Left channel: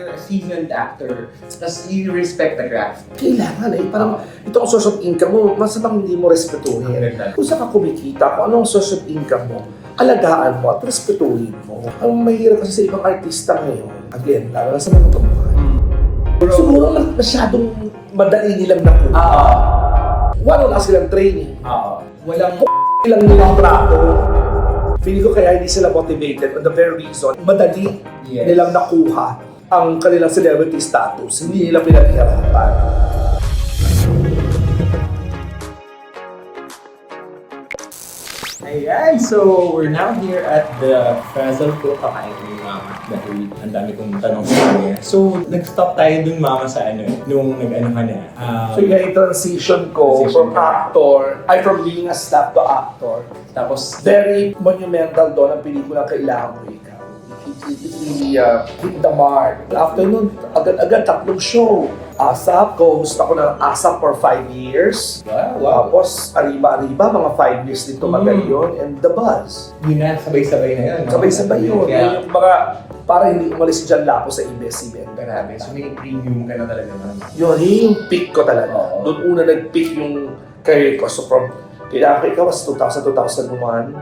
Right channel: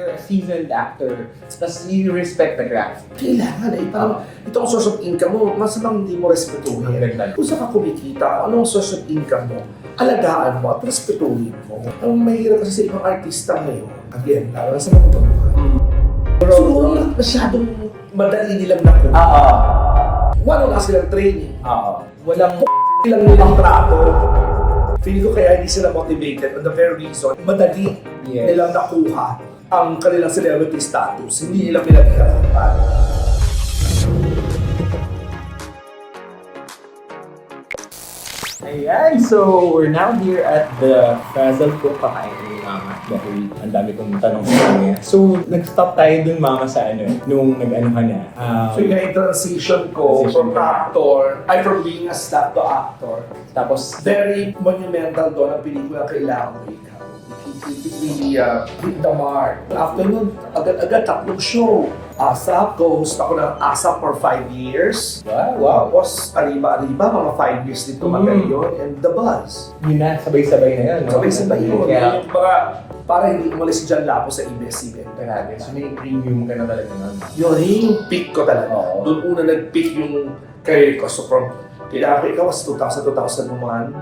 you're a seasoned actor, tapos you respect the craft. Kailangan eh. Parang itong source of income mo, masamang hindi mo respetuhin. Kung saan ka kumikita, kung anong source of income mo, alagaan mo at respetuhin mo. Ang mahirap kasi sa ibang artista ngayon, again, lalo na sa mga baguhan. Siguro masyadong madali nilang nakuha. Wala silang training. Walang lang nilang trato. Feeling ko kaya hindi sila motivated on the very reason, madali nilang nakuha ang kanilang celebrity status. Hindi nila pinaghirapan. Ayan, so we're now here at the Frazzle ko kakain ni Mama dahil ang dami kong tanong sa kanya. So, nag-stop tayo dun Mama sa nung nag-ano ka na. So yung transition ko from actor, from being a staff to actor. Tapos, Very monumental doon ang pelikula Kailangan Mo Ikaw. It really hit the mark. After nun, agad-agad tatlong show. ASAP, co-host ako ng ASAP for 5 years. wow. Tapos, Arriba, mga 5 years din tumagal yun. And The Buzz. yun na, sabay-sabay na yun. No? Sabay-sabay yun. Kaya, Yung mga, para hindi umalis si John Lapo sa ABS-CBN. grabe. So, may premium ka na talaga nun. Yun yung peak ko talaga. Oo. Doon una nag-peak yung career ko. So from Kailangan Ko Ikaw was 2000-2001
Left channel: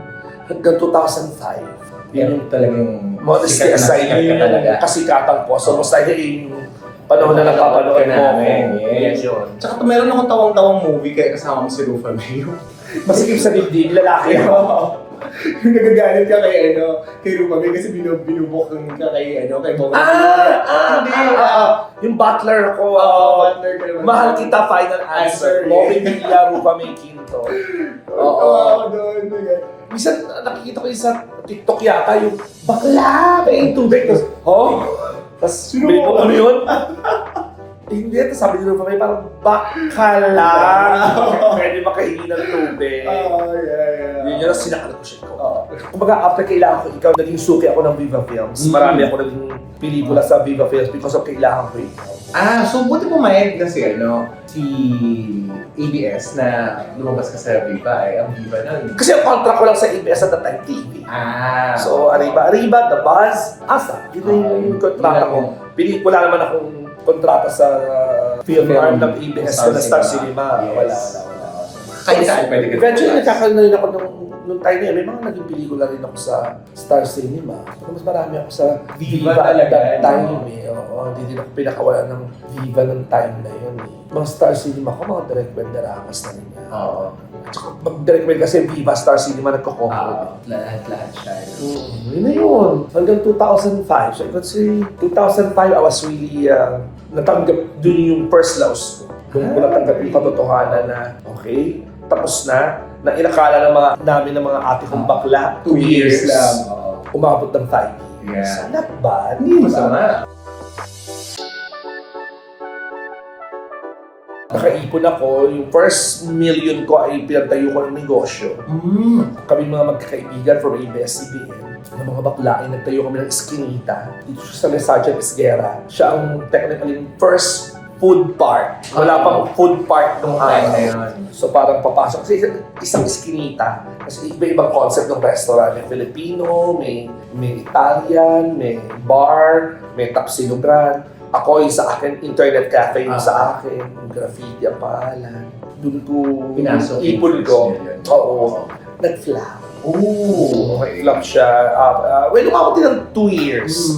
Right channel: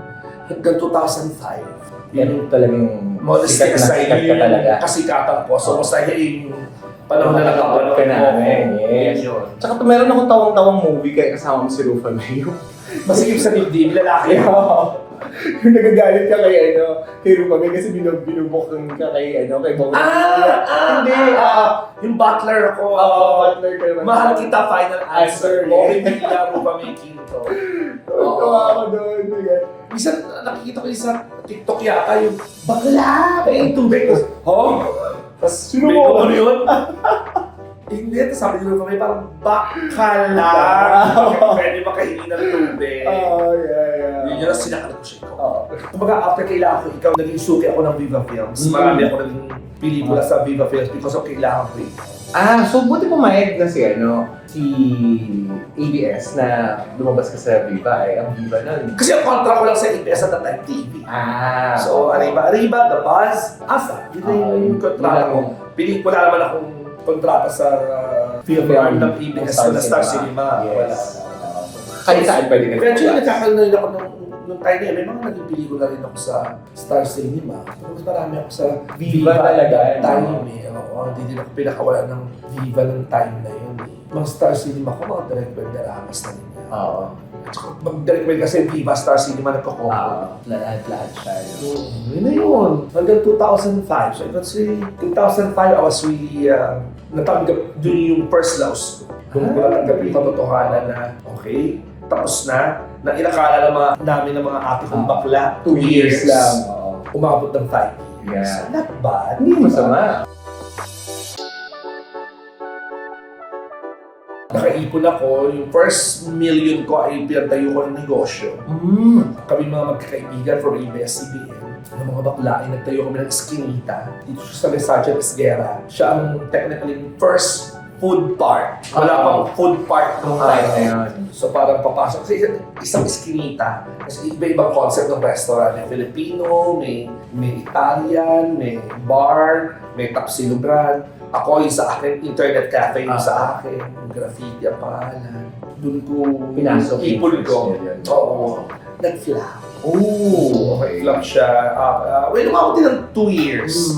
hanggang 2005. Yan yung talagang Modesty aside, ka yun talaga. yung kasikatan ko. So most likely yung panahon na nakapanood ka mo. namin. Yes. Yun. Tsaka meron akong tawang-tawang movie kaya kasama mo si Rufa Mayo. Masikip sa dibdib, lalaki ako. Yung nagagalit ka kay Rufa Mayo kasi binubok ka kay Bong. Hindi. Yung butler ako. Partner ka naman. Mahal kita, final answer. Answer, Bobby Villa, Rupa May Quinto. Tawa ako doon. Minsan nakikita ko yung sa TikTok yata yung bakla, may tubig. Tapos Sino mo? ano yun? Hindi, tapos sabi ni Rupa May parang bakla. Pwede makahingi ng tubig. Yun yung sinakalit ko siya. Kumbaga, after Kailangan Ko Ikaw, naging suki ako ng Viva Films. Marami ako naging pelikula sa Viva Films because of Kailangan Ko Ikaw. So buti pumayag na si ABS na lumabas ka sa Viva ang Viva nun. Kasi ang contract ko lang sa ABS at the time TV. So, Arriba, The Buzz, ASAP. Yun na yung kontrata ko. Pelikula naman akong kontrata sa film arm ng ABS na Star Cinema. Wala. Kahit saan pwede ka. Eventually, nagkakaroon na rin ako nung time na yun. May mga naging pelikula rin ako sa Star Cinema. Mas marami ako sa Viva at talaga, that time. no? Hindi din ako pinakawala ng Viva ng time na yun. Mga Star Cinema ko, mga direct dramas na rin yan. At saka mag-direct well kasi Viva Star Cinema nagko-combo. Lahat siya. Yun na yun. Hanggang 2005. So, I would say, 2005, I was really natanggap dun yung first louse ko. Doon ko natanggap yung katotohanan na, okay, tapos na inakala namin ng mga ate kong bakla, 2 years lang. Umabot ng 5 years. Yeah. Not bad. Hindi masama. Nakaipon ako, yung first million ko ay pinagtayo ko ng negosyo. Kami mga magkakaibigan from ABS-CBN, ng mga bakla ay nagtayo kami ng Eskinita. Dito siya sa Mesajan Esguera. Siya ang technically first food park. Wala pang food park nung time na yun. So parang papasok sa isang Eskinita. Kasi iba-ibang concept ng restaurant. May Filipino, may Italian, may bar, may tapsilugan. Ako yung sa akin, internet cafe yung sa akin, yung graffiti ang pangalan. Doon ko Pinasok ipon ko. Oo. Nag-flop. Okay. Flop siya. Umabot din ng 2 years.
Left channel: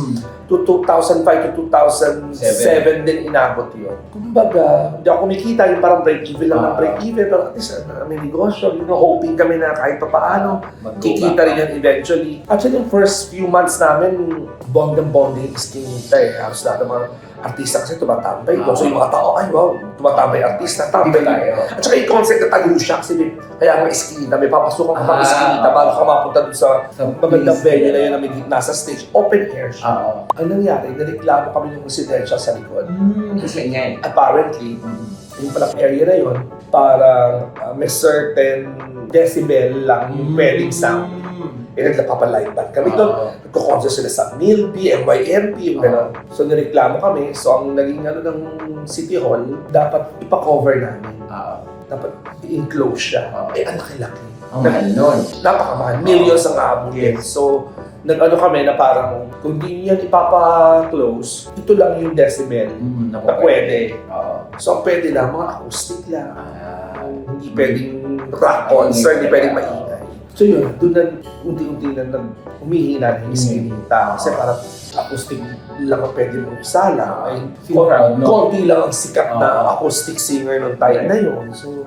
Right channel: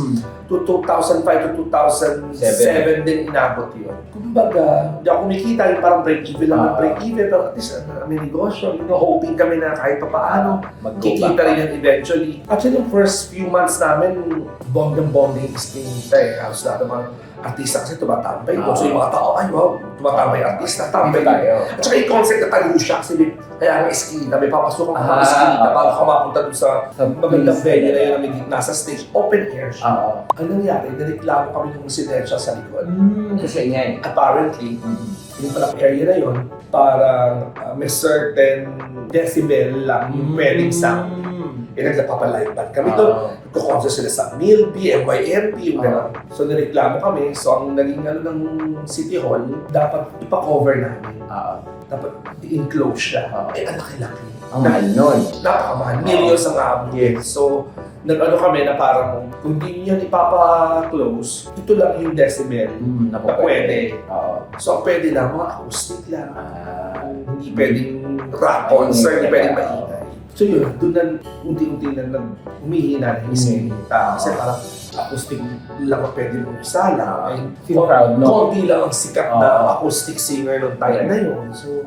To 2005 to 2007 din inabot yun. Kumbaga, hindi ako kumikita, yung parang break-even lang ng break-even. Pero at least may negosyo, hoping kami na kahit pa paano, kikita rin yan eventually. Actually, yung first few months namin, bonding is kinita eh. Halos lahat ng mga artista kasi tumatambay doon. So yung mga tao, ay wow, tumatambay artista, tambay tayo. At saka yung concept na tayo siya kasi kaya nga Eskinita, may papasukan ka mga Eskinita bago ka mapunta doon sa magandang venue na yun na may gitna sa stage, open air siya. Ano nangyari? Nareklamo kami ng residential sa likod. Kasi nga Apparently, yung palang area na yun, parang may certain decibel lang yung pwedeng sound. Nagpapalight band kami doon. Nagko-concert sila sa Milby, MYMP, yung gano'n. So, nireklamo kami. So, ang naging ng City Hall, dapat ipa-cover namin. Dapat i-enclose siya. Ang laki-laki. Ang mahal nun. Napakamahal. Millions ang aabutin. So, nag-ano kami na parang, kung di yan ipapa-close, ito lang yung decibel na pwede. So, ang pwede lang, mga acoustic lang. Hindi pwedeng rock concert, hindi pwedeng maingay. So yun, doon na unti-unti na humihina na yung listening tao. Kasi parang acoustic lang ang pwede mong isala. Ay, Feel proud, no? konti lang ang sikat na acoustic singer nung time na yun. So,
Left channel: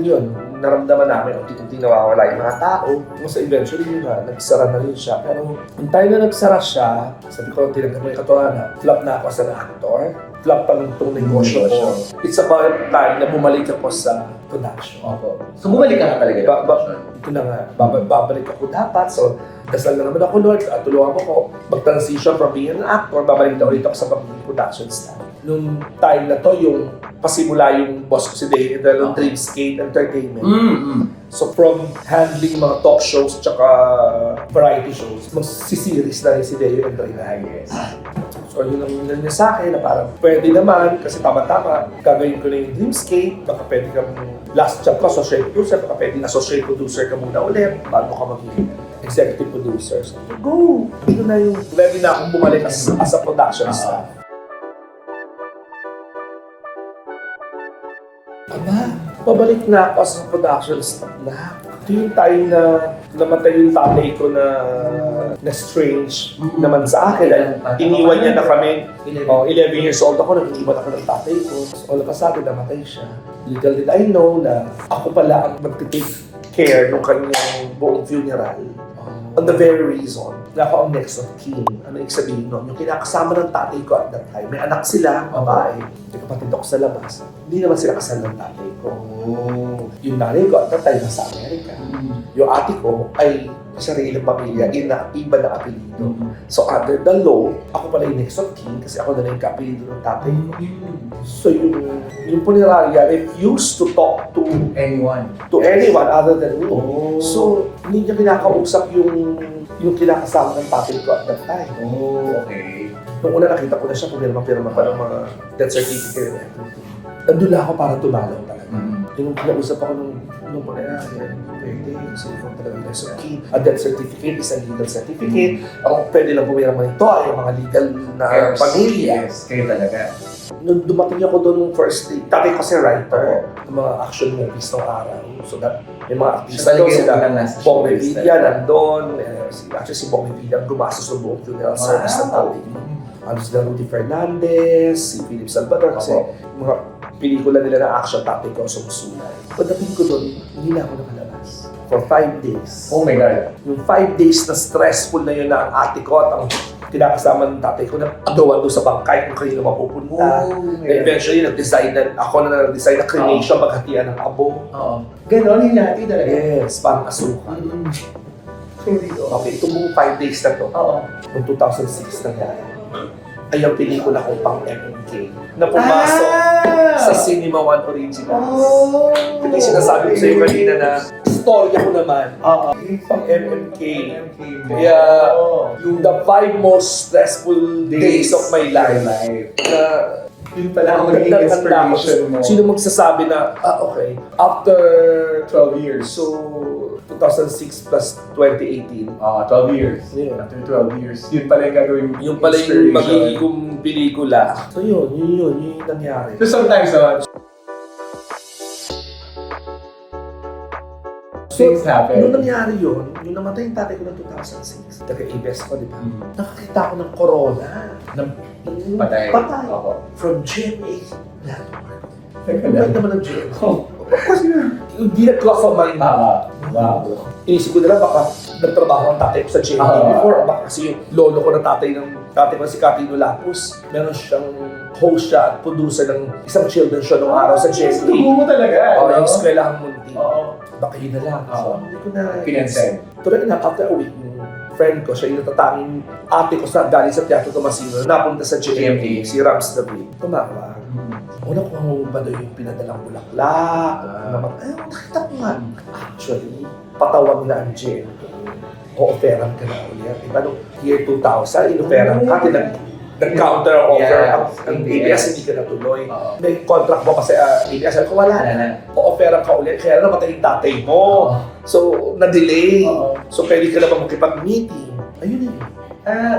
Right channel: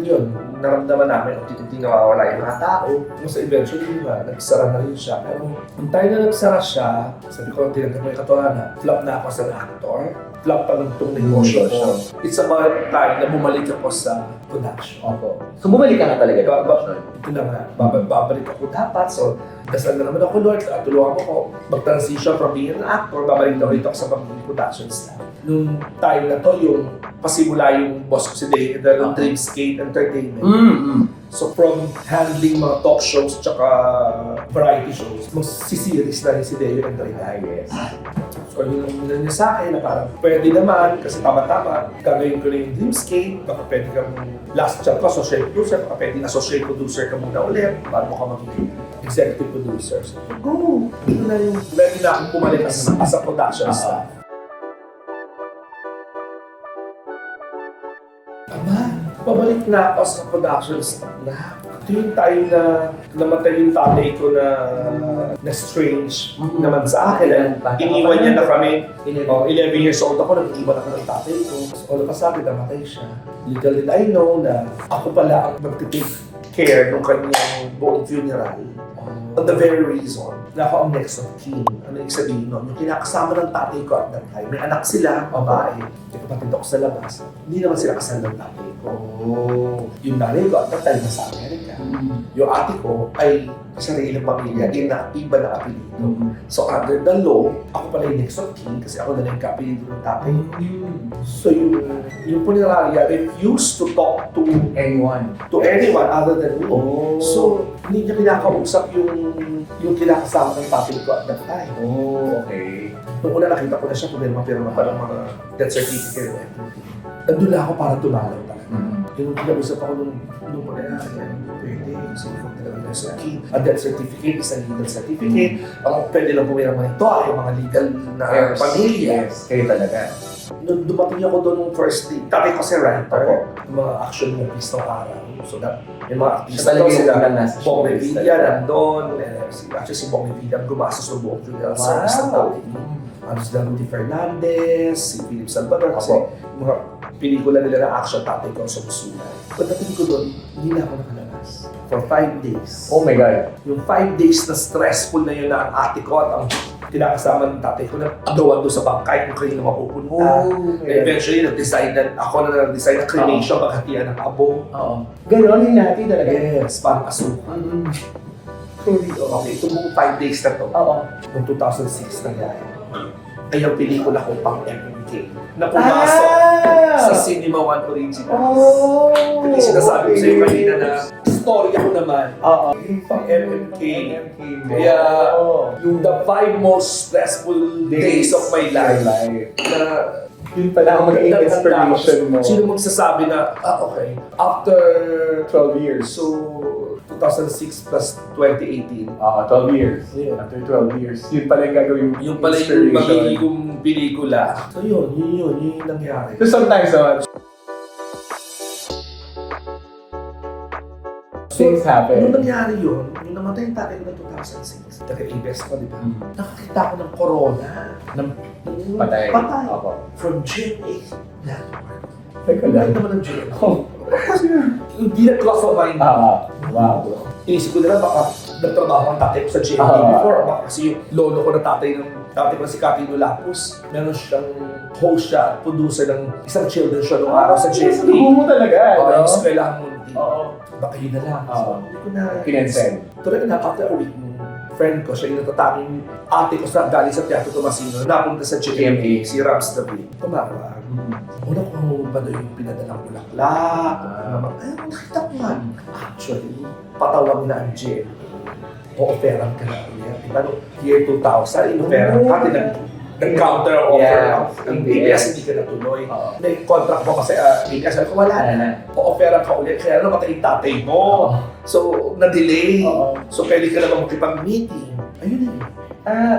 yun, naramdaman namin, unti-unti nawawala yung mga tao. So eventually, nagsara na rin siya. Pero yung time na nagsara siya, sabi ko, tinagnan mo yung katotohanan, flop na ako as an actor. Flop pa nung itong negosyo ko. It's about time na bumalik ako sa production. So bumalik ka nga talaga. Ito na nga, babalik ako dapat. So, dasal na naman ako, Lord, at tulungan mo ko mag-transition from being an actor, babalik na ulit ako sa pagiging production staff. Nung time na to, yung pasimula yung boss ko si Dave, ng Dreamscape Entertainment. So, from handling mga talk shows tsaka variety shows, mag-series na rin si Dave and Yes. So, yun ang nilang niya sa akin na parang pwede naman, kasi tama-tama, gagawin ko na yung Dreamscape, baka pwede kang last job ka, associate producer, baka pwede associate producer ka muna ulit, bago ka magiging executive producer. So, go! Ito na yung ready na akong bumalik as a production staff. Aba, pabalik na ako as a production staff na. Ito yung time na namatay yung tatay ko na strange naman sa akin. Iniwan niya na kami. 11 years old ako, nag-iwan ako ng tatay ko. So, all of a sudden, namatay siya. Little did I know na ako pala ang mag-take care ng kanyang buong funeral. On the very reason na ako ang next of kin. Ano yung sabihin nun? Yung kinakasama ng tatay ko at that time, may anak sila, babae. May kapatid ako sa labas. Hindi naman sila kasal ng tatay ko. Yung nanay ko at that time nasa Amerika. Yung ate ko ay sariling pamilya, iba na apelido. So under the law, ako pala yung next of kin kasi ako na yung kapilido ng tatay ko. So yung punerarya refused to talk to anyone other than me. So hindi niya kinakausap yung kinakasama ng tatay ko at that time. Okay. Nung una nakita ko na siya, pumirma-pirma pa ng mga death certificate. Nandun lang ako para tumalaw talaga. Yung kinausap ako nung pangyayari, pwede. So, ikaw talaga na so key. A death certificate is a legal certificate. Ang pwede lang pumirma ito ay mga legal na pamilya. Yes, kayo talaga. Nung dumating ako doon nung first day, tatay ko si writer, ng mga action movies ng araw. So that, may mga artista doon sila. Bong Revilla nandun. Actually, si Bong Revilla gumastos ng buong funeral service ng tatay. Ano sila Rudy Fernandez, si Philip Salvador, kasi mga pelikula nila ng action, tatay ko ang sumusulat. Pagdating ko doon, hindi na ako nakalabas. For 5 days. Oh my God. Yung 5 days na stressful na yun na ang ate ko at ang kinakasama ng tatay ko na agawan doon sa bangkay kung kanino mapupunta. Eventually, nag-design na, ako na nag-design na cremation, paghatian ng abo. Ganon, hinati talaga. Yes, parang asukan. Okay, itong buong 5 days na to, noong 2006 nangyari, ay ang pelikula ko pang MMK na pumasok sa Cinema One Originals. Yung sinasabi ko sa iyo kanina na storya ko naman, yung pang MMK. Kaya yung the 5 most stressful days of my life na Yun pala ang magiging inspiration mo. Sino magsasabi na, okay, after 12 years. So, 2006 plus 2018. 12 years. Yeah. After 12 years. Yun pala yung gagawin Yung pala yung magiging pelikula. So yun yung nangyari. So sometimes naman, things happen. Nung nangyari yun, yung namatay yung tatay ko ng 2006, taga-ABS ko, di ba? Nakakita ko ng corona. Patay. From GMA Network. Teka Ano lang. naman ng GMA? Kasi hindi nag-cross of mind. Wow. Inisip ko nila baka nagtrabaho ang tatay ko sa GMA before. Baka kasi yung lolo ko ng tatay ko na si Catino Lapus, meron siyang host siya at producer ng isang children's show noong araw sa GMA. Mo talaga. Yung eskwelahan mo. Oo. Baka yun na lang. So, hindi ko na Pinensend. Tuloy na, after a week, friend ko, siya yung natatanging ate ko sa galing sa Teatro Tomasino, napunta sa GMA, si Rams David. Tumawag. Una ko ba daw yung pinadalang bulaklak? Nakita ko nga. Actually, patawag na ang GMA. O-offeran ka na ulit. Diba, no, year 2000, in-offeran ka, nag-counter offer ang ABS, hindi ka natuloy. May contract mo kasi ABS, ko wala na. O-offeran ka ulit, kaya namatay yung tatay mo. So, na-delay. So, pwede ka naman makipag-meeting. Ayun eh.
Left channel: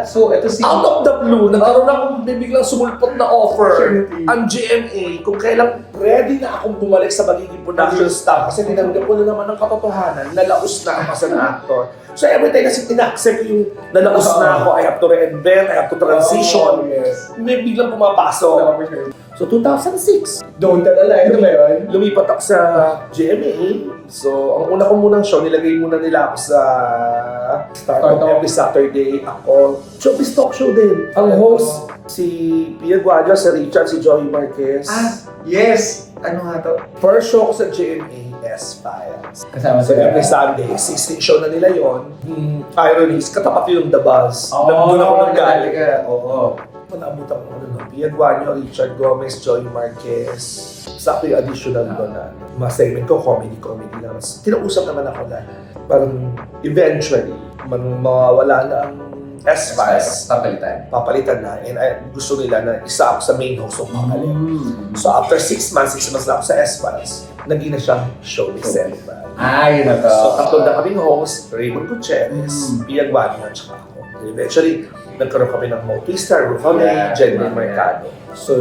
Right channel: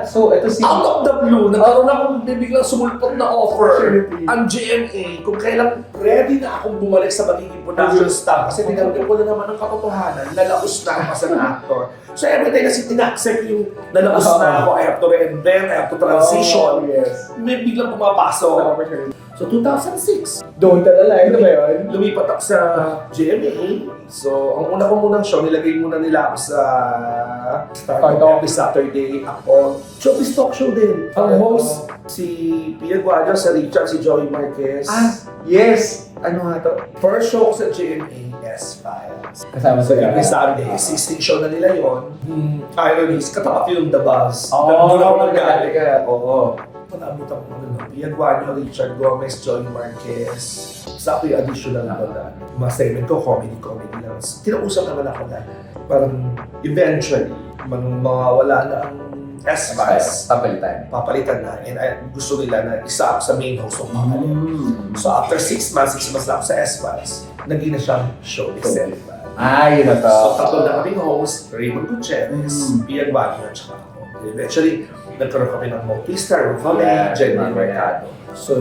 So ito si... Out of the blue, nagkaroon akong biglang sumulpot na offer. Ang GMA, kung kailan ready na akong bumalik sa magiging production staff kasi tinanggap ko na naman ang katotohanan, nalaos na ako as an actor. So every time kasi tinaccept yung nalaos na ako, I have to reinvent, I have to transition. May biglang pumapasok. So 2006, Don't alala, ito ba yun? lumipat ako sa GMA. So, ang una ko munang show, nilagay muna nila ako sa Start every Saturday. Ako, showbiz talk show din. Ang host, si Pia Guadio, si Richard, si Joey Marquez. Yes! Ano nga to? First show ko sa GMA, S-Files. Kasama So, sila. every Sunday, 16 show na nila yon. Ironies, katapat yung The Buzz. Oo, Doon ako nagdali nagaling. ka. Oo. Natabot ako Pia Guadio, Richard Gomez, Joey Marquez. Sakto yung additional doon na mga segment ko, comedy lang. Kinausap naman ako na parang eventually, mawawala na ang S-Files. Papalitan na. And gusto nila na isa ako sa main host ng pangalan. So after 6 months na ako sa S-Files, naging na siyang showbiz center. Yun na to. So tatlo na kaming host, Raymond Gutierrez, Pia Guadio, at saka ako. Eventually, nagkaroon kami ng Bautista, Rufame, Jenny Mercado. So,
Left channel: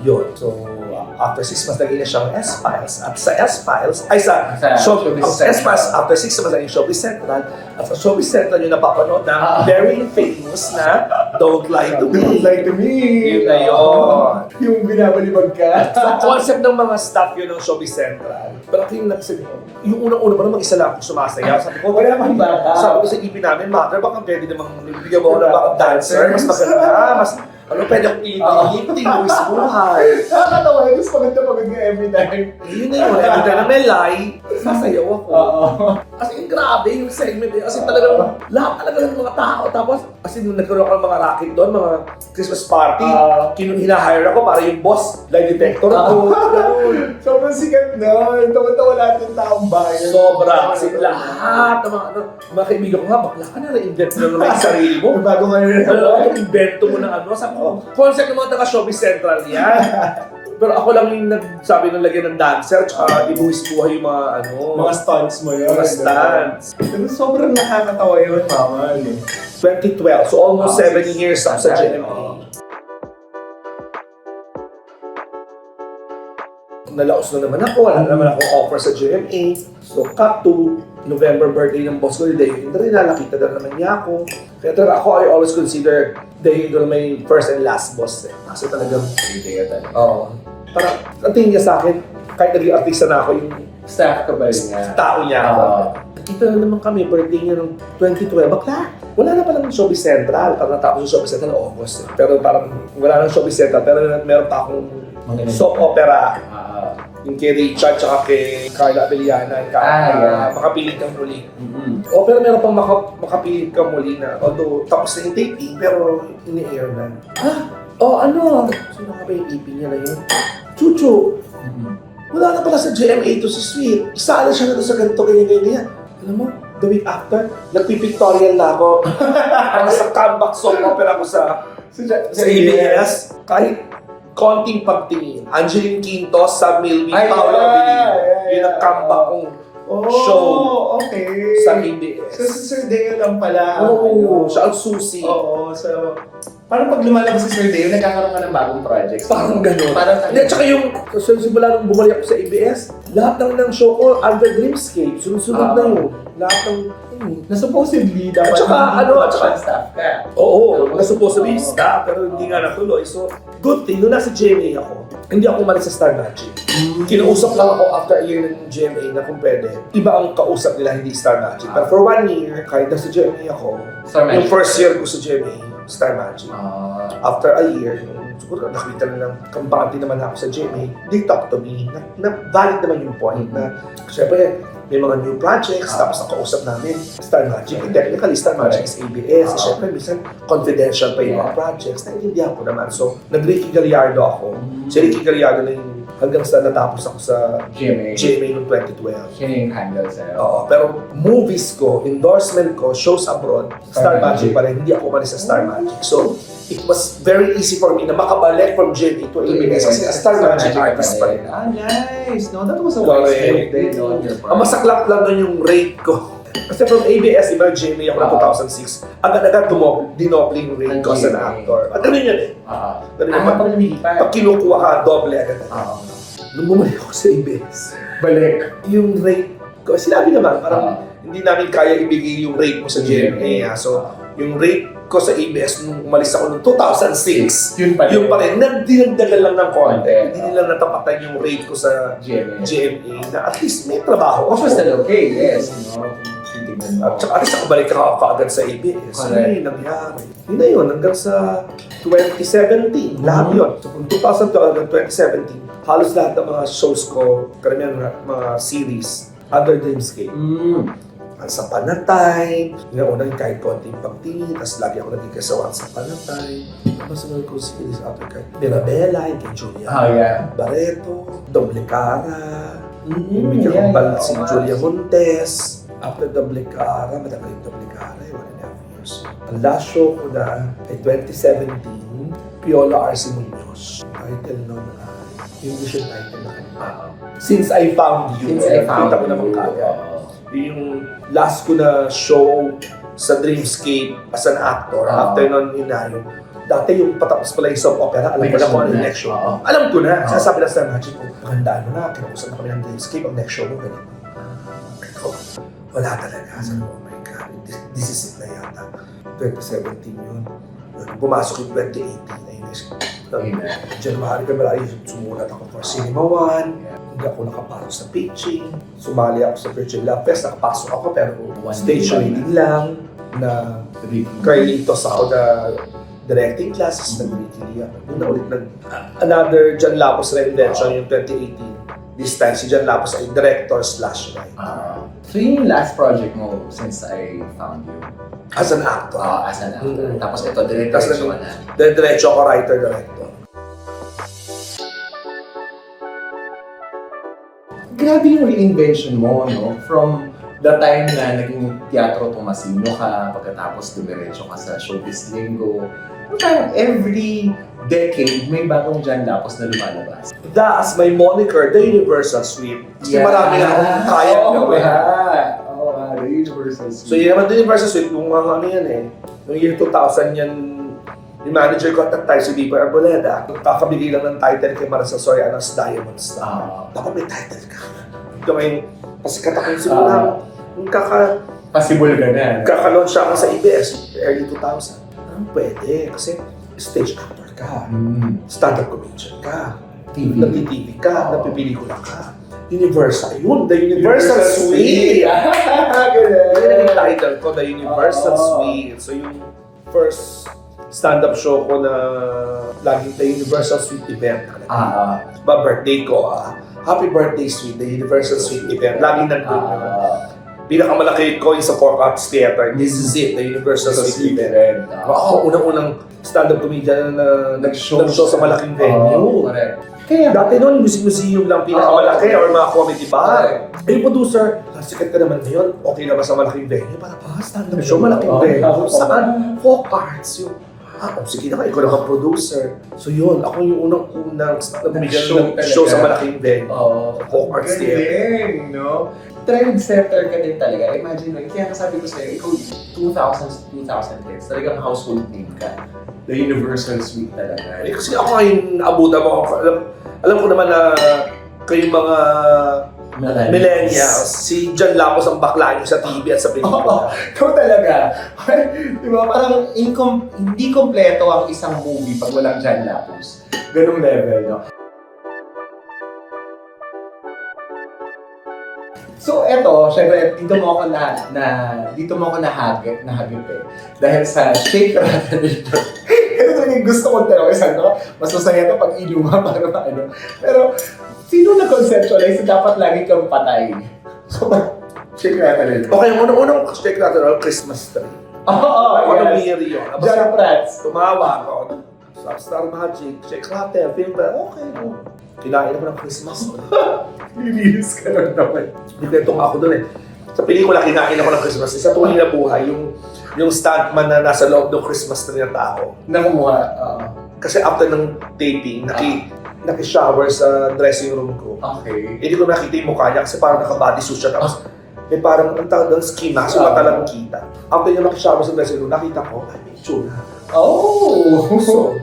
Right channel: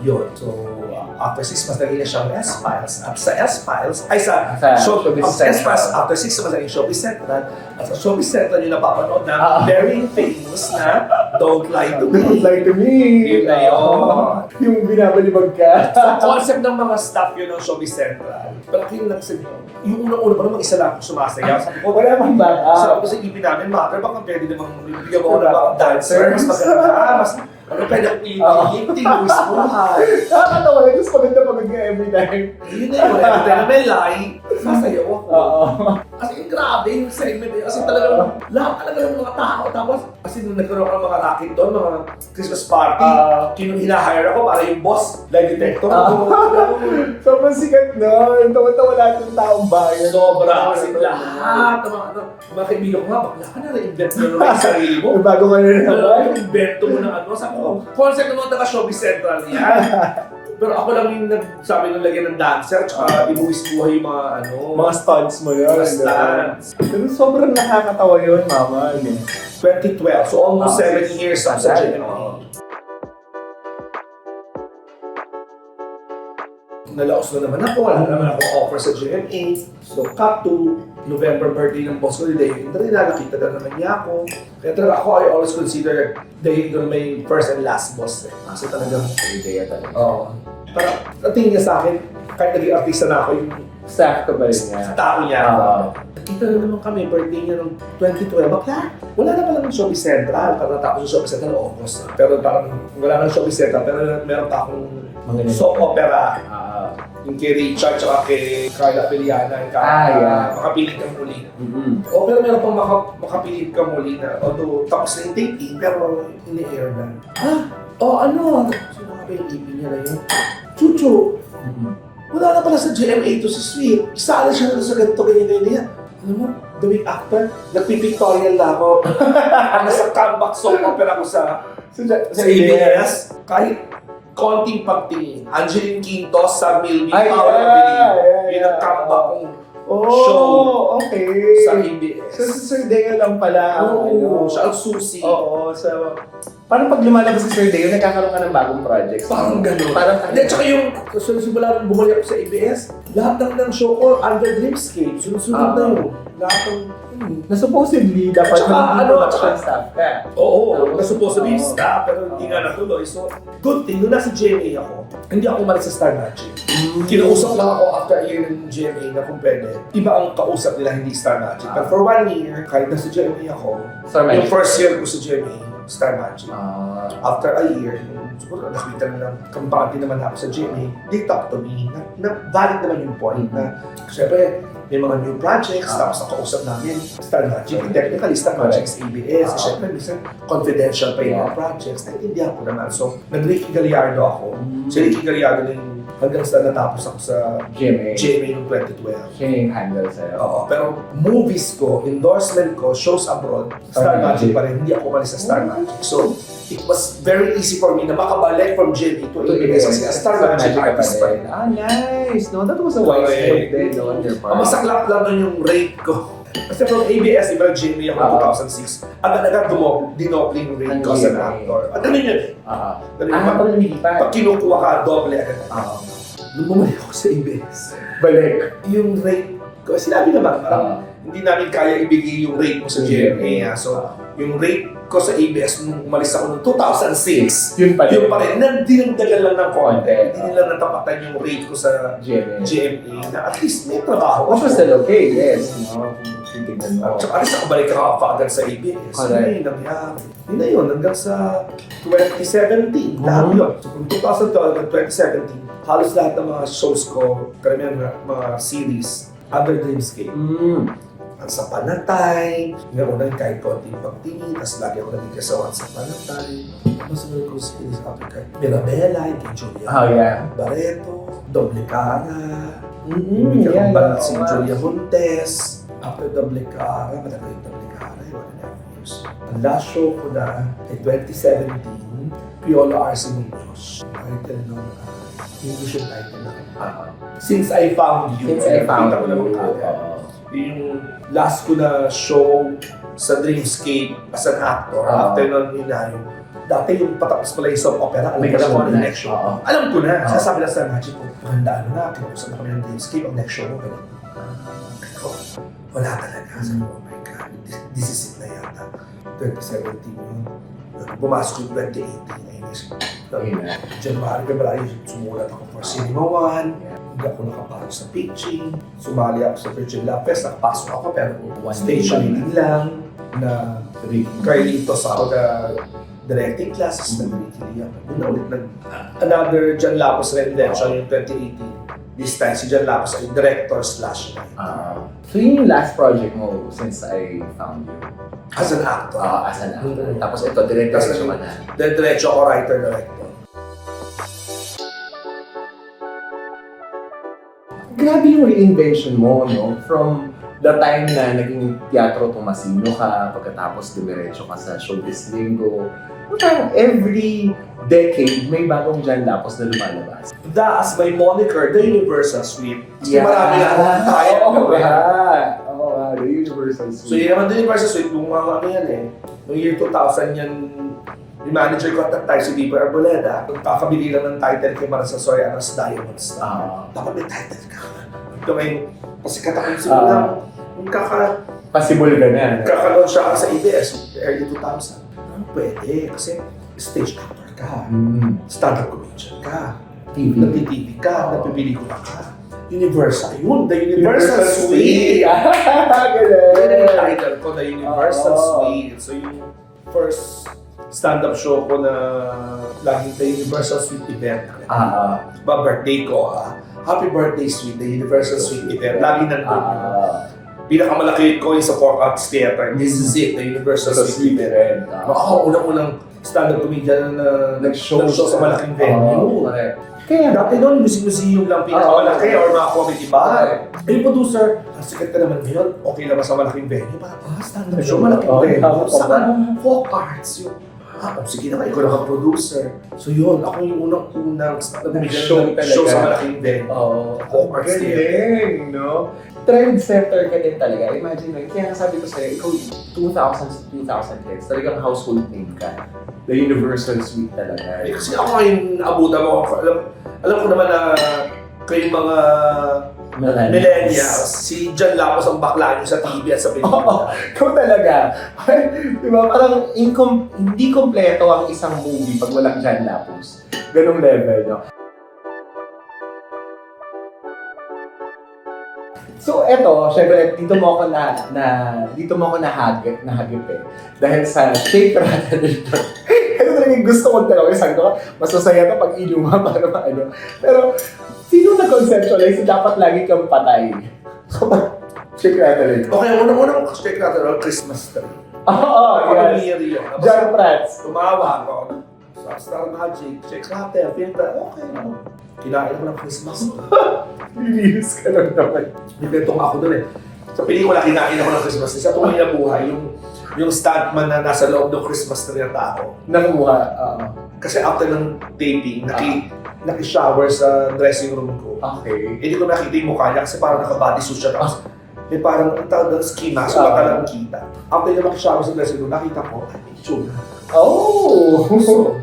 yun. So, after 6 months, naging na siyang S-Files. At sa S-Files, S-Files, after 6 months, naging Showbiz Central. At sa Showbiz Central, yung napapanood na very famous na Don't Lie to Me. Don't lie to me! Yun na yun. Yung binabalibag ka. So, concept ng mga staff yun ng Showbiz Central. Pero ako yung nagsabi, yung unang-una pa naman mag-isa lang ako sumasaya. Sabi ko, Wala pang backup. sabi ko sa EP namin, Mother, baka pwede namang bigyan mo ako ng mga dancer, mas maganda, mas pwede akong lifting, Luis Buhay. Nakakatawa yun. Tapos pagod nga every time. Yun na yun, hindi ka na may lie, sasayaw ako. Oo. Kasi grabe yung segment eh. Kasi talagang lahat talaga ng mga tao. Tapos, kasi nung nagkaroon ako ng mga racket doon, mga Christmas party, hinahire ako para yung boss, lie detector ko. Sobrang sikat nun. Tawa-tawa lahat ng taong bayan. Sobra. Kasi lahat ng mga kaibigan ko nga, bakla ka na, na-invent mo na yung sarili mo. Bago kayo na naman. Invento mo na ano. Sabi ko, concept ng mga taga-Showbiz Central yan. Pero ako lang yung nagsabi ng lagyan ng dancer, tsaka ibuwis buhay yung mga ano. Mga stunts mo yun. Mga stunts. Pero sobrang nakakatawa yun, mama. 2012, so almost 7 years ako sa GMA. Nalaos na naman ako, wala naman akong offer sa GMA. So, cut to November birthday ng boss ko ni Dayo Indra, nakita na naman niya ako. Kaya talaga ako, I always consider Dayo Indra my first and last boss. Kasi talagang, oo. Parang, ang tingin niya sa akin, kahit naging artista na ako, yung Staff ka ba rin nga? tao niya. Kita na naman kami, birthday niya ng 2012. Bakla, wala na palang Showbiz Central. Parang natapos yung Showbiz Central ng August na. Pero parang wala nang Showbiz Central. Pero meron pa akong soap opera. Yung kay Richard tsaka kay Carla Abellana. Makapilit kang muli. O pero meron pang makapilit kang muli na although tapos na yung taping pero ini-air na. Ano? Sino nga ba yung EP niya na yun? Chuchu! Wala na pala sa GMA to si Sweet. Isa na siya na sa ganito, ganyan. Alam mo, the week after, nagpipictorial na ako. Nasa comeback soap opera ko sa ABS. Kahit konting pagtingin. Angeline Quintos sa Milby Paula Avenue. Yun ang comeback kong show okay. sa ABS. So, si Sir Deo lang pala. Oo, siya ang susi. Oo, so... Parang pag lumalabas si Sir Deo, nagkakaroon ka ng bagong project. Parang gano'n. Parang At saka yung, simula nung bumalik ako sa ABS, lahat ng show ko, under Dreamscape, sunod-sunod na yun. Lahat ng, na supposedly, dapat At saka, production staff ka. oo, na supposed to be staff, pero hindi nga natuloy. So, good thing, nung nasa GMA ako, hindi ako umalis sa Star Magic. Kinausap lang ako after a year ng GMA na kung pwede. Iba ang kausap nila, hindi Star Magic. Pero for 1 year, kahit nasa GMA ako, yung first year ko sa GMA, Star Magic. After a year, siguro nakita na ng kampante naman ako sa GMA, they talk to me. Na valid naman yung point na, syempre, may mga new projects, tapos nakausap namin Star Magic. Technically, Star Magic is ABS. Siyempre, minsan confidential pa yung mga projects. Naintindihan ko naman. So, nag-Ricky Gallardo ako. Si Ricky Gallardo na yung hanggang sa natapos ako sa GMA noong 2012. Siya yung handle sa'yo. Oo, pero movies ko, endorsement ko, shows abroad, Star Magic pa rin. Hindi ako umalis sa Star Magic. So, it was very easy for me na makabalik from GMA to ABS kasi Star Magic artist pa rin. Ah, nice! No, that was a wise move din, no, on your part. Ang masaklap lang nun yung rate ko. Kasi from ABS, iba GMA ako noong 2006. Agad-agad dinopli yung rate ko as an actor. At ganun yun eh. Pag namilipan. Pag kinukuha ka, doble agad. Nung bumalik ako sa ABS, Balik. yung rate ko, sinabi naman, parang hindi namin kaya ibigay yung rate mo sa GMA. So, yung rate ko sa ABS nung umalis ako noong 2006, Yun pa rin. Dinagdagan lang ng konti. Hindi nila natapatan yung rate ko sa GMA na at least may trabaho. Which was still okay, yes. Titignan mo. At saka alis nakabalik ka kaagad sa ABS. Correct. Ano yung nangyari? Yun na yun, hanggang sa 2017. Lahat yun. So, kung 2012 and 2017, halos lahat ng mga shows ko, karamihan mga series, under Dreamscape. Ang sa Panatay, yung unang kahit konting pagtingin, tapos lagi ako naging kasawan sa Panatay. Tapos mga ko series after kahit Bella, yung kay Julia Barreto, Doble Cara, yung si Julia Montes. After Doble Cara, matagal yung Doble Cara, yung 1.5 years. Ang last show ko na ay 2017, Piola Arce Munoz. Title nung English yung title na Since I Found You. Kita ko naman kagad. Yung last ko na show sa Dreamscape as an actor. After nun, dati yung patapos pala yung soap opera, alam ko na kung ano yung next show. Alam ko na. Sasabi lang sa Magic ko, magandaan mo na, kinakusap na kami ng Dreamscape, ang next show mo, ganun. Wala talaga. Sabi ko, oh my God, this is it na yata. 2017 yun. Pumasok yung 2018. January, February, sumulat ako for Cinema One. Hindi ako nakapasok sa pitching. Sumali ako sa Virgin Love Fest. Nakapasok ako pero stage reading lang na Carlitos ako na directing classes. Nag-wikili ako. Doon na ulit another John Lapos reinvention yung 2018. This time, si John Lapos ay director/writer. So yun yung last project mo since I found you? As an actor. As an actor. Tapos ito, director ka na. Diretso ako, writer-director. Grabe yung reinvention mo, no? From the time na naging Teatro Tomasino ka, pagkatapos dumiretso ka sa Showbiz Linggo, parang every decade may bagong John Lapos na lumalabas. As my moniker, the Universal Suite. Kasi marami na akong kaya the Universal Suite. So yun naman, the Universal Suite, kung mga ano yan eh. Noong year 2000 yan, yung manager ko at that time, si Viper Arboleda, kakabigay lang ng title kay Marisa Soriano's Diamond Star. Dapat may title ka. Ito may pasikat akong simula. Yung Possible ka na. Kakalaunch siya ako sa ABS, early 2000. Pwede, kasi stage actor ka, stand-up comedian ka, nag-TV ka, napipelikula ka. Universal, yun, the Universal Suite! Yun yung title ko, the Universal Suite. So yung first stand-up show ko na laging the Universal Suite event. Birthday ko, Happy Birthday Suite, the Universal Suite event. Laging nandun. Pinakamalaki ko yung sa Four Arts Theater. This is it, the Universal Suite event. Unang-unang stand-up comedian na nag-show sa malaking venue. Kaya dati noon, museum lang pinakamalaki or mga comedy bar. Yung producer, sikat ka naman ngayon, okay naman sa malaking venue. Stand-up show, malaking venue. Saan? Four Arts yun. Sige na, ikaw naman producer. So yun, ako yung unang stand-up comedian na show sa malaking venue. Four Arts Theater. No? Trendsetter ka din talaga. Imagine lang, kaya sabi ko sa'yo, ikaw 2000s to 2010s, talagang household name ka. The Universal Suite talaga. Kasi ako yung abutan mo. Alam ko naman na kayong mga millennials, si John Lapos ang bakla niyo sa TV at sa pelikula. Ikaw talaga. Diba? Parang hindi kompleto ang isang movie pag walang John Lapos. Ganong level, no? So eto, syempre dito mo ako nahagip eh. Dahil sa Shake, Rattle, Return. Ito talagang gusto kong tanongin. Sabi ko, mas masaya ito pag inuma para maano. Pero, sino na-conceptualize na dapat lagi kang patay Check natin rin. Okay, unang check natin ang Christmas tree. Oo, Ano yes. year yun? John Prats. Tumawa ako. Sa Star Magic, check natin. Okay, no. Kinain ako ng Christmas tree. Release ka lang naman. Buketong ako doon eh. Sa pelikula, kinain ako ng Christmas tree. Sa tunay na buhay, yung stuntman na nasa loob ng Christmas tree na tao. Nakumuha. Kasi after ng taping, naki-shower sa dressing room ko. Okay. Hindi ko nakita yung mukha niya kasi parang naka-bodysuit siya. Tapos, may parang ang tawag doon, skin mask, so mata lang kita. After niya maki-shower sa dressing room, nakita ko, ay, may tsura. Oh! So,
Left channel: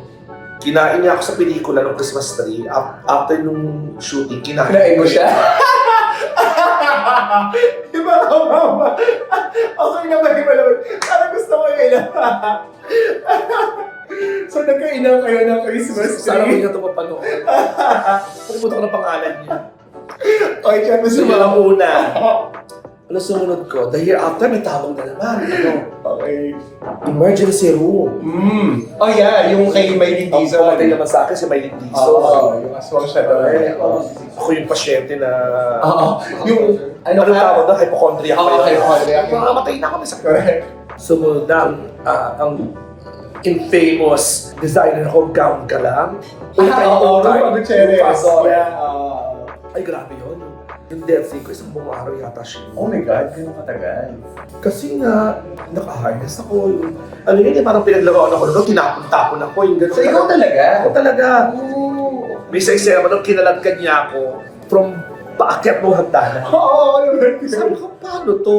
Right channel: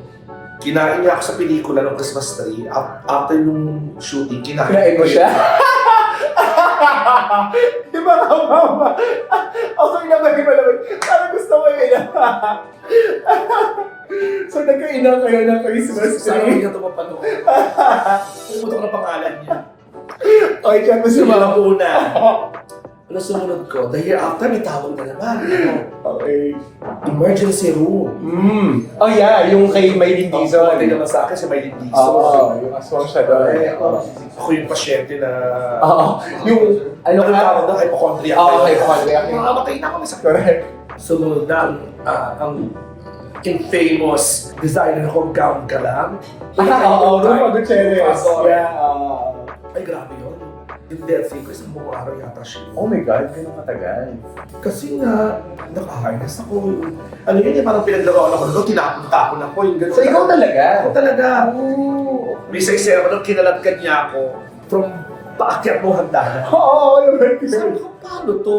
kinain niya ako sa pelikula ng Christmas tree. After nung shooting, Kinain mo siya? Di ba ka, mama? Okay naman, di ba naman? Parang gusto ko yun. So, nagkainan kayo ng Christmas Sana tree. hindi na ito mapanood. Pumunta ko ng pangalan niya. Okay, siya Kasi mga una. Ano sumunod ko? The year after, may tawag na naman. Okay. Emergency room. Oh yeah, yung kay Maylin Dizon. Pumatay naman sa akin sa Maylin Dizon. Oo, yung aswang siya doon. Ako yung pasyente na... Oo. Yung, ano Ano ka? tawag doon? Hypochondriac. Oo, hypochondriac. Mamamatay na ako sa Correct. sumunod na ang infamous designer ko, gown ka lang. Oo, Rupa Gutierrez. Yeah. Yeah. Ay, grabe yun. Yung death ko, isang buong araw yata siya. Oh my God, ganun katagal. Kasi nga, naka-harness ako. Ano yun eh, parang pinaglaruan ako. Nung tinapon-tapon ako. Yung gano'n. So, ikaw talaga? Ako talaga. Oh. May isa ba nung kinalagkan niya ako from paakyat mo hagdanan. Oo, naman. Sabi ko, paano to?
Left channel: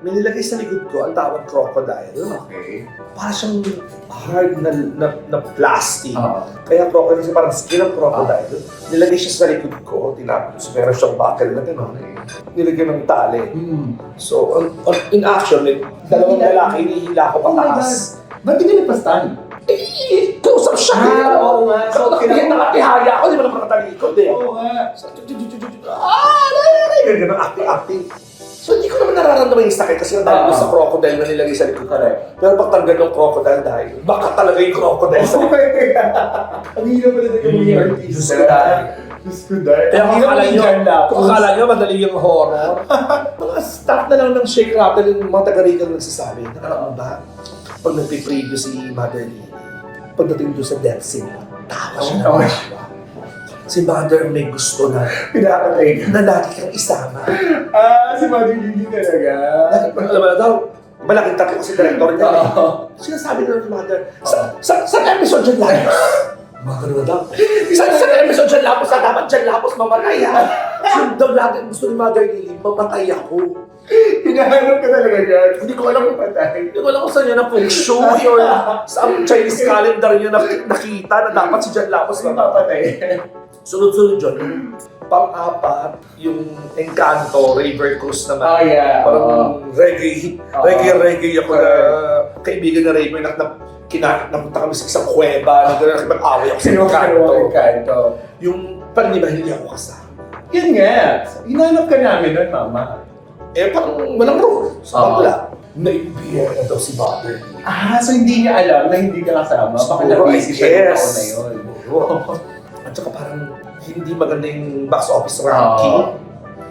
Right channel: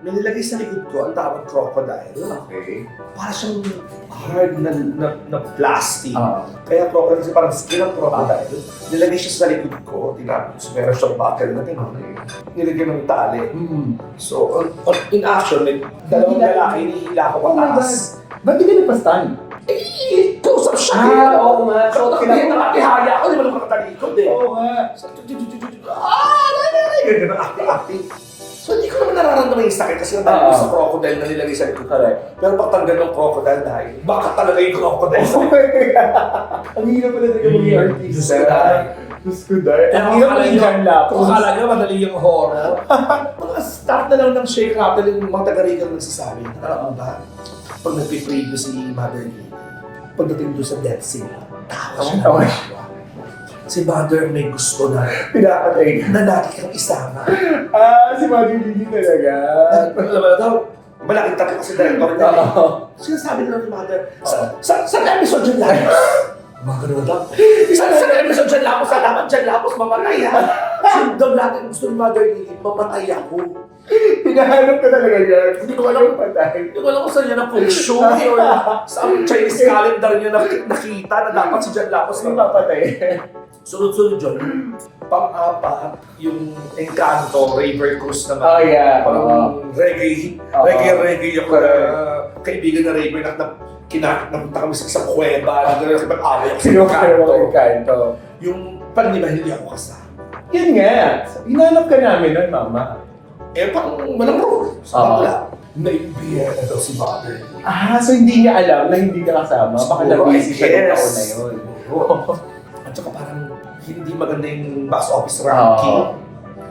May nilagay sa likod ko, ang tawag crocodile. Okay. Para siyang hard na plastic. Oo. Kaya crocodile, kasi parang skin ng crocodile. Nilagay siya sa likod ko, tinapos. Meron siyang buckle na gano'n. Nilagyan ng tali. So, in action, dalawang lalaki, hinihila ko Oh my pataas. Ba't hindi nagpa-stand? Eh, close up siya. Oo nga. So, Nakakihaya ako, di ba naman nakatalikod eh. Oo nga. Ganyan ang acting. So, hindi ko naman nararamdaman yung sakit kasi dahil sa crocodile na nilagay sa likod. Correct. Pero pag tanggal ng crocodile dahil, baka talaga yung crocodile sa Ang hirap pala na maging artista. Diyos ko dahil. Kaya Ang hirap maging John Lapus. Kung akala nyo, madali yung horror. Mga start na lang ng shake rattle yung mga taga-Rican nagsasabi. Nakalaman ba? Pag nagpipreview si Mother Lee, pagdating doon sa death scene, tawa siya Tawa na tawa. Si Mother may gusto na Pinakatay ka. na lagi kang isama. Si Mother Lily talaga. Alam mo daw, malaking tatlo kasi director niya. Oo. Sinasabi na ng Mother, sa episode dyan lang. Mga ganun daw. Sa episode dyan lapos, sa dapat dyan lapos, mamatay ha. Sundan lagi gusto ni Mother Lily, mamatay ako. Hinahanap ka talaga yan. Hindi ko alam kung patay. Hindi ko alam kung saan niya na-show or sa Chinese calendar niya nakita na dapat si Jan Lapos Kasi na papatay. sunod-sunod dyan. Pang-apat, yung Encanto, River Cruise naman. Oh yeah. Parang reggae ako na kaibigan na River na napunta kami sa isang kuweba, na nakipag-away ako sa Sino ka Encanto. naman Encanto? Yung panliba, hindi ako kasama. Yan nga. Hinanap ka namin nun, Mama. Eh, parang walang role. Sa Oo. bagla. Naibiyan na daw si Mother. So hindi niya alam na hindi ka kasama. Baka Siguro, na-busy siya ng yes. taon na yun. At saka parang hindi maganda yung box office ranking.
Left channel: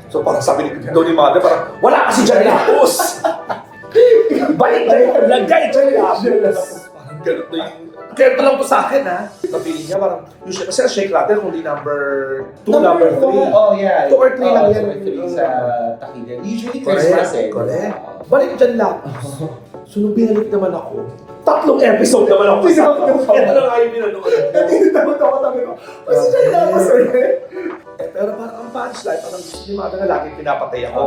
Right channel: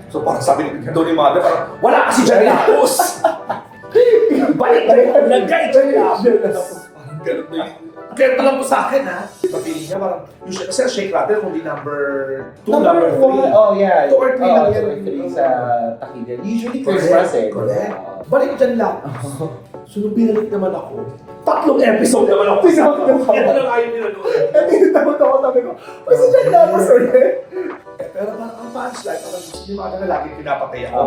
So parang sabi ni Mother, parang wala kasi dyan Lapos! Balik na yun! Lagay dyan Lapos! Parang ganun na yun. Kaya pa lang po sa akin ha. Napili niya parang, usually, kasi ang shake rattle kung di number 2, number 3. Oh yeah. 2 or 3 lang yan. 2 or 3 sa Takida. Usually Christmas eh. Correct. Balik dyan Lapos. So nung binalik naman ako, 3 episode naman ako sa Kaya lang ayaw minanood. Natinatawag ako, sabi ko, si John Lapus ulit. Pero parang ang punchline, parang gusto ni Mata na lagi pinapatay ako.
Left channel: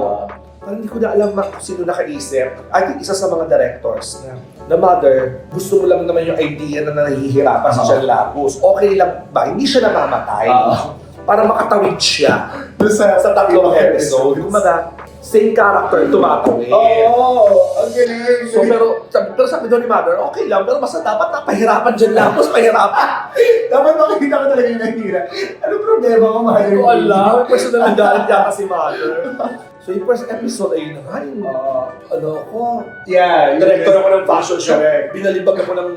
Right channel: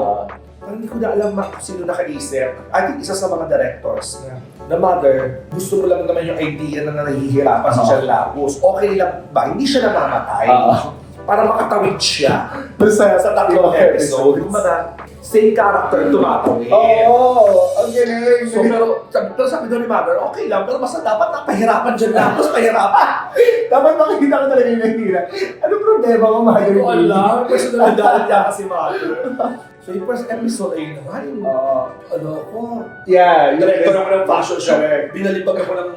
Parang hindi ko na alam kung sino nakaisip. I think isa sa mga directors na Mother, gusto mo lang naman yung idea na nahihirapan si John Lapus. Okay lang ba? Hindi siya namamatay. Para makatawid siya sa 3 episode. Kumaga, same character tumatawid. Ang galing. So, pero sabi doon ni Mother, okay lang, pero basta dapat napahirapan dyan Lapus, pahirapan. Dapat makikita ka talaga yung nahira. Anong problema mo, Mother? Hindi ko alam. Personal na galit niya kasi Mother. So yung first episode ay naman yung ano ko. Yeah. Director ako ng fashion show. Correct. Binalibag ako ng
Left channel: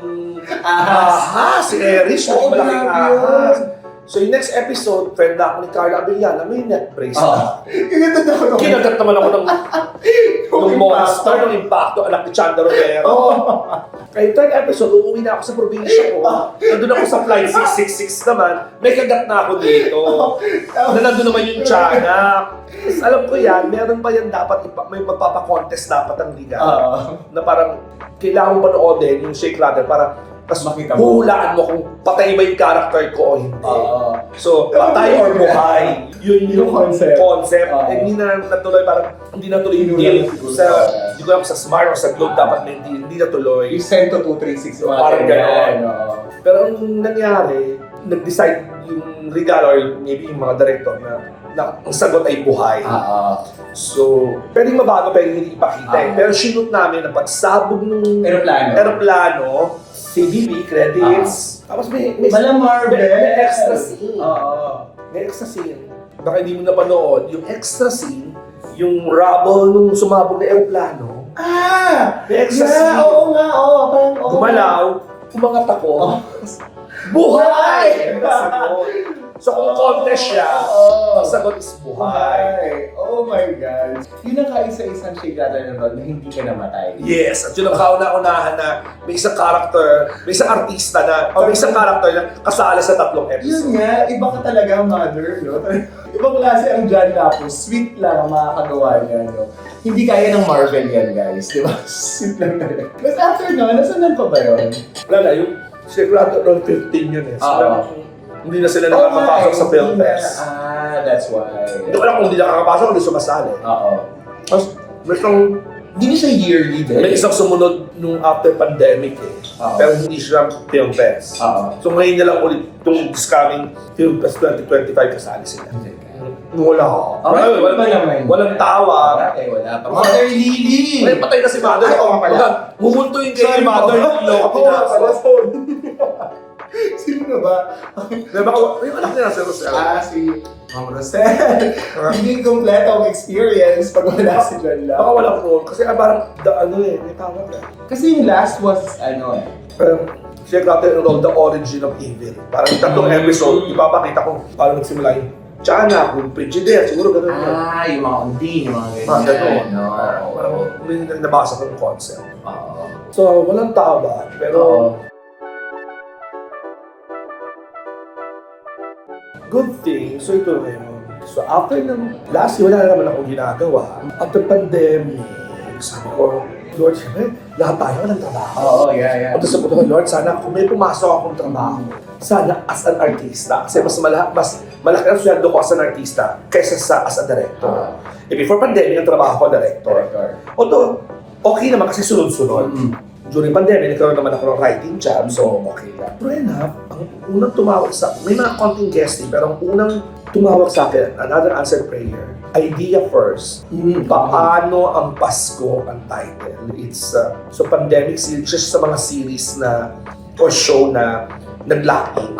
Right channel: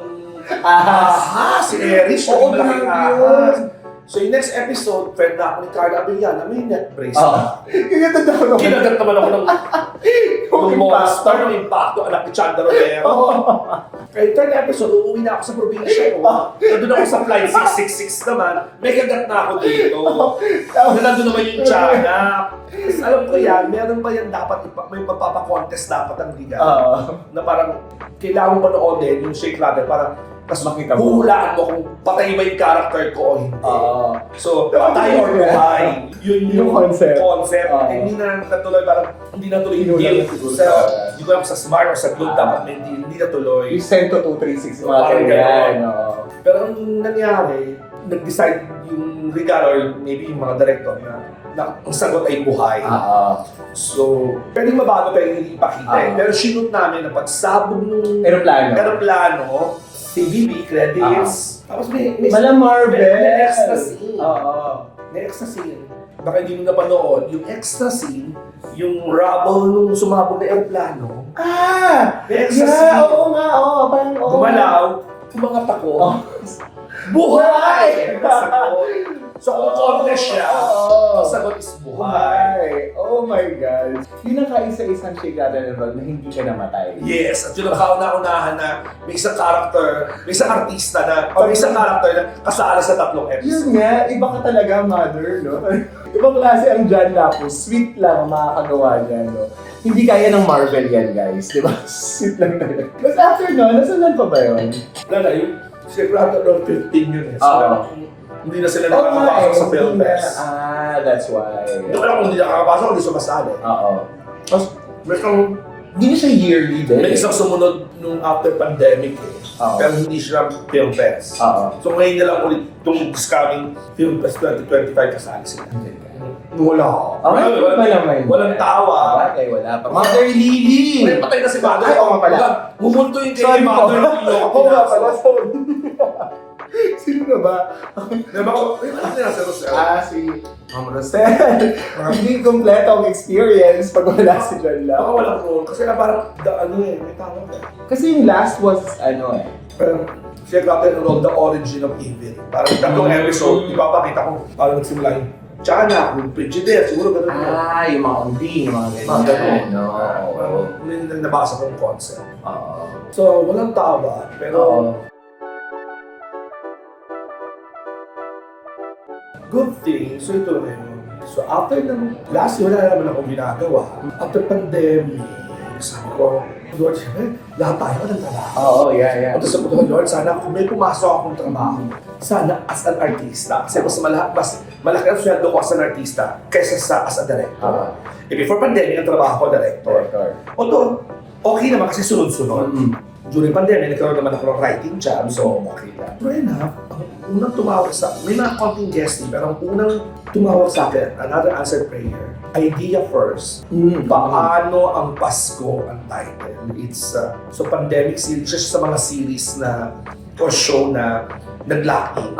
Ahas. si Erich. Oo, Malaking grabe ahas. So yung next episode, friend na ako ni Carla Abellana, may neck brace na. Kaya daw ako. Kinagat naman ako ng Yung monster, impacto. ng impacto, anak ni Chanda Romero. Kaya yung third episode, uuwi na ako sa probinsya ko. Nandun ako sa flight 666 naman. May kagat na ako dito. Na nandun naman yung tiyanak. Tapos alam ko yan, meron pa yan dapat, may magpapakontest dapat ang liga. Na parang kailangan mo panoodin yung Shake Rattle para tapos Makita mo. hulaan mo kung patay ba yung character ko o hindi. So, Pero patay or buhay. Yun yung Yung concept. Hindi na natuloy, parang hindi natuloy yung game. Hindi ko alam sa Smart or sa Globe dapat may hindi natuloy. You send to 236 mga Parang ganyan. Pero ang nangyari, nag-decide yung regalo or maybe yung mga director na ang sagot ay buhay. So, pwedeng mabago, pwedeng hindi ipakita eh. Pero shoot namin na pagsabog ng aeroplano, CBB credits, tapos may Malang Marvel. may extra scene. Oo. May extra scene. Baka hindi mo napanood, yung extra scene, yung rubble nung sumabog na aeroplano, may extra scene. Oo nga, oo. Parang, oo. Gumalaw, umangat ako. Buhay! Nasagot. So kung contest siya, ang sagot is buhay. Oh my God. Yun ang kaisa-isang Shake Rattle and Roll na hindi ka namatay. Yes, at yun ang kauna-unahan na may isang character, may isang artista na, o may isang character na kasala sa 3 episode. Yun nga, iba ka talaga, mother, no? Ibang klase ang John Lapus. Sweet lang ang makakagawa niya, no? Hindi kaya ng Marvel yan, guys. Di ba? Sweet lang talaga. But after no, nasanan pa ba yun? Wala, yung Shake Rattle noong 15 yun eh. So, hindi na sila nakakapasok sa film fest. That's why. Hindi ko alam kung hindi nakakapasok, hindi sumasali. Oo. Tapos, may isang, Hindi siya yearly din. may isang sumunod nung after pandemic eh. Oo. Pero hindi siya film fest. Oo. So ngayon na lang ulit itong this coming film fest 2025 kasali sila. Wala. Okay, Walang- ba naman? Walang tawa. Okay, wala pa. Mother Lily! May patay na si Mother. Ay, oo nga pala. Bumunto yung kay Sorry, Mother. Oo nga pala, sorry. Sino na ba? Diba ako, yung anak niya si Rosel. Si Ma'am Rosel. Hindi kompleto ang experience pag wala si John Baka Lau. walang role. Kasi parang, may tawag eh. Kasi yung last was, Pero, siya natin yung role, The Origin of Evil. Parang 3 episode, ipapakita ko paano nagsimula yung Tiyanak, yung Frigidaire, siguro ganun yun. yung mga unding, yung mga Mga ganun. No? Parang may nabasa kong concept. Oo. So, walang tawa. Pero, good thing, so ito ngayon. So after ng last year, wala na naman akong ginagawa. After pandemic, sabi ko, Lord, lahat tayo ng trabaho. Oo, yeah. At sabi ko, Lord, sana kung may pumasok akong trabaho, sana as an artista. Kasi mas malaki ang sweldo ko as an artista kaysa sa as a director. Before pandemic, ang trabaho ko, director. Although, okay naman kasi sunod-sunod. During pandemic, nagkaroon naman ako ng writing job, so okay lang. Pero enough, ang unang tumawag sa, may mga konting guesting, pero ang unang tumawag sa akin, another answered prayer, idea first. Paano ang Pasko ang title? It's, so pandemic series, just sa mga series na, or show na nag-lock-in.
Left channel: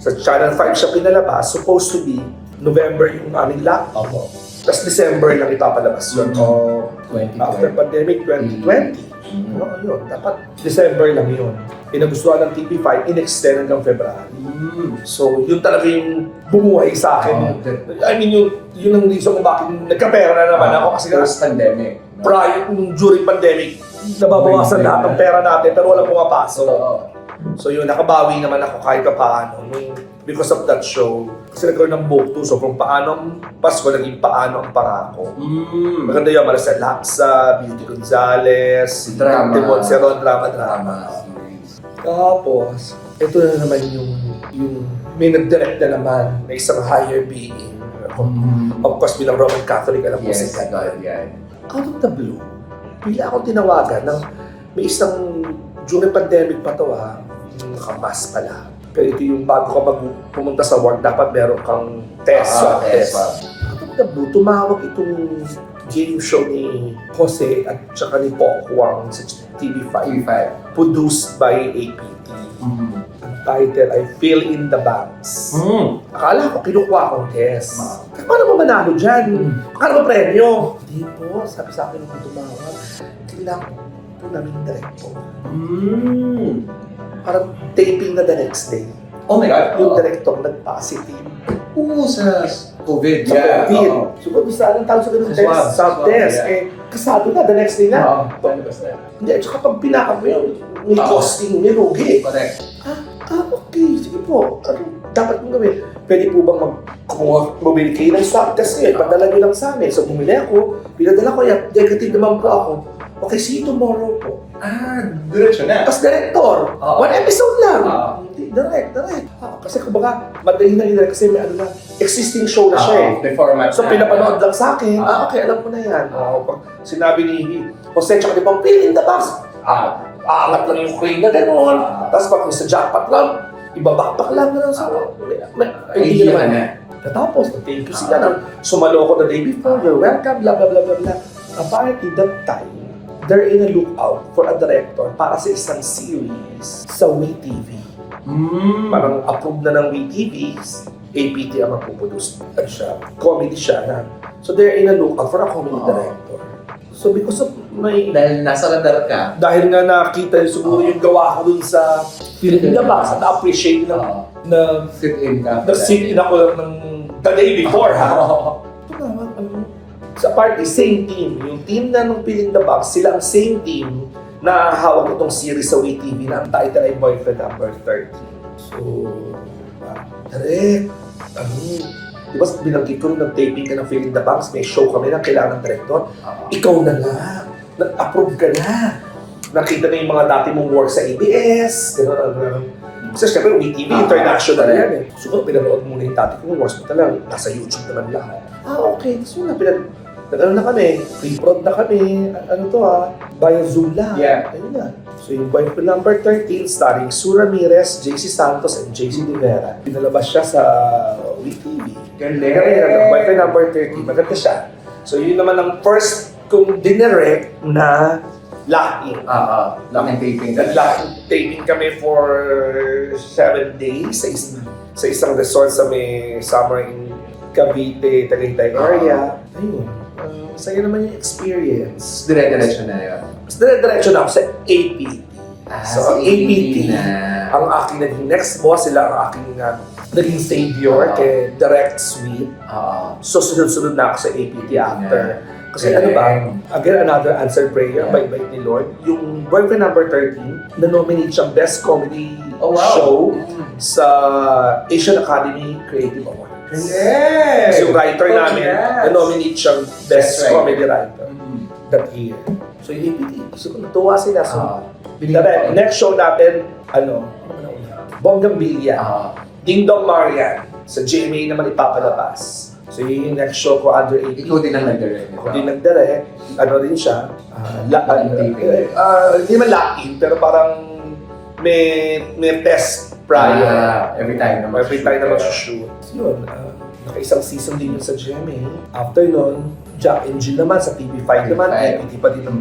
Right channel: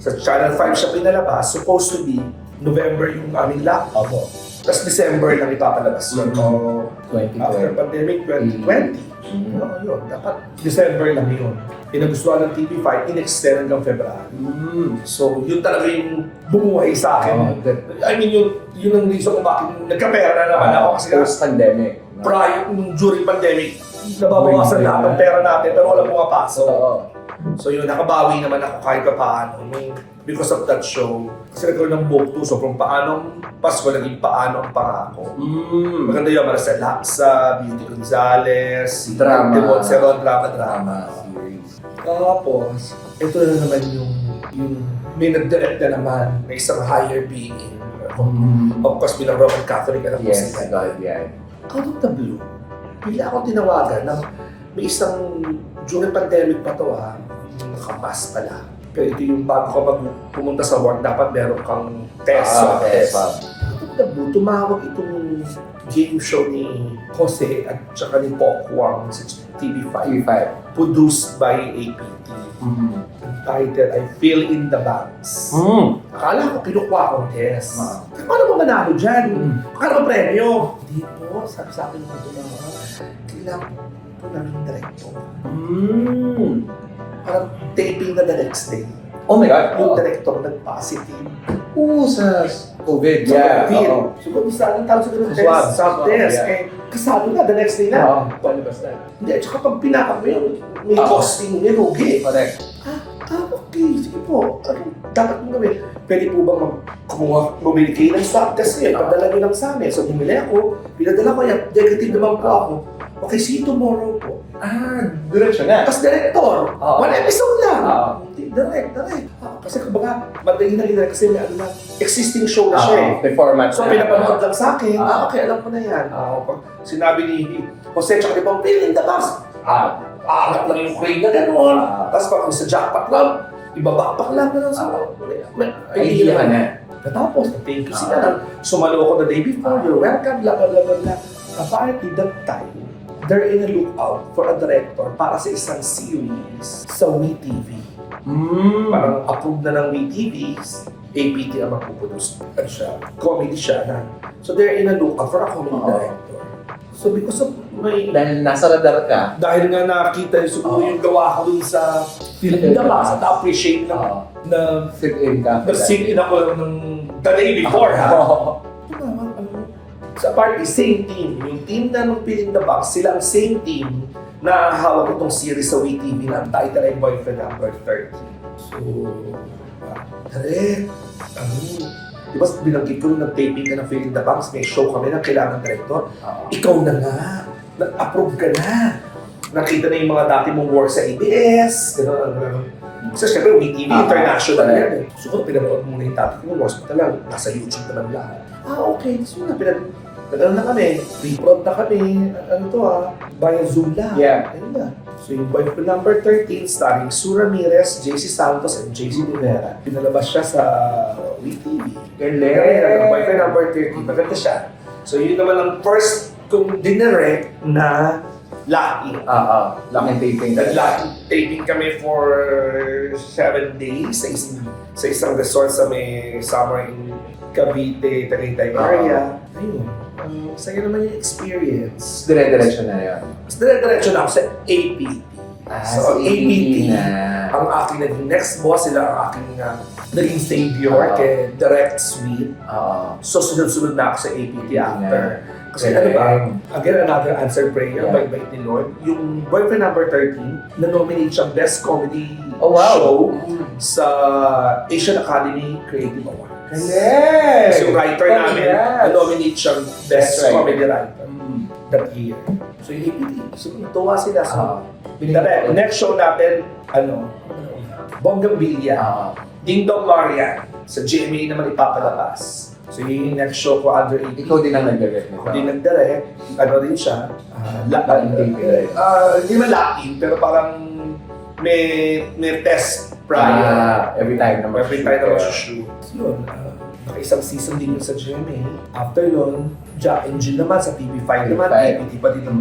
Sa Channel 5 siya pinalabas, supposed to be November yung aming lock-in. Tapos December lang ipapalabas yun. After 2020. pandemic, 2020. Yun. Dapat December lang yun. Pinagustuhan ng TV5, in-extend hanggang February. So, yun talaga yung bumuhay sa akin. I mean, yun ang reason kung bakit nagkapera na naman ako. Kasi Post-pandemic. prior, during pandemic, nababawasan lahat ng pera natin pero walang pumapasok. So yun, nakabawi naman ako kahit pa paano because of that show. Kasi nagkaroon ng book too, so from paano ang Pasko, naging paano ang pangako. Maganda yun, Maricel Laksa, Beauty Gonzales, Drama. Timon Seron, drama. Series. Tapos, ito na naman yung may nag-direct na naman na isang higher being. Of course, bilang Roman Catholic, alam mo Yes, si God, yeah. out of the blue, bigla akong tinawagan ng may isang, during pandemic pa to yung nakamas pala. Pero ito yung bago ka pumunta sa work, dapat meron kang test. Test. Out of the blue, tumawag itong game show ni Jose at saka ni Pok Huang sa TV5. Produced by APT. Ang title ay Fill in the Banks. Akala ko kinukuha akong test. Paano ba manalo dyan? Akala ba premyo? Hindi po, sabi sa akin nung tumawag, kailangan po namin director. Parang taping na the next day. Oh my God. Yung director nag-positive. Oo, sa COVID. Sa COVID. Oo. So, gusto anong tawag sa ganun Sa test? swab. Swab Swab, test. yeah. Eh, kasado na, the next day na. Oo, palabas na. Hindi, tsaka pag pinakap mo yun, may Oo. costing, may rugi. Correct. Okay, sige po. Ano dapat mo gawin? Pwede po bang bumili kayo ng swab test niyo? Ipadala niyo lang sa amin. So, bumili ako, pinadala ko yan, negative naman po ako. Okay, see you tomorrow po. Diretso na. Tapos director, Oo. one episode lang. Oo. Hindi, direct. Kasi kumbaga, madali na rin kasi may ano na, existing show na siya eh. May format So, na. pinapanood lang sa akin, Ah. okay, alam ko na yan. Pag sinabi ni Jose, tsaka di pang in the box, aangat lang yung crane na gano'n. Tapos pag sa jackpot lang, ibabakpak lang gano'n. So, Idea ka na. Natapos, thank you sila na sumalo ko the day before, you're welcome, blah, blah, blah, blah, blah. Apparently, that time, they're in a lookout for a director para sa isang series sa WeTV. Parang approved na ng WeTV, APT ang magpuproduce. Ano siya, comedy siya na. So they're in a lookout for a comedy director. So because of Dahil nasa radar ka. dahil nga nakita siguro yung gawa ko dun sa film in the box at appreciate na Sit-in ka. nag-sit in ako ng the day before ha. Sa party, same team. Yung team na nung Film in the Box, sila ang same team na hawak itong series sa WeTV na ang title ay Boyfriend Number 30. So, direct, di ba binanggit ko nung nag-taping ka ng Film in the Box, may show kami na kailangan ng director. Ikaw na nga, nag-approve ka na. Nakita na yung mga dati mong work sa ABS, gano'n. Kasi syempre, WeTV, international yan eh. So, pinanood muna yung dati kong works mo talaga, nasa YouTube naman lahat. Okay, so na, nag-ano na kami, pre-prod na kami, ano to via Zoom lahat. Yeah. Ayun na. So yung Boyfriend Number 13, starring Sue Ramirez, JC Santos, and JC Rivera. Pinalabas siya sa WeTV. Galing. Boyfriend Number 13, maganda siya. So yun naman ang first kong dinirect na locking. Laking taping ka. Nag-locking taping kami for 7 days sa isang resort sa may summer in Cavite, Tagaytay area. Ayun. Saya naman yung experience. Dire-diretso na yun. Mas dire-diretso na ako sa APT. So, APT, na. ang aking naging next boss, sila ang aking naging savior kay Direct Suite. So, sunod-sunod na ako sa APT after. Kasi ano ba, again, another answered prayer by ni Lord. Yung Boyfriend Number 13, na-nominate siyang Best Comedy Show sa Asian Academy Creative Award. Kasi yung writer namin, na-nominate siyang Best Comedy Writer that year. So yung APT, so natuwa sila. So, next show natin, Bonggambilya. Ding Dong Marian. Sa GMA naman ipapalabas. So yun yung next show ko under APT. Ikaw din ang nag-direct nito. Ako din nag-direct. Ano rin siya. Hindi man lock-in, pero parang may test prior. Every time na Every time na mag-shoot. Yun, naka-isang season din yun sa GMA. After nun, Jack and Jill naman sa TV5 naman. APT pa din ang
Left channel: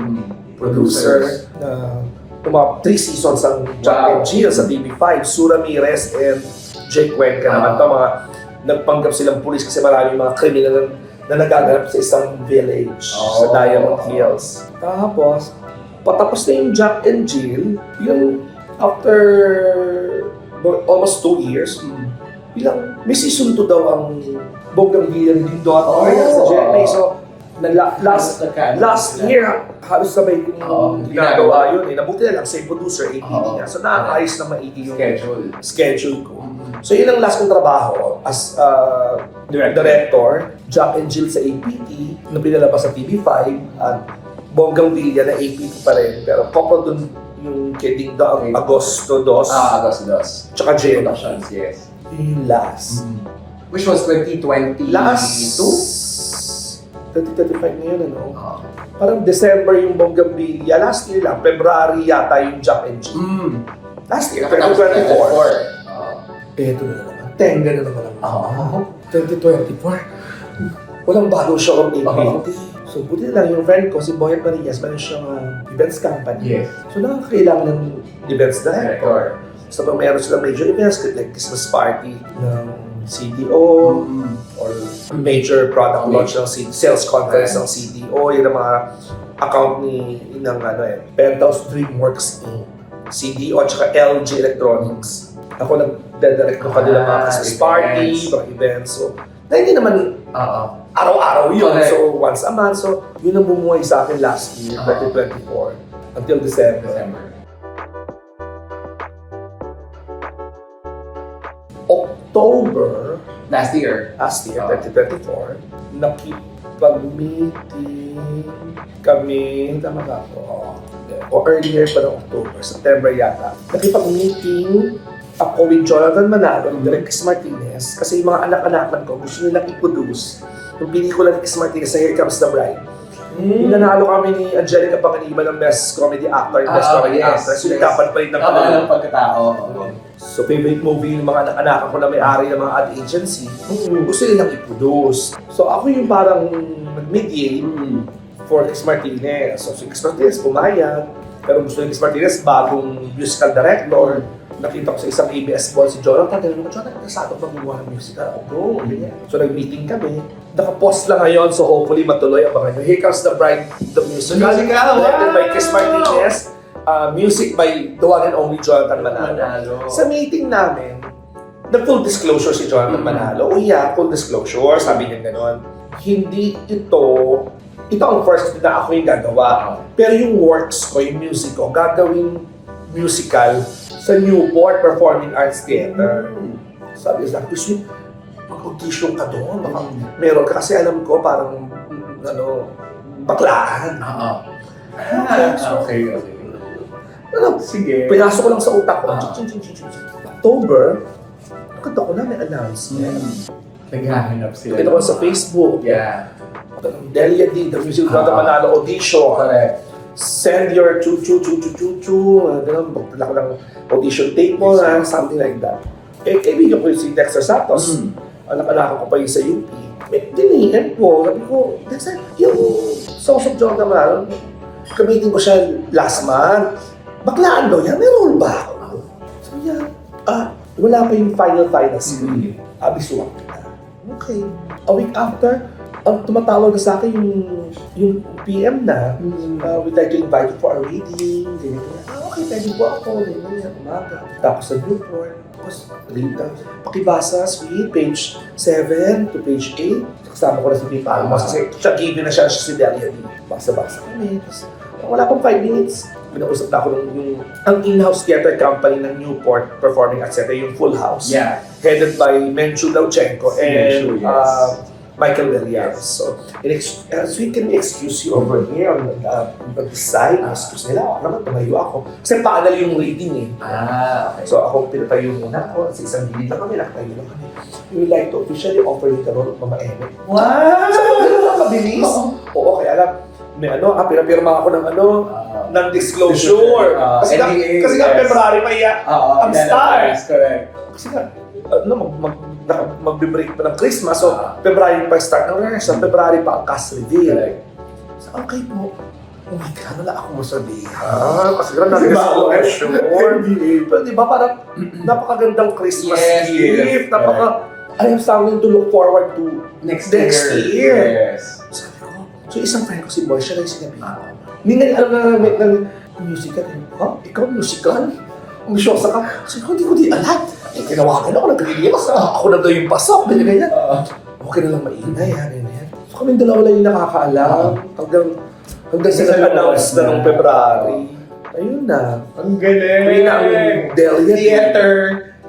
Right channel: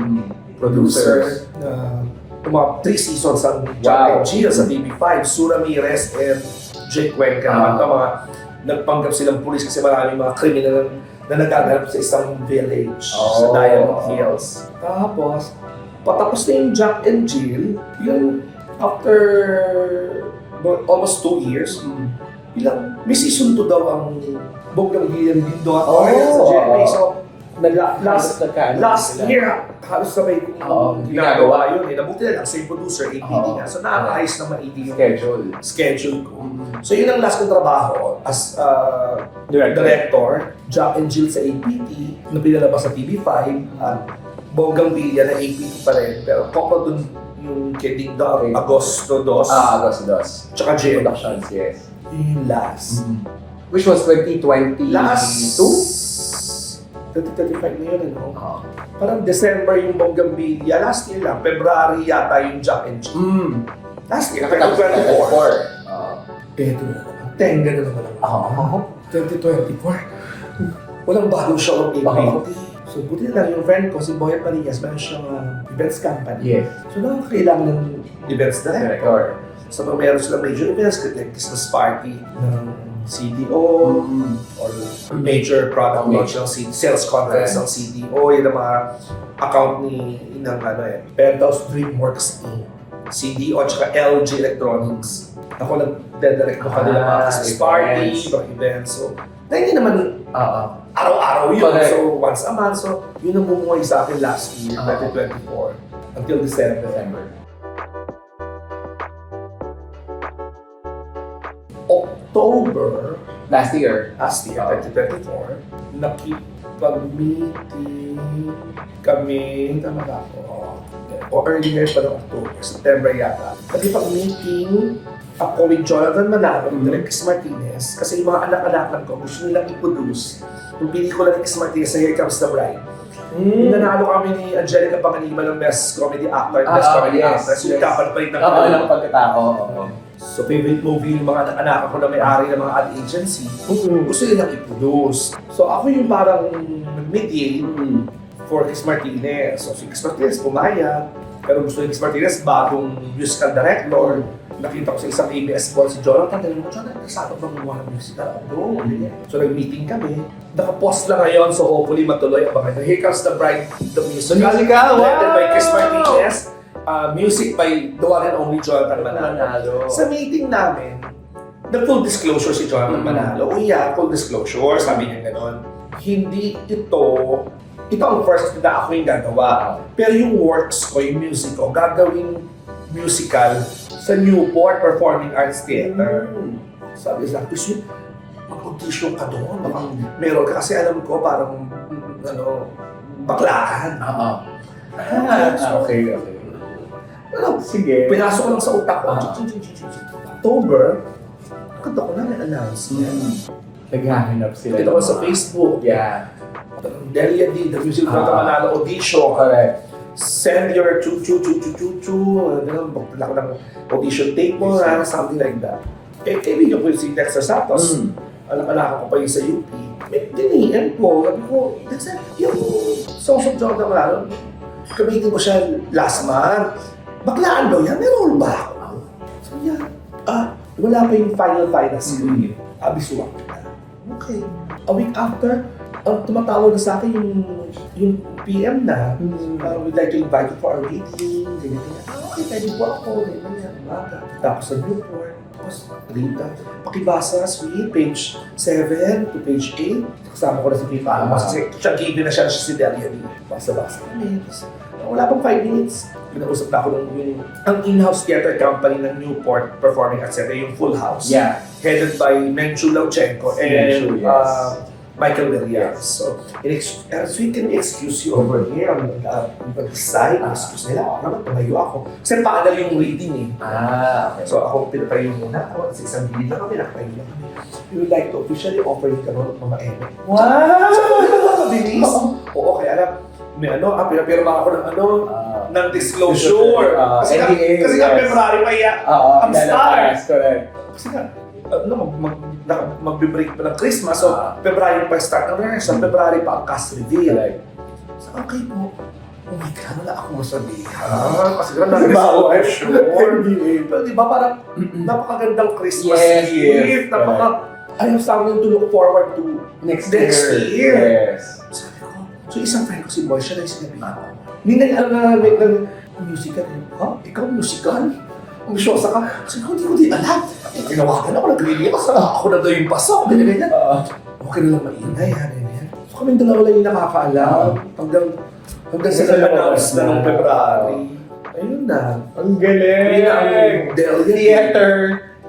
producer. Mga 3 seasons ang Jack and Jill sa TV5. Sue Ramirez and Jake Cuenca naman ito. Mga nagpanggap silang pulis kasi maraming mga kriminal na nagaganap sa isang village sa Diamond Hills. Tapos, patapos na yung Jack and Jill, yung after almost 2 years, may season 2 daw ang Bonggambilya din doon sa GMA. So, last year, halos sabay kong ginagawa yun. Nabuti na lang, same producer, APT nga. So, nakakaayos na maigi yung schedule ko. So, yun ang last kong trabaho as director, Jack and Jill sa APT, na pinalabas sa TV5, at Bonggambilya na APT pa rin. Pero couple dun yung kay Ding Dong, Agosto 2. Agosto 2. Tsaka J. Productions, yes. Yung last. Which was 2022? 2025 na yun, Parang December yung Bonggambilya. Last year lang, February yata yung Jack and Jill. Last year, 2024. Eto na naman. Tenga na naman ako. 2024. Walang bagong show ng APT. So, buti na lang yung friend ko, si Boyet Marias, meron siyang events company. Yes. So, nakakailangan ng events director. So, pag meron silang major events, like Christmas party ng CDO, or major product launch ng sales conference ng CDO, yun ang mga account ng Penthouse Dreamworks Inc. CDO at saka LG Electronics. Ako nagdedirect ng kanilang mga Christmas party, events. mga events. So, na hindi naman Oo. araw-araw yun. Correct. So, once a month. So, yun ang bumuhay sa akin last year, 2024, until December. October, Last year. 2024, nakipag-meeting kami, tama na ako, o earlier pa ng October, September yata. Nakipag-meeting ako with Jonathan Manalo, Direk Chris Martinez, kasi yung mga anak-anakan ko gusto nilang i-produce yung pelikula ni Chris Martinez sa Here Comes the Bride. Nanalo kami ni Angelica Panganiban ng Best Comedy Actor, Best Comedy Actress. Yung dapat pa rin ng Ng pagkatao. So, favorite movie yung mga anak-anak ko na may-ari ng mga ad agency, gusto nilang i-produce. So, ako yung parang nag-mediate for Chris Martinez. So, si Chris Martinez pumayag, pero gusto ni Chris Martinez bagong musical director. Nakita ko sa isang ABS ball si Jonathan. Tinanong ko, Jonathan, kasama bang gumawa ng musical? Bro, So, nag-meeting kami. Naka-post lang ngayon, so hopefully matuloy ang mga Here Comes the Bride, the musical. Directed by Chris Martinez. Music by the one and only Jonathan Manalo. Sa meeting namin, full disclosure si Jonathan Manalo. Full disclosure, sabi niya gano'n. Hindi ito ang first na ako yung gagawa. Pero yung works ko, yung music ko, gagawin musical sa Newport Performing Arts Theater. Sabi niya, gusto mag-audition ka doon. Baka meron ka kasi alam ko parang baklaan. Okay. Sige. Pinasok ko lang sa utak ko. October, nakita ko na may announcement. Naghahanap sila. Nakita ko sa Facebook. Yeah. Delia D, the music Jonathan Manalo audition. Correct. Send your Wala ko ng audition tape mo, something like that. Kaibigan ko si Dexter Santos. Anak-anak ko pa yun sa UP. Dinihan ko. Sabi ko, Dexter, yung Songs of Jonathan Manalo, kamitin ko siya last month. Baklaan daw yan, may role ba ako? Sabi niya, wala pa yung final script. Abisuwak ka. Okay. A week after, ang tumatawag na sa akin yung PM na, we'd like to invite you for a reading. Okay, pwede po ako. Umaga. Tapos sa group work. Tapos, pakibasa, sweet, page 7 to page 8. Kasama ko na si Pipa. Kasi siya given na siya si Delia. Basa-basa kami. Tapos, wala pang 5 minutes. Binausap na ako ang in-house theater company ng Newport Performing Arts Center, yung Full House. Yeah. Headed by Menchu Lauchenko and Michael Williams. So, as we can excuse you over here on the side, excuse nila. Naman, tumayo ako. Kasi paanal yung reading Okay. So, ako pinatayo muna ako. Sa isang gilid na kami, nakatayo na kami. We would like to officially offer you the role of Mama Eme. Wow! So, ganun lang mabilis. Oo, kaya alam, may pinapirma ako ng disclosure. Kasi nga, February pa ang start. Correct. Kasi nga, mag-break pa ng Christmas, so February pa start ng rehearsal, February pa ang cast reveal. So, okay po. Ano na ako masabihan? Kasi gano'n na-disclosure. Pero di ba parang napakagandang Christmas gift. I'm something to look forward to next year. Yes. Sabi ko, so isang friend ko si Boy, siya na yung sinabi ko. Hindi na alam na musical. Ikaw musical? Ang bisyosa ka? Sabi ko, hindi ko di alam. Tinawagan ako, nag-release. Ako na daw yung pasok. Ganyan. Okay na lang maingay. So kaming dalawa lang yung nakakaalam. Hanggang sa nag-announce na noong February. Ayun na. Ang galing! Ayun na ang Delia. Theater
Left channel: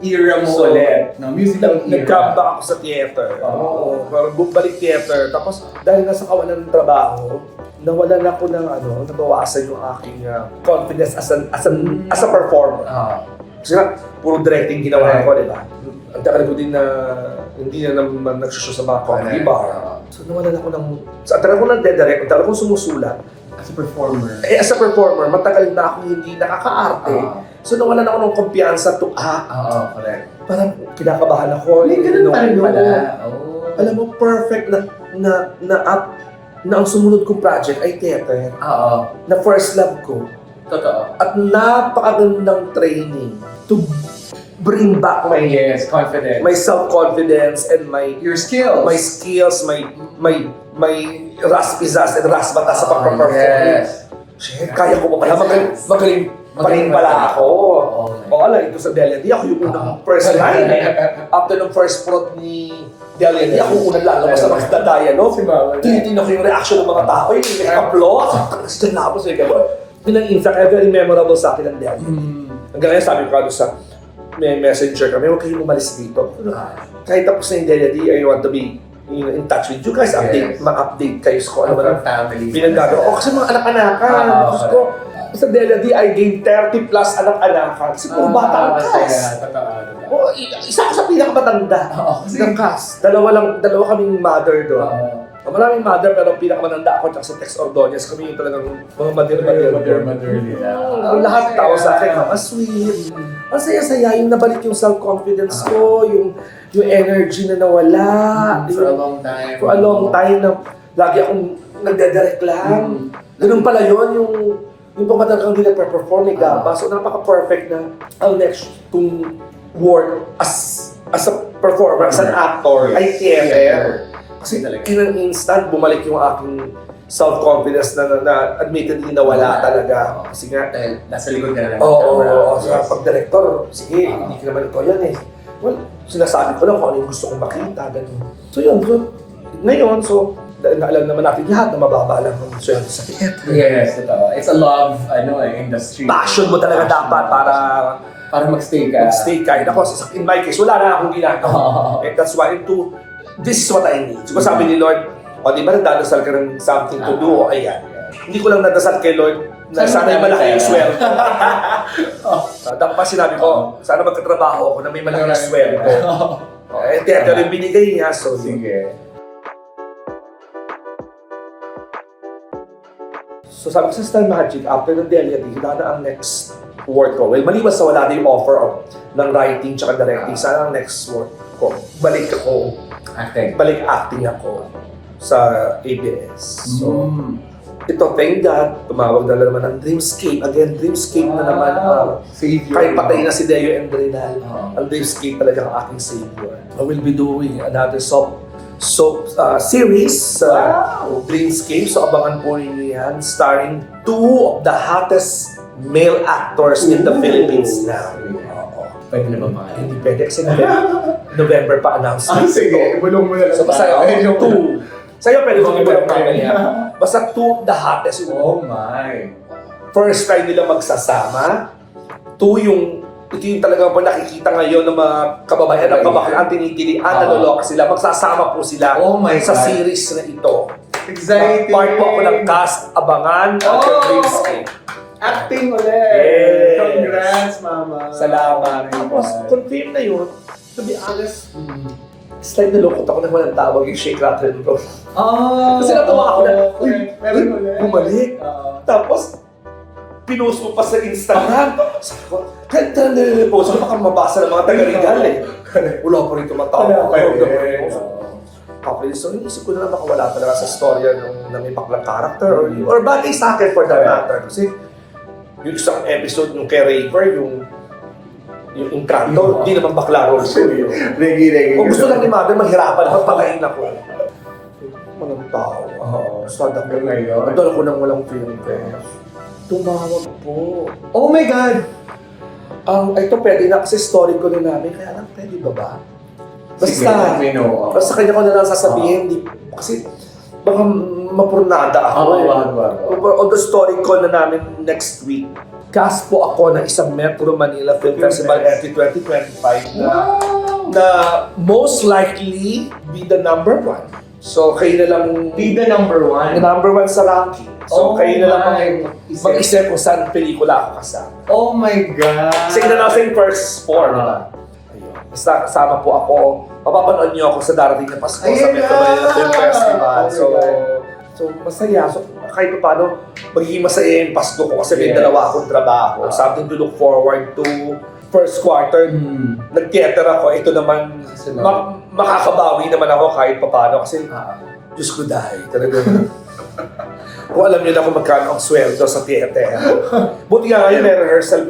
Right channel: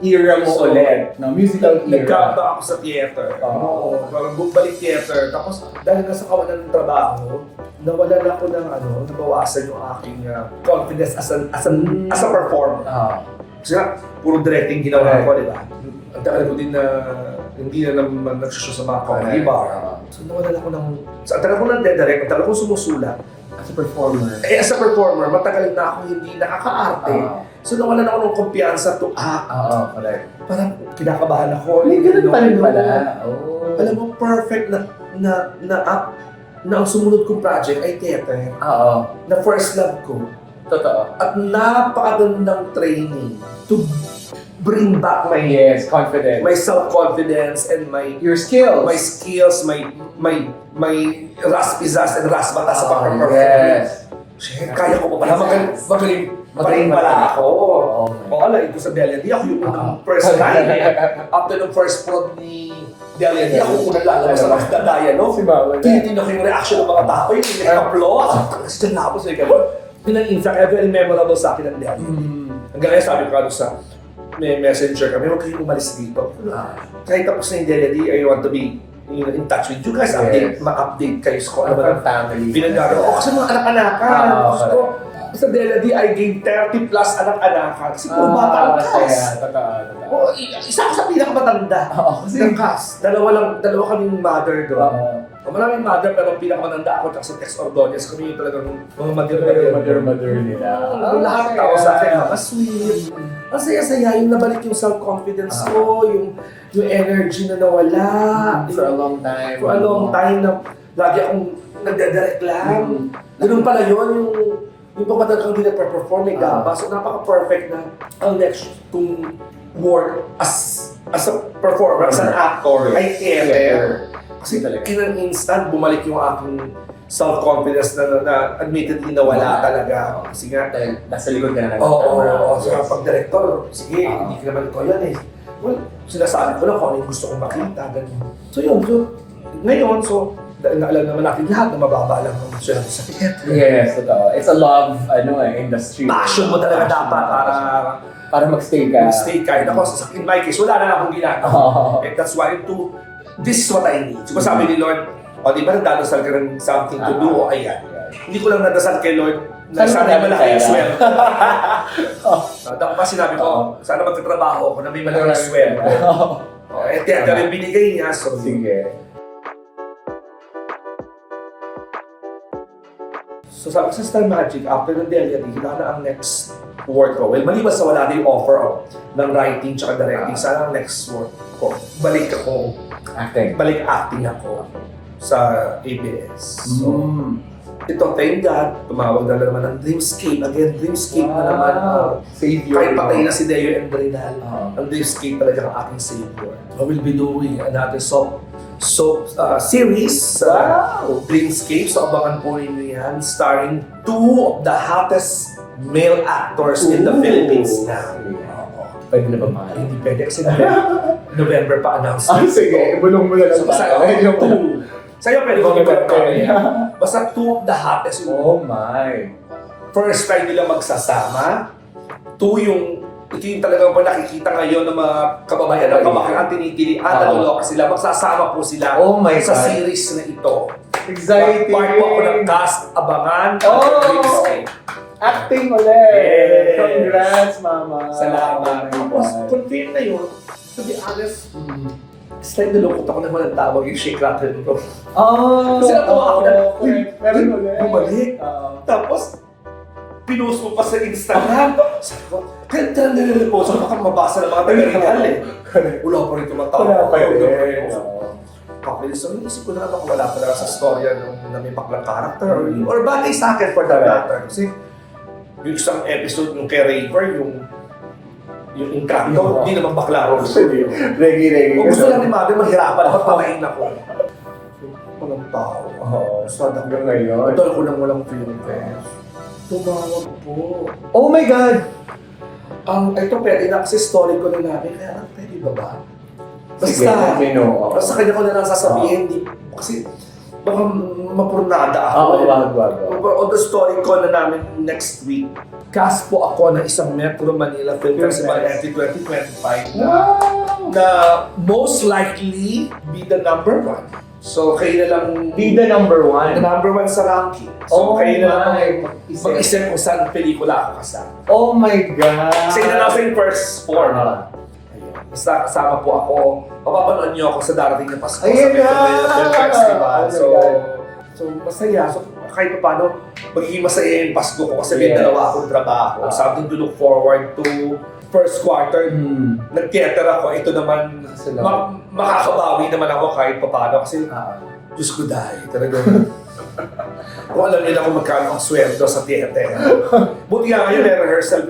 era mo ulit. No, musical era. Nag-comeback ako sa theater. Parang bumalik theater. Tapos dahil nasa kawalan ng trabaho, nawalan ako ng nabawasan yung aking confidence as a performer. Kasi nga, puro directing ginawa ko, di ba? Ang tagal ko din na hindi na naman nagsushow sa mga comedy bar. So nawalan ako ng... So, ang tagal ko nagde-direct, ang tagal ko sumusulat. As a performer. As a performer, matagal na ako hindi nakaka-arte. So nawalan ako ng kumpiyansa to Correct. Parang kinakabahan ako. Ganun pa rin pala. Alam mo, perfect na ang sumunod kong project ay theater. Na first love ko. Totoo. At napakagandang training to bring back my confidence. my self-confidence and Your skills. my skills, my raspizas and rasbatas sa pagpaperform. Yes. Kaya ko pa pala magaling Magaling pala ako. O ala, ito sa Delia D, ako yung unang first line. After ng first front ni Delia D, ako unang lalabas na nakadadaya, no? Tinitingnan ko yung reaction ng mga tao, yung nag-applaud. Kasi dyan na ako sa gano'n. Yun ang in fact, very memorable sa akin ng Delia D. Hanggang ngayon sabi ko sa may messenger kami, huwag kayong umalis dito. Kahit tapos na yung Delia D, I want to be in touch with you guys, ma-update kayo sa kung ano ba ng family. pinagagawa. Kasi mga anak-anakan. Gusto ko, sa Delia D, I gained 30 plus anak-anakan. Kasi puro bata ang cast. Isa ko sa pinakamatanda ng cast. Dalawa kaming mother doon. Maraming mother, pero pinakamatanda ako sa Tex Ordonez. Kami yung talagang mga mother nila. Lahat tao sa akin, sweet. Ang saya-saya, yung nabalik yung self-confidence ko, yung energy na nawala. For a long time. For a long time na lagi akong nagdadirect lang. Ganun pala yun, yung pagmatagal kang hindi nagpe-perform, may gamba. So napaka-perfect na ang next to work as a performer, as an actor, ay theater. Kasi in an instant, bumalik yung aking self-confidence na admittedly nawala talaga. Kasi nga, Dahil nasa likod ka na lang. oo, sa pag-director, sige, hindi ka naman ito yan eh. Well, sinasabi ko lang kung ano yung gusto kong makita, ganun. So yun, ngayon, alam naman natin lahat na mababa lang ang sweldo sa theater. Yes, totoo. It's a love, industry. Passion mo talaga dapat Para magstay ka. stay kahit ako. In my case, wala na akong ginagawa. That's why this is what I need. So sabi ni Lord, di ba nagdadasal ka ng something to do? O ayan. Hindi ko lang nadasal kay Lord na sana malaki yung sweldo. Pa sinabi ko, sana magkatrabaho ako na may malaki yung sweldo. Theater yung binigay niya, so Sige. So sabi ko sa Star Magic, after ng Delia D, wala na ang next work ko. Well, maliban sa wala na yung offer ng writing tsaka directing, sana ang next work ko. Balik acting ako sa ABS. So, ito, thank God, tumawag na naman ng Dreamscape. Again, Dreamscape na naman. Savior. Kahit patay na si Deo Endrinal, ang Dreamscape talaga ang aking savior. I will be doing another soap series sa Dreamscape. So abangan po ninyo yan. Starring two of the hottest male actors in the Philippines na. Pwede na ba mga? Hindi pwede kasi November pa announce. Sige, bulong mo na lang So basta two. Sa'yo pwede mo basta two of the hottest. Oh my. First time nila magsasama. Two, ito yung talagang pag nakikita ngayon ng mga kababayan ng kabakang tinitilian, naloloka sila, magsasama po sila sa series na ito. Exciting! Part po ako ng cast, abangan, at the Dreamscape. Acting ulit! Yes. Congrats, Mama! Salamat. Tapos, confirm na yun, to be honest, it's like nalukot ako nang walang tawag yung shake rattle ko. Kasi natawa ako na, meron ulit. bumalik. Tapos, pinost mo pa sa Instagram. Sabi ko, kahit nililipost, baka mabasa ng mga taga-legal eh. Wala pa rin tumatawag. Okay, so inisip ko na baka wala talaga sa storya na may baklang character or bagay sa akin for that matter. Kasi yung isang episode yung kay Raver, yung Encanto, hindi naman bakla ko. Reggae. Kung gusto lang ni Mother, mahirapan ako, patayin ako. Walang tao. Sad ako ngayon. Doon ako nang walang film test. Tumawag po. Oh my God! Ito pwede na kasi story ko na namin, kaya lang pwede ba? Sige, let me know. Basta kanya ko na lang sasabihin, kasi baka mapurnada ako. Wag. On the story ko na namin next week, cast po ako ng isang Metro Manila Film Festival entry 2025 na most likely be the number one. So kayo na lang Be the number one. the number one sa ranking. So kayo na lang mag-isip kung saan pelikula ako kasama. Oh my God! Kasi na nasa yung first form. Basta kasama po ako. Mapapanood niyo ako sa darating na Pasko sa Metro Manila Film Festival. So masaya. So kahit pa paano, magiging masaya yung Pasko ko kasi may dalawa akong trabaho. Something to look forward to. First quarter, nag-theater ako. Ito naman, makakabawi naman ako kahit pa paano. Kasi, Diyos ko dahil. Talagang, kung alam niyo na kung magkano ang sweldo sa theater. Buti nga ngayon, may rehearsal,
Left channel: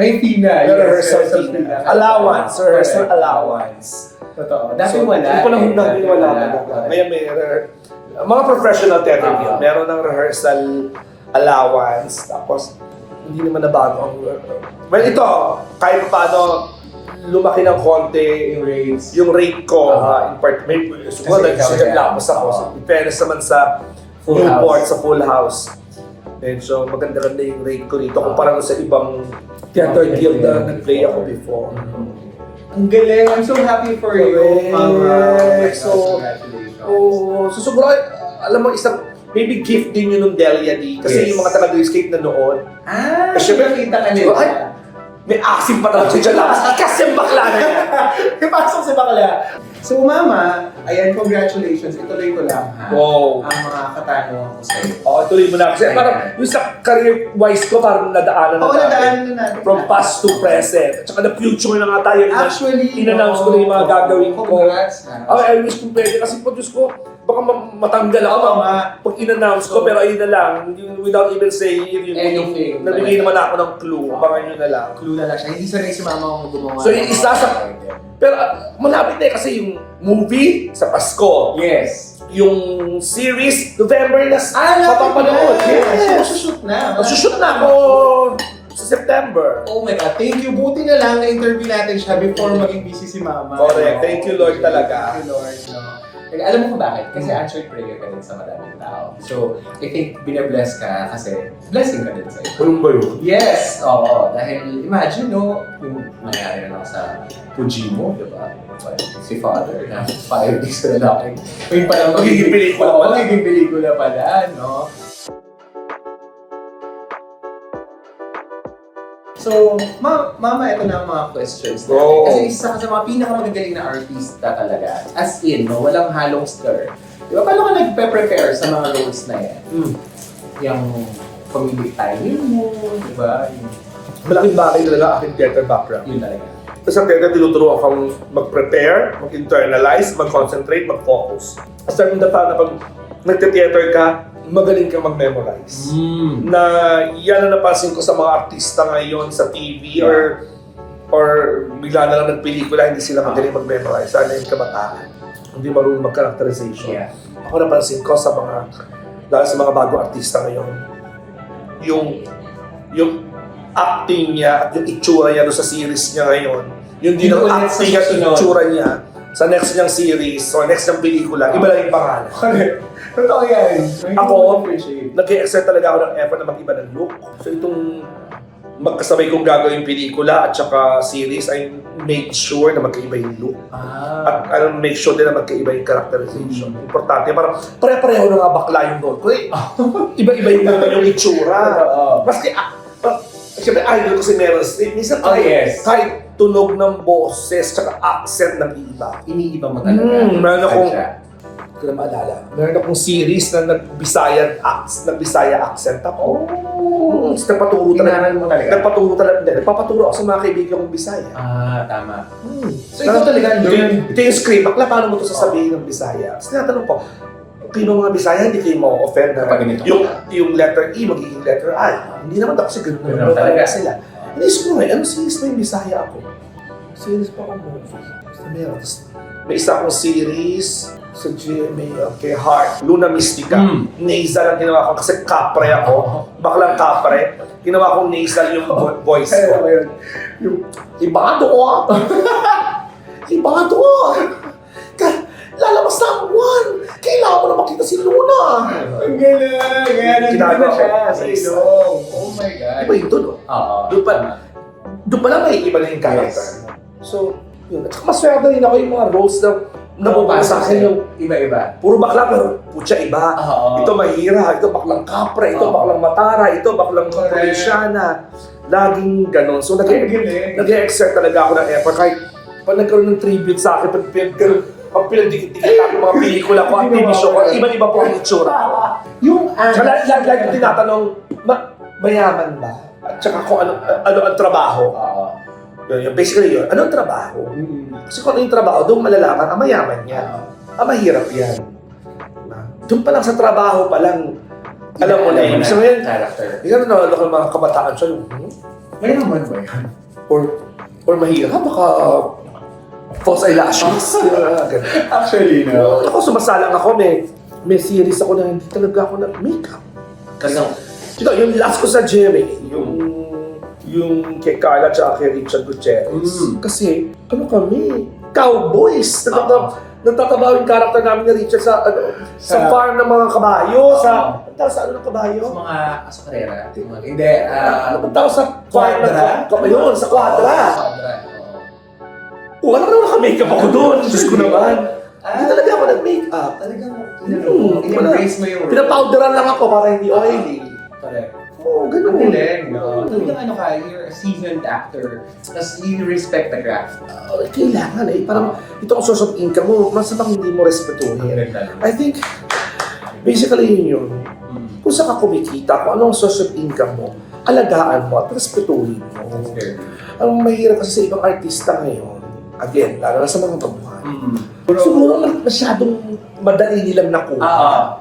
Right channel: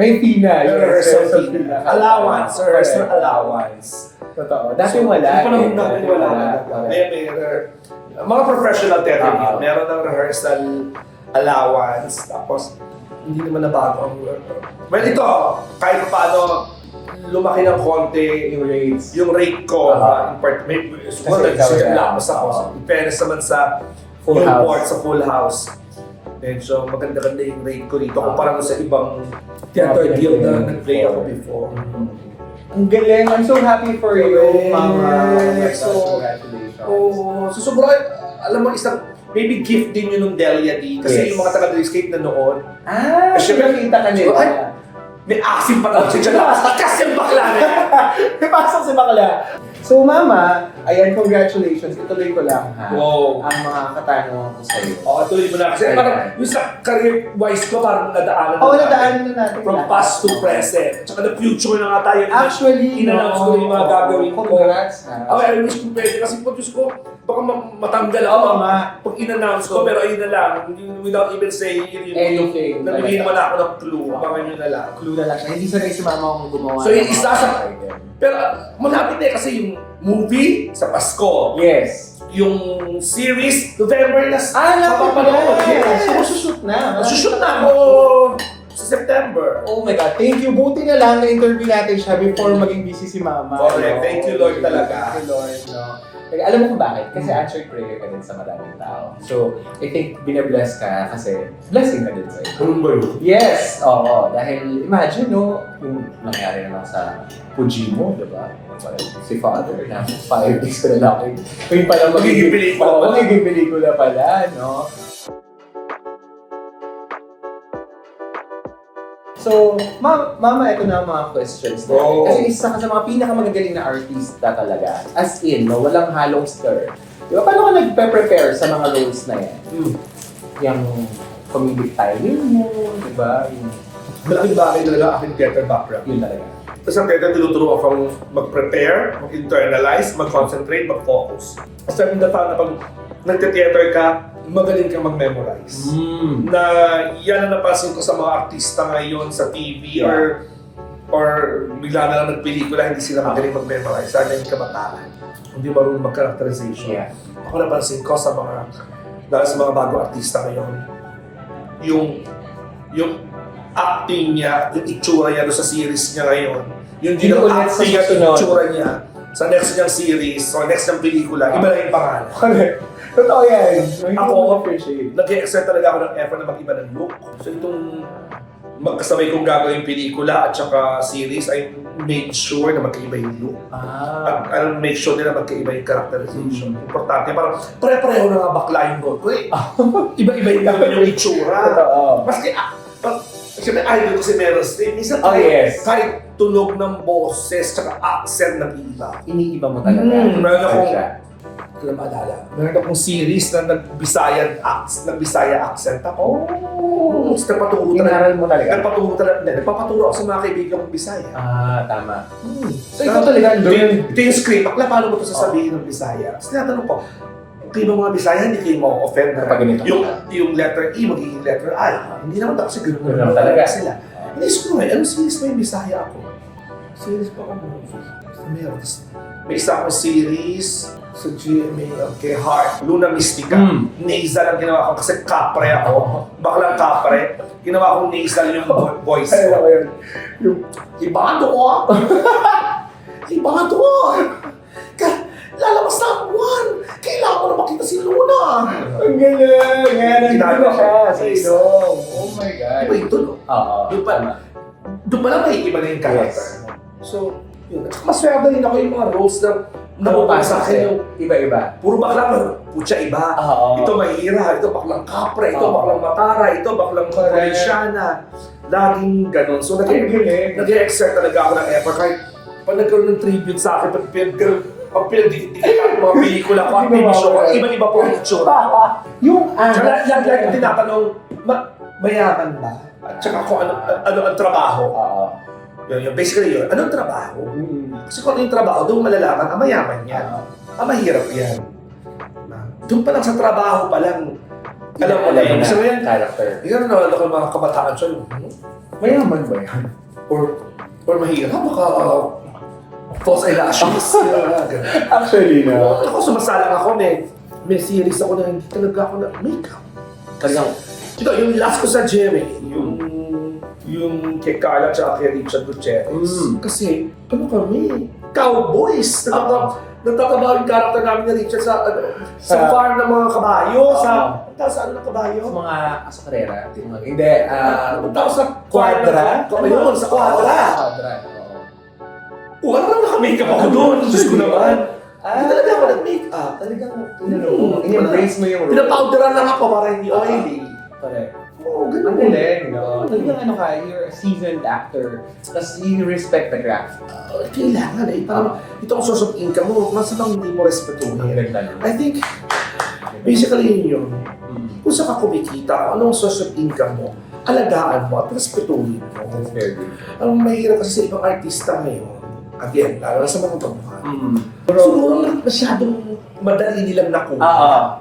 May fee na. may rehearsal fee. Allowance, rehearsal allowance. Totoo. Dati So, wala. Hindi ko lang natin wala. Ngayon may mga professional theater, meron ng rehearsal allowance. Tapos, hindi naman nabago ang well, ito, kahit pa paano, lumaki ng konti Yung rates. yung rate ko Ah. in part, siguro Kasi ikaw yan. nagsigaglapos ako. In fairness naman sa Full Newport, house. sa full house. Medyo maganda-ganda yung rate ko rito kumpara sa ibang theater guild na nag-play ako before. Ang galing. I'm so happy for you, Mama. Oh my gosh, So, congratulations. Oh, so sobrang, alam mo, isang, maybe gift din yun ng Delia D. Kasi Yes. yung mga taga-escape na noon, Ah, syempre, nakita ka nila. ay, may asim pa talaga siya dyan. Kasi yung bakla na yan. Pasok si Bakla. So, Mama, ayan, congratulations. Ituloy ko lang, ha? Wow. Ang mga katanungan ko sa'yo. Oo, tuloy mo na. Kasi parang yung sa career-wise ko, parang nadaanan Oo, natin. nadaanan na natin. From past to present. At saka the future na nga tayo. Actually, in-announce ko na yung mga gagawin ko. Congrats, ha? I wish kung pwede. Kasi po, Diyos ko, baka matanggal ako. Oo, nga. Pag in-announce ko, pero ayun na lang. Without even saying Anything. nabigay naman ako ng clue. Abangan nyo na lang. Clue na lang siya. Hindi sanay si Mama kung gumawa. So, ng isa mga sa- item. Pero malapit na kasi yung movie sa Pasko. Yes. Yung series, November na Mapapanood. Yes. So, sushoot na. Masushoot na ako sa September. Oh my God, thank you. Buti na lang na-interview natin siya before maging busy si Mama. Correct. Thank you, Lord, talaga. Thank you, Lord. No? Like, alam mo kung bakit? Kasi answered prayer ka din sa madaming tao. So, I think binabless ka kasi blessing ka din sa ito. Ano ba yun? Yes! Oo. Dahil imagine, no, yung nangyari na lang sa Fujimo, di ba? Well, si Father, na 5 weeks ko na lang. Yung pala Magiging pelikula Oo, pala. magiging pelikula pala, no? So, Mama, ito na ang mga questions natin. Go. Kasi isa ka sa mga pinakamagagaling na artista talaga. As in, no, walang halong stir. Di ba? Paano ka nagpe-prepare sa mga roles na yan? Yung comedic timing mo, di ba? Yung, Malaking bagay talaga aking theater background. yun talaga. Sa theater, tinuturo akong mag-prepare, mag-internalize, mag-concentrate, mag-focus. Starting the fact na pag nagte-theater ka, magaling kang mag-memorize. Na yan ang napansin ko sa mga artista ngayon sa TV or bigla na lang nagpelikula, hindi sila magaling mag-memorize. Sana yung kabataan. Hindi marunong mag-characterization. Yeah. Ako napansin ko sa mga, dahil sa mga bagong artista ngayon, yung acting niya at yung itsura niya doon sa series niya ngayon, yung din ang Yung ulit sa acting at susunod. itsura niya sa next niyang series or next niyang pelikula, iba lang yung pangalan. Totoo yan. Ako, appreciate. nag-exert talaga ako ng effort na mag-iba ng look. So itong magkasabay kong gagawing pelikula at saka series, I made sure na magkaiba yung look. Ah. At I make sure din na magkaiba yung characterization. Importante, parang pare-pareho na nga bakla yung role ko eh. Iba-iba yung naman yung itsura. Totoo. Maski, siyempre idol ko si Meryl Streep. Minsan Oh, yes. kahit tunog ng boses tsaka accent ng iba. Iniiba mo talaga. Meron akong, Siya. hindi ko na maalala, meron akong series na nag-Bisaya accent ako. Oh. Nagpaturo talaga. Inaral mo talaga. Nagpapaturo ako sa mga kaibigan kong Bisaya. Ah, tama. So ikaw talaga, ito yung script. Bakla, paano mo ito sasabihin ng Bisaya? Tapos tinatanong ko, kayo mga Bisaya, hindi kayo ma-offend na Kapag ganito yung letter E magiging letter I. Hindi naman daw kasi Ganun gano'n naman talaga. sila. Naisip ko nga, ano series na yung Bisaya ako? Series pa ako movie. Basta meron. Tapos may isa akong series sa GMA kay Heart, Luna Mystica. Nasal ang ginawa ko kasi kapre ako. Baklang kapre. Ginawa kong nasal yung voice ko. Yung ibado ko. Ibado ko. Lalabas na ang buwan. Kailangan mo na makita si Luna. Ang galing! Ngayon, nandito na Ginagawa siya ko. sa ilong. Oh my God. Iba yung tunog. Oo. Doon pa lang may iba na yung character. So, yun. At saka maswerte rin ako yung mga roles na nabubasa sa akin yung Iba-iba. puro bakla pero putya iba. Oo. Ito mahira, ito baklang kapre, ito Oo. baklang matara, ito baklang provinsyana. Laging ganon. So, Ang galing. nag-exert talaga ako ng effort. Kahit pag nagkaroon ng tribute sa akin, pag pinagdikit-dikit ang mga pelikula ko at TV show ko, iba-iba po ang itsura ko. Yung Tsaka lagi tinatanong, mayaman ba? At saka kung ano ang trabaho. Oo. Basically yun, anong trabaho? Kasi kung ano yung trabaho, doon malalaman, mayaman yan. Mahirap yan. Doon pa lang sa trabaho pa lang, alam mo na yun. So ngayon, Character. yun na ako mga kabataan siya, Mayaman ba yan? or mahirap, baka false eyelashes. Ganun. Actually, no. Ako, sumasalang ako, may series ako na hindi talaga ako na makeup. Talagang, yung last ko sa GMA, yung yung kay Carla at kay Richard Gutierrez. Mm. Kasi, ano kami, cowboys. Nagtatabaw yung character namin ni Richard sa farm ng mga kabayo, sa ano ng kabayo? Sa mga asakarera. Hindi, Tawag sa Quadra? Ayun, sa Quadra. Quadra, oo. Wala naman naka-makeup ako doon. Diyos ko naman. Hindi talaga ako nag-makeup. Talagang, in-embrace mo yung role. Pinapowderan lang ako para hindi oily. Correct. Oo, Ang ganun. galing, no? Talagang ano ka, you're a seasoned actor. Tapos you respect the craft. Kailangan eh. Parang ito ang source of income mo. Mas bang hindi mo respetuhin. ganda, no? I think, basically yun. Mm. Kung saan ka kumikita, kung anong source of income mo, alagaan mo at respetuhin mo. Very good. Ang mahirap kasi sa ibang artista ngayon, again, lalo na sa mga tauhan, Mm. siguro lang masyadong madali nilang nakuha.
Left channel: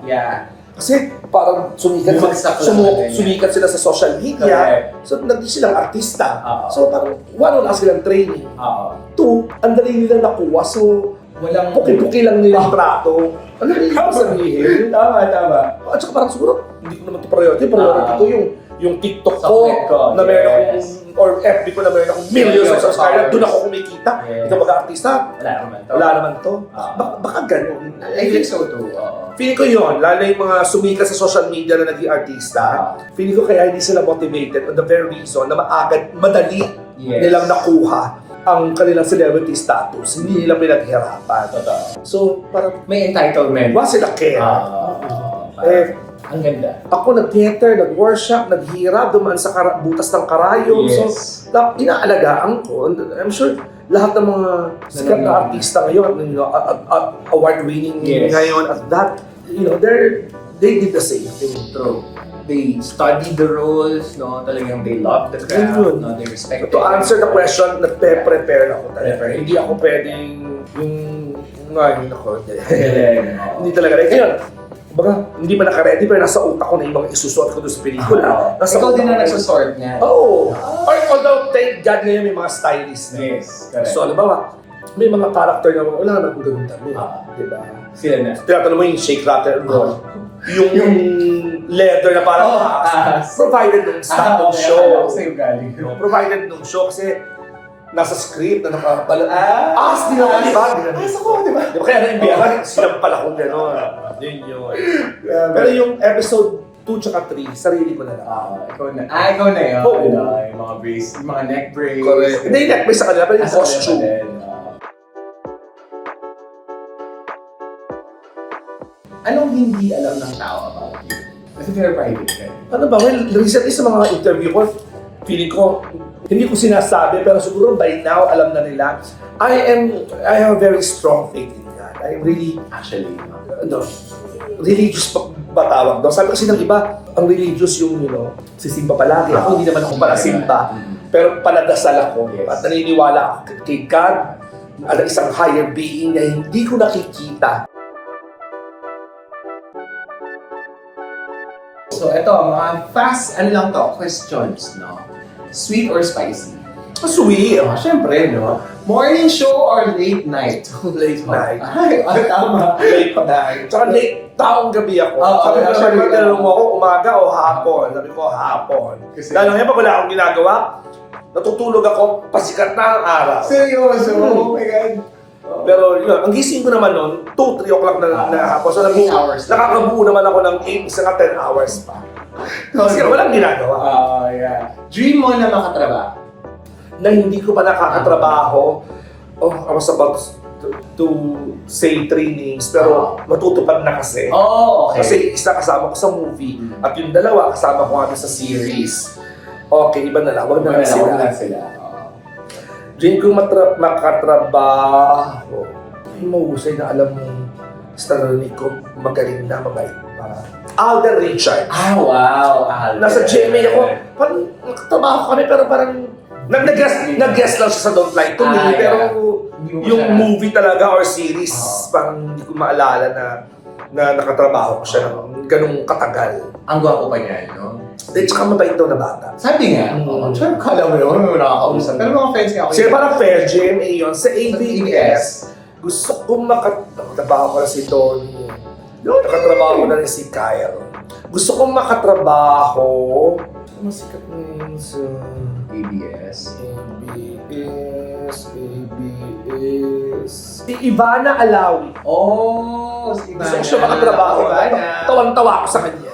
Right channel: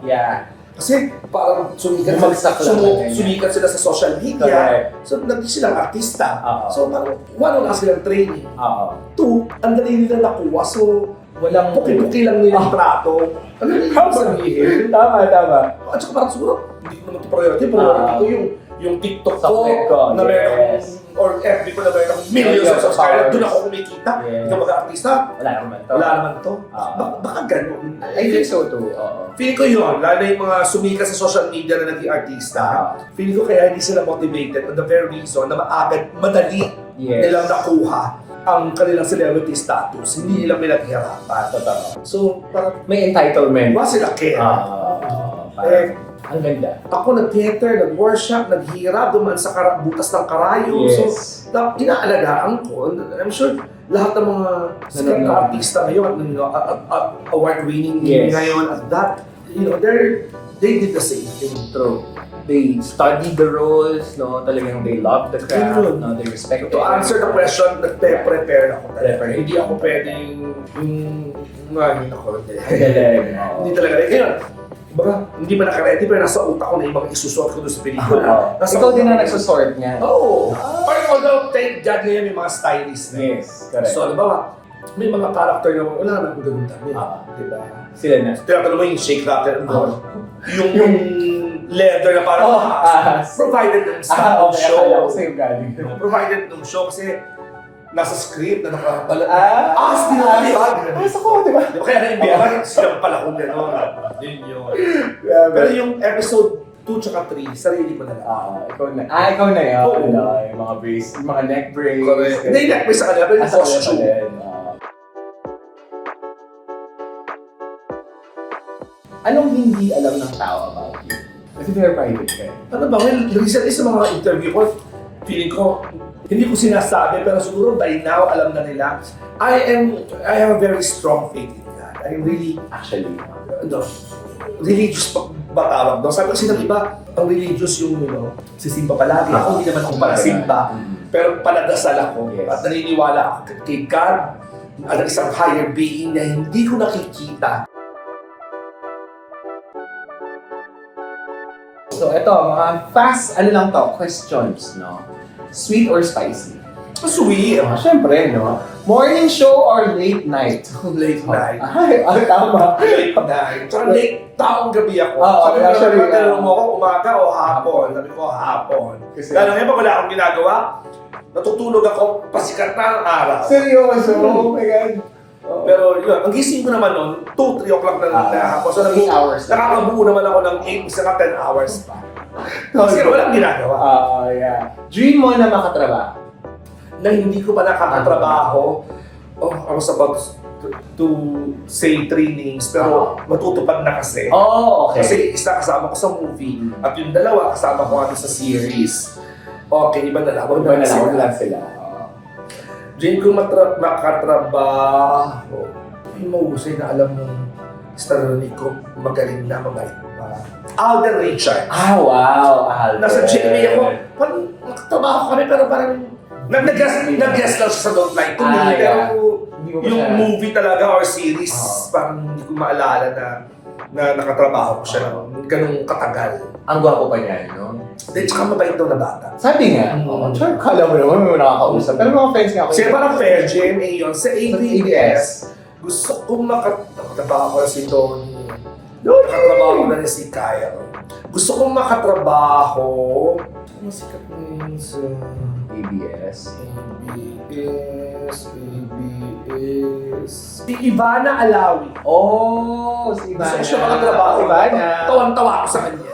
Yeah. Kasi parang sumikat, Bumagsak lang na ganyan. sumikat sila sa social media. Correct. So, naging silang artista. Oo. So, parang wala silang training. Oo. Two, ang dali nila nakuha. So, Walang... puki-puki lang nilang trato. Ano yung ibig sabihin? Tama. At saka parang siguro, hindi ko naman ito priority. Priority ko yung TikTok ko, Subject ko, na meron yes. akong, or FB ko na meron akong millions of subscribers. Doon ako kumikita. Yes. Ikaw mag-artista, Wala naman to. wala naman to. Oo. Baka ganun. I think so too. Oo. Feeling ko yun, lalo na yung mga sumikat sa social media na naging artista, feeling ko kaya hindi sila motivated on the very reason na madali Yes. nilang nakuha ang kanilang celebrity status. Hindi nila pinaghirapan. Totoo. So, parang, May entitlement. wala sila care. Eh, ang ganda. Ako nag-theater, nag-workshop, naghirap, dumaan sa butas ng karayom. Yes. So, inaalagaan ko. I'm sure lahat ng mga sikat na artista ngayon, at award-winning Yes. ngayon, at that, they did the same thing. True. They study the roles, no? Talagang they love the craft, Yun. no? They respect To answer the question, nagpe-prepare ako talaga. Prepare. Hindi ako pwedeng ako. Galing. Hindi talaga. Ngayon, baga, hindi pa naka-ready pero nasa utak ko na yung mga isusuot ko doon sa pelikula. Nasa Ikaw utak din ko na na- nagsusort niya. Oo. Although, thank God ngayon may mga stylist na. Yes, correct. So, halimbawa, may mga character na wala naman kung ganun dami. Diba? Sila na. Tinatanong mo yung shake rattle doon. Yung leather na parang provided ng staff ng show. Akala ko sa'yo galing. Provided ng show kasi nasa script na nakabalat. Di Ah, ba? ako, di ba? Di ba kaya na-enviaran? Sinampal ako gano'n. Yun. Pero yung episode 2 tsaka 3, sarili mo na lang. Ikaw na. Ikaw na yun. Oo. Yung mga brace, yung mga neck brace. Correct. Hindi, neck sa kanila, pero yung Sa kanila costume. pa din. Anong hindi alam ng tao about you? Kasi very private ka. Ano ba? Well, recently sa mga interview ko, feeling ko, hindi ko sinasabi, pero siguro by now, alam na nila. I have a very strong faith in God. I am really, Actually. religious ba tawag daw? Sabi kasi ng iba, ang religious yung, sisimba palagi. Ako hindi naman ako pala simba. Pero paladasal ako. Yes. At naniniwala ako kay God, at isang higher being na hindi ko nakikita. So, ito, mga fast, questions, no? Sweet or spicy? Sweet. Syempre, no? Morning show or late night? Late night. Ay, tama. Late night. Tsaka late taong gabi ako. Oo, Sabi ko, actually, pagkatanong mo ako, umaga o hapon. Sabi ko, hapon. Kasi- Lalo ngayon, pag wala akong ginagawa, natutulog ako, pasikat na ang araw. Seryoso? Oh my God. Pero yun, ang gising ko naman noon, 2-3 o'clock na hapon. So, 8 hours. nakakabuo naman ako ng 8, isa nga 10 hours pa. Kasi walang ginagawa. Yeah. Dream mo na makatrabaho? Na hindi ko pa nakakatrabaho, I was about to say 3 names, pero matutupad na kasi. Oh, okay. Kasi isa kasama ko sa movie, at yung dalawa kasama ko nga sa series. Okay, iba na lang. Huwag na lang sila. Dream ko makatrabaho. Yung mahusay na alam mo, staranic ko, magaling na, mabait pa. Alden Richards. Wow, Alden. Nasa GMA ako, parang nakatrabaho kami, pero parang nag-guest lang siya sa Don't Lie to Me, pero Hindi mo pa yung siya- movie talaga or series, parang hindi ko maalala na nakatrabaho ko siya ng ganung katagal. Ang gwapo pa niya, no? Then, tsaka mabait daw na bata. Sabi nga, sure, kala mo naman may nakakausap. Pero mga friends nga ako. Kasi parang fair GMA yun. Sa ABS, ABS. gusto kong makatrabaho ko na si Tony. Nakatrabaho ko na rin si Kyle. Gusto kong makatrabaho. Ano sikat na yun sa... ABS. ABS. Si Ivana Alawi. Oh, si Ivana. Gusto ko siya makatrabaho. Ivana. Tawang-tawa ako sa kanya.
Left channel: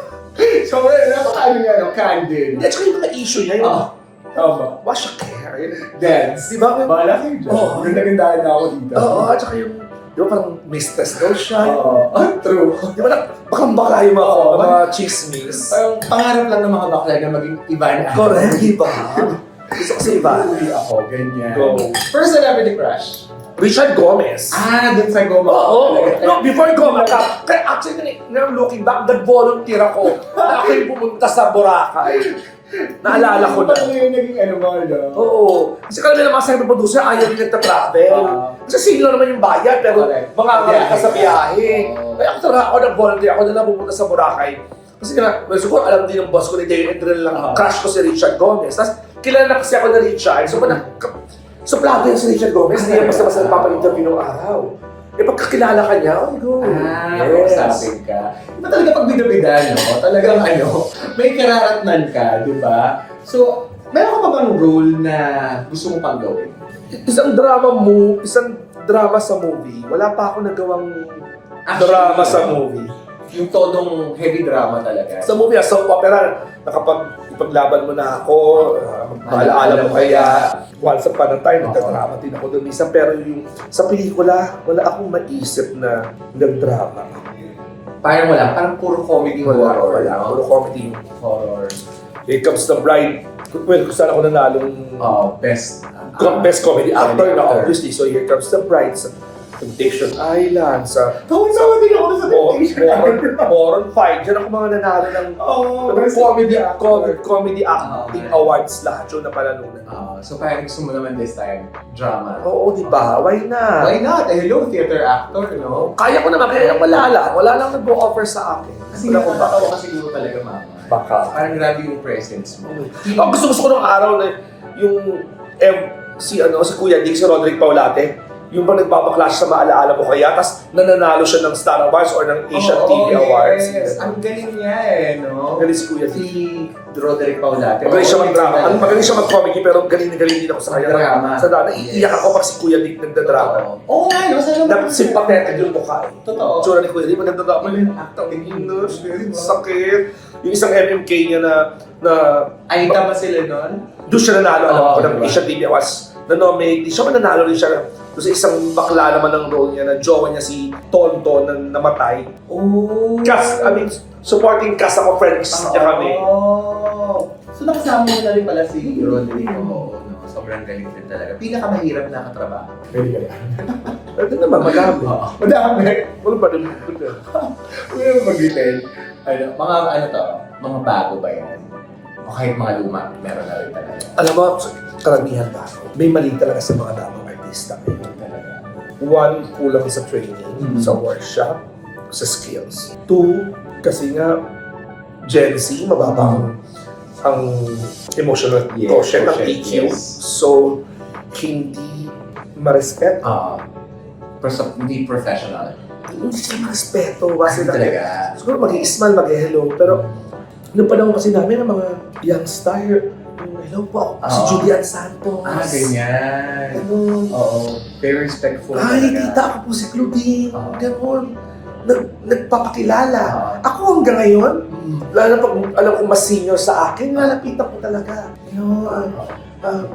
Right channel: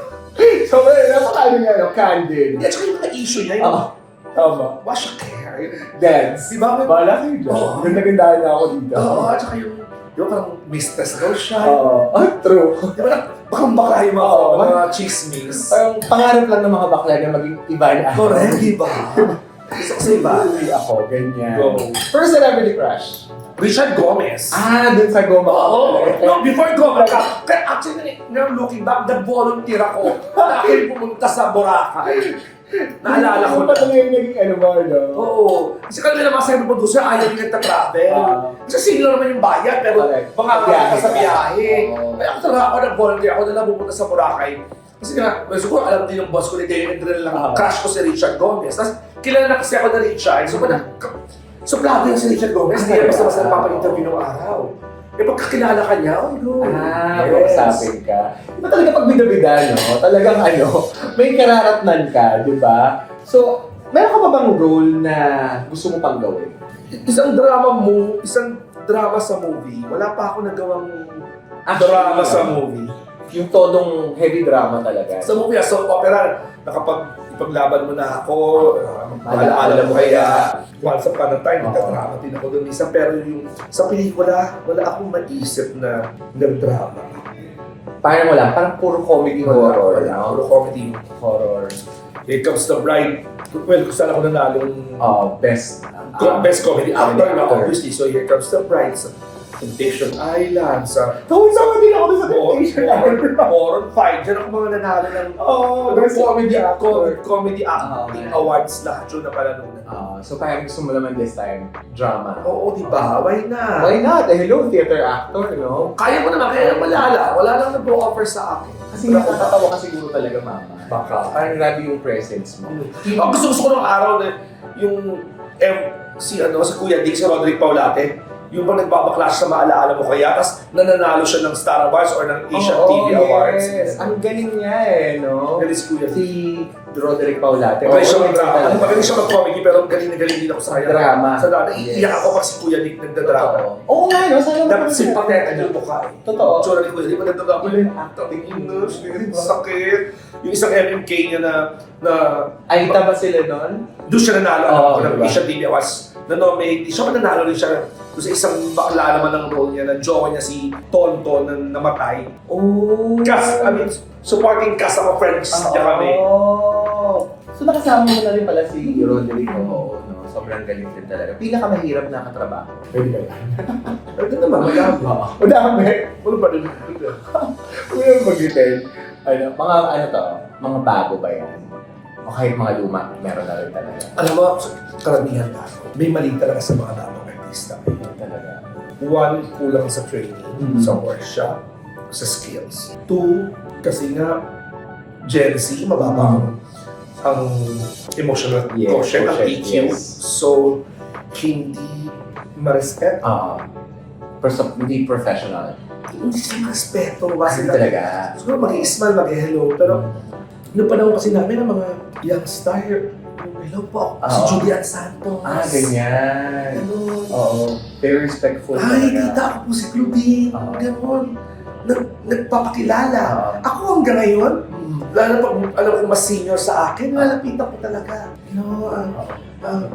So, napakaano nga, no? Candid. At saka yung mga issue niya, yung Tama. wash a care. Dance. Di ba? Bahala kayo dyan. Oo. Ganda-gandahan na ako dito. Oo, at saka yung, di ba parang mistress daw siya. Oo. True. Di ba bakang bakla yung mga, Oo. mga chismis. Parang pangarap lang ng mga bakla na maging Ivana. Correct, di ba? Gusto ko si Ivana. Uwi ako, ganyan. Go. First celebrity crush. Richard Gomez. Dun sa Goma. Oo. No, before Gomez, kaya actually, now looking back, nag-volunteer ako na ako yung pumunta sa Boracay. Naalala ko Ano pa na. talaga yung naging ano mo, no? Oo. Kasi kami naman sa producer, ayaw rin nagta-travel. Kasi sino naman yung bayad, pero Correct. mga ka sa biyahe. Oo. Kaya ako talaga, ako nag-volunteer, ako na pumunta sa Boracay. Kasi nga, well, siguro alam din ng boss ko ni David Edrel lang, crush ko si Richard Gomez. Tapos, kilala na kasi ako na Richard. So, suplado yan si Richard Gomez. Hindi basta-basta nagpapa-interview ng araw. Eh, pagkakilala ka niya, oh, go. Usapin ka. Iba talaga pag bida-bida, no? Talagang may kararatnan ka, di ba? So, meron ka ba bang role na gusto mo pang gawin? Isang drama sa movie. Wala pa ako nagawang drama sa movie. Yung todong heavy drama talaga. Sa movie, soap opera, ipaglaban mo na ako, maalaala mo kaya, once upon a time, nagdrama din ako doon minsan. Pero yung sa pelikula, wala akong maisip na nagdrama. Parang puro comedy horror, Wala, no? puro comedy. Horror. Here Comes the Bride. Well, kung saan ako nanalong Best. best comedy actor na actor. obviously. So Here Comes the Bride sa Temptation Island, sa Tawag-tawa din ako sa Temptation Island. Moron 5. Diyan ako mga nanalo ng Best comedy comedy acting awards lahat yun na palanunan. So parang gusto mo naman this time, drama. Oo, di ba? Why not? Why not? Hello, theater actor, no? Kaya ko naman, kaya wala lang nag-offer sa akin. Kasi nakakatawa ka siguro talaga, mama. Baka. Parang grabe yung presence mo. Gusto ko nung araw na yung si Kuya Dick, si Roderick Paulate, yung pa nagpapaklash sa maalaala mo kaya, tapos nananalo siya ng Star Awards or ng Asian TV Awards. Yes. Ang galing niya no? Galing si Kuya Dick. Si Roderick Paulate. Magaling siya mag-drama. Magaling siya mag-comedy, pero galing din ako sa kanya. Drama. Sa drama. Iiyak ako pag si Kuya Dick nagdadrama. Oo nga, no? Sana Dapat simpathetic yung mukha eh. Totoo. Tsura ni Kuya Dick, nagdadrama Even yung acting English. Sakit. Yung isang MMK niya na Aita ba sila nun? doon siya nanalo. Oo, Alam ko ng diba? Asian TV Awards. Na-nominate. Siya mananalo rin siya doon sa isang bakla naman ng role niya na jowa niya si Tonto na namatay. Oh. Supporting cast ako, friends niya kami. So nakasama mo na rin pala si Roderick. Oo, no? Sobrang galing din talaga. Pinakamahirap na katrabaho. Pwede ka rin. Pwede naman, madami. Madami. Wala ba rin? Huwag yung mag-detail. Mga bago ba yan? O kahit mga luma, meron na rin talaga. Alam mo, karamihan na. May mali talaga sa mga damang artista. Talaga. One, kulang sa training, sa workshop, sa skills. Two, kasi nga, Gen Z, mababa ang emotional quotient ng EQ. Yes. So, hindi ma-respect. Hindi professional. Hindi sila ma-respeto. Kasi Talaga. siguro mag-i-smile, mag-hello. Pero, noong panahon kasi namin, ang mga young star, hello po, si Julian Santos. Ganyan. Ganun. Oo. Very respectful Ay, talaga. kita ako po si Claudine. Ganun. Nagpapakilala. Ako hanggang ngayon, lalo pag alam ko mas senior sa akin, lalapitan ko talaga.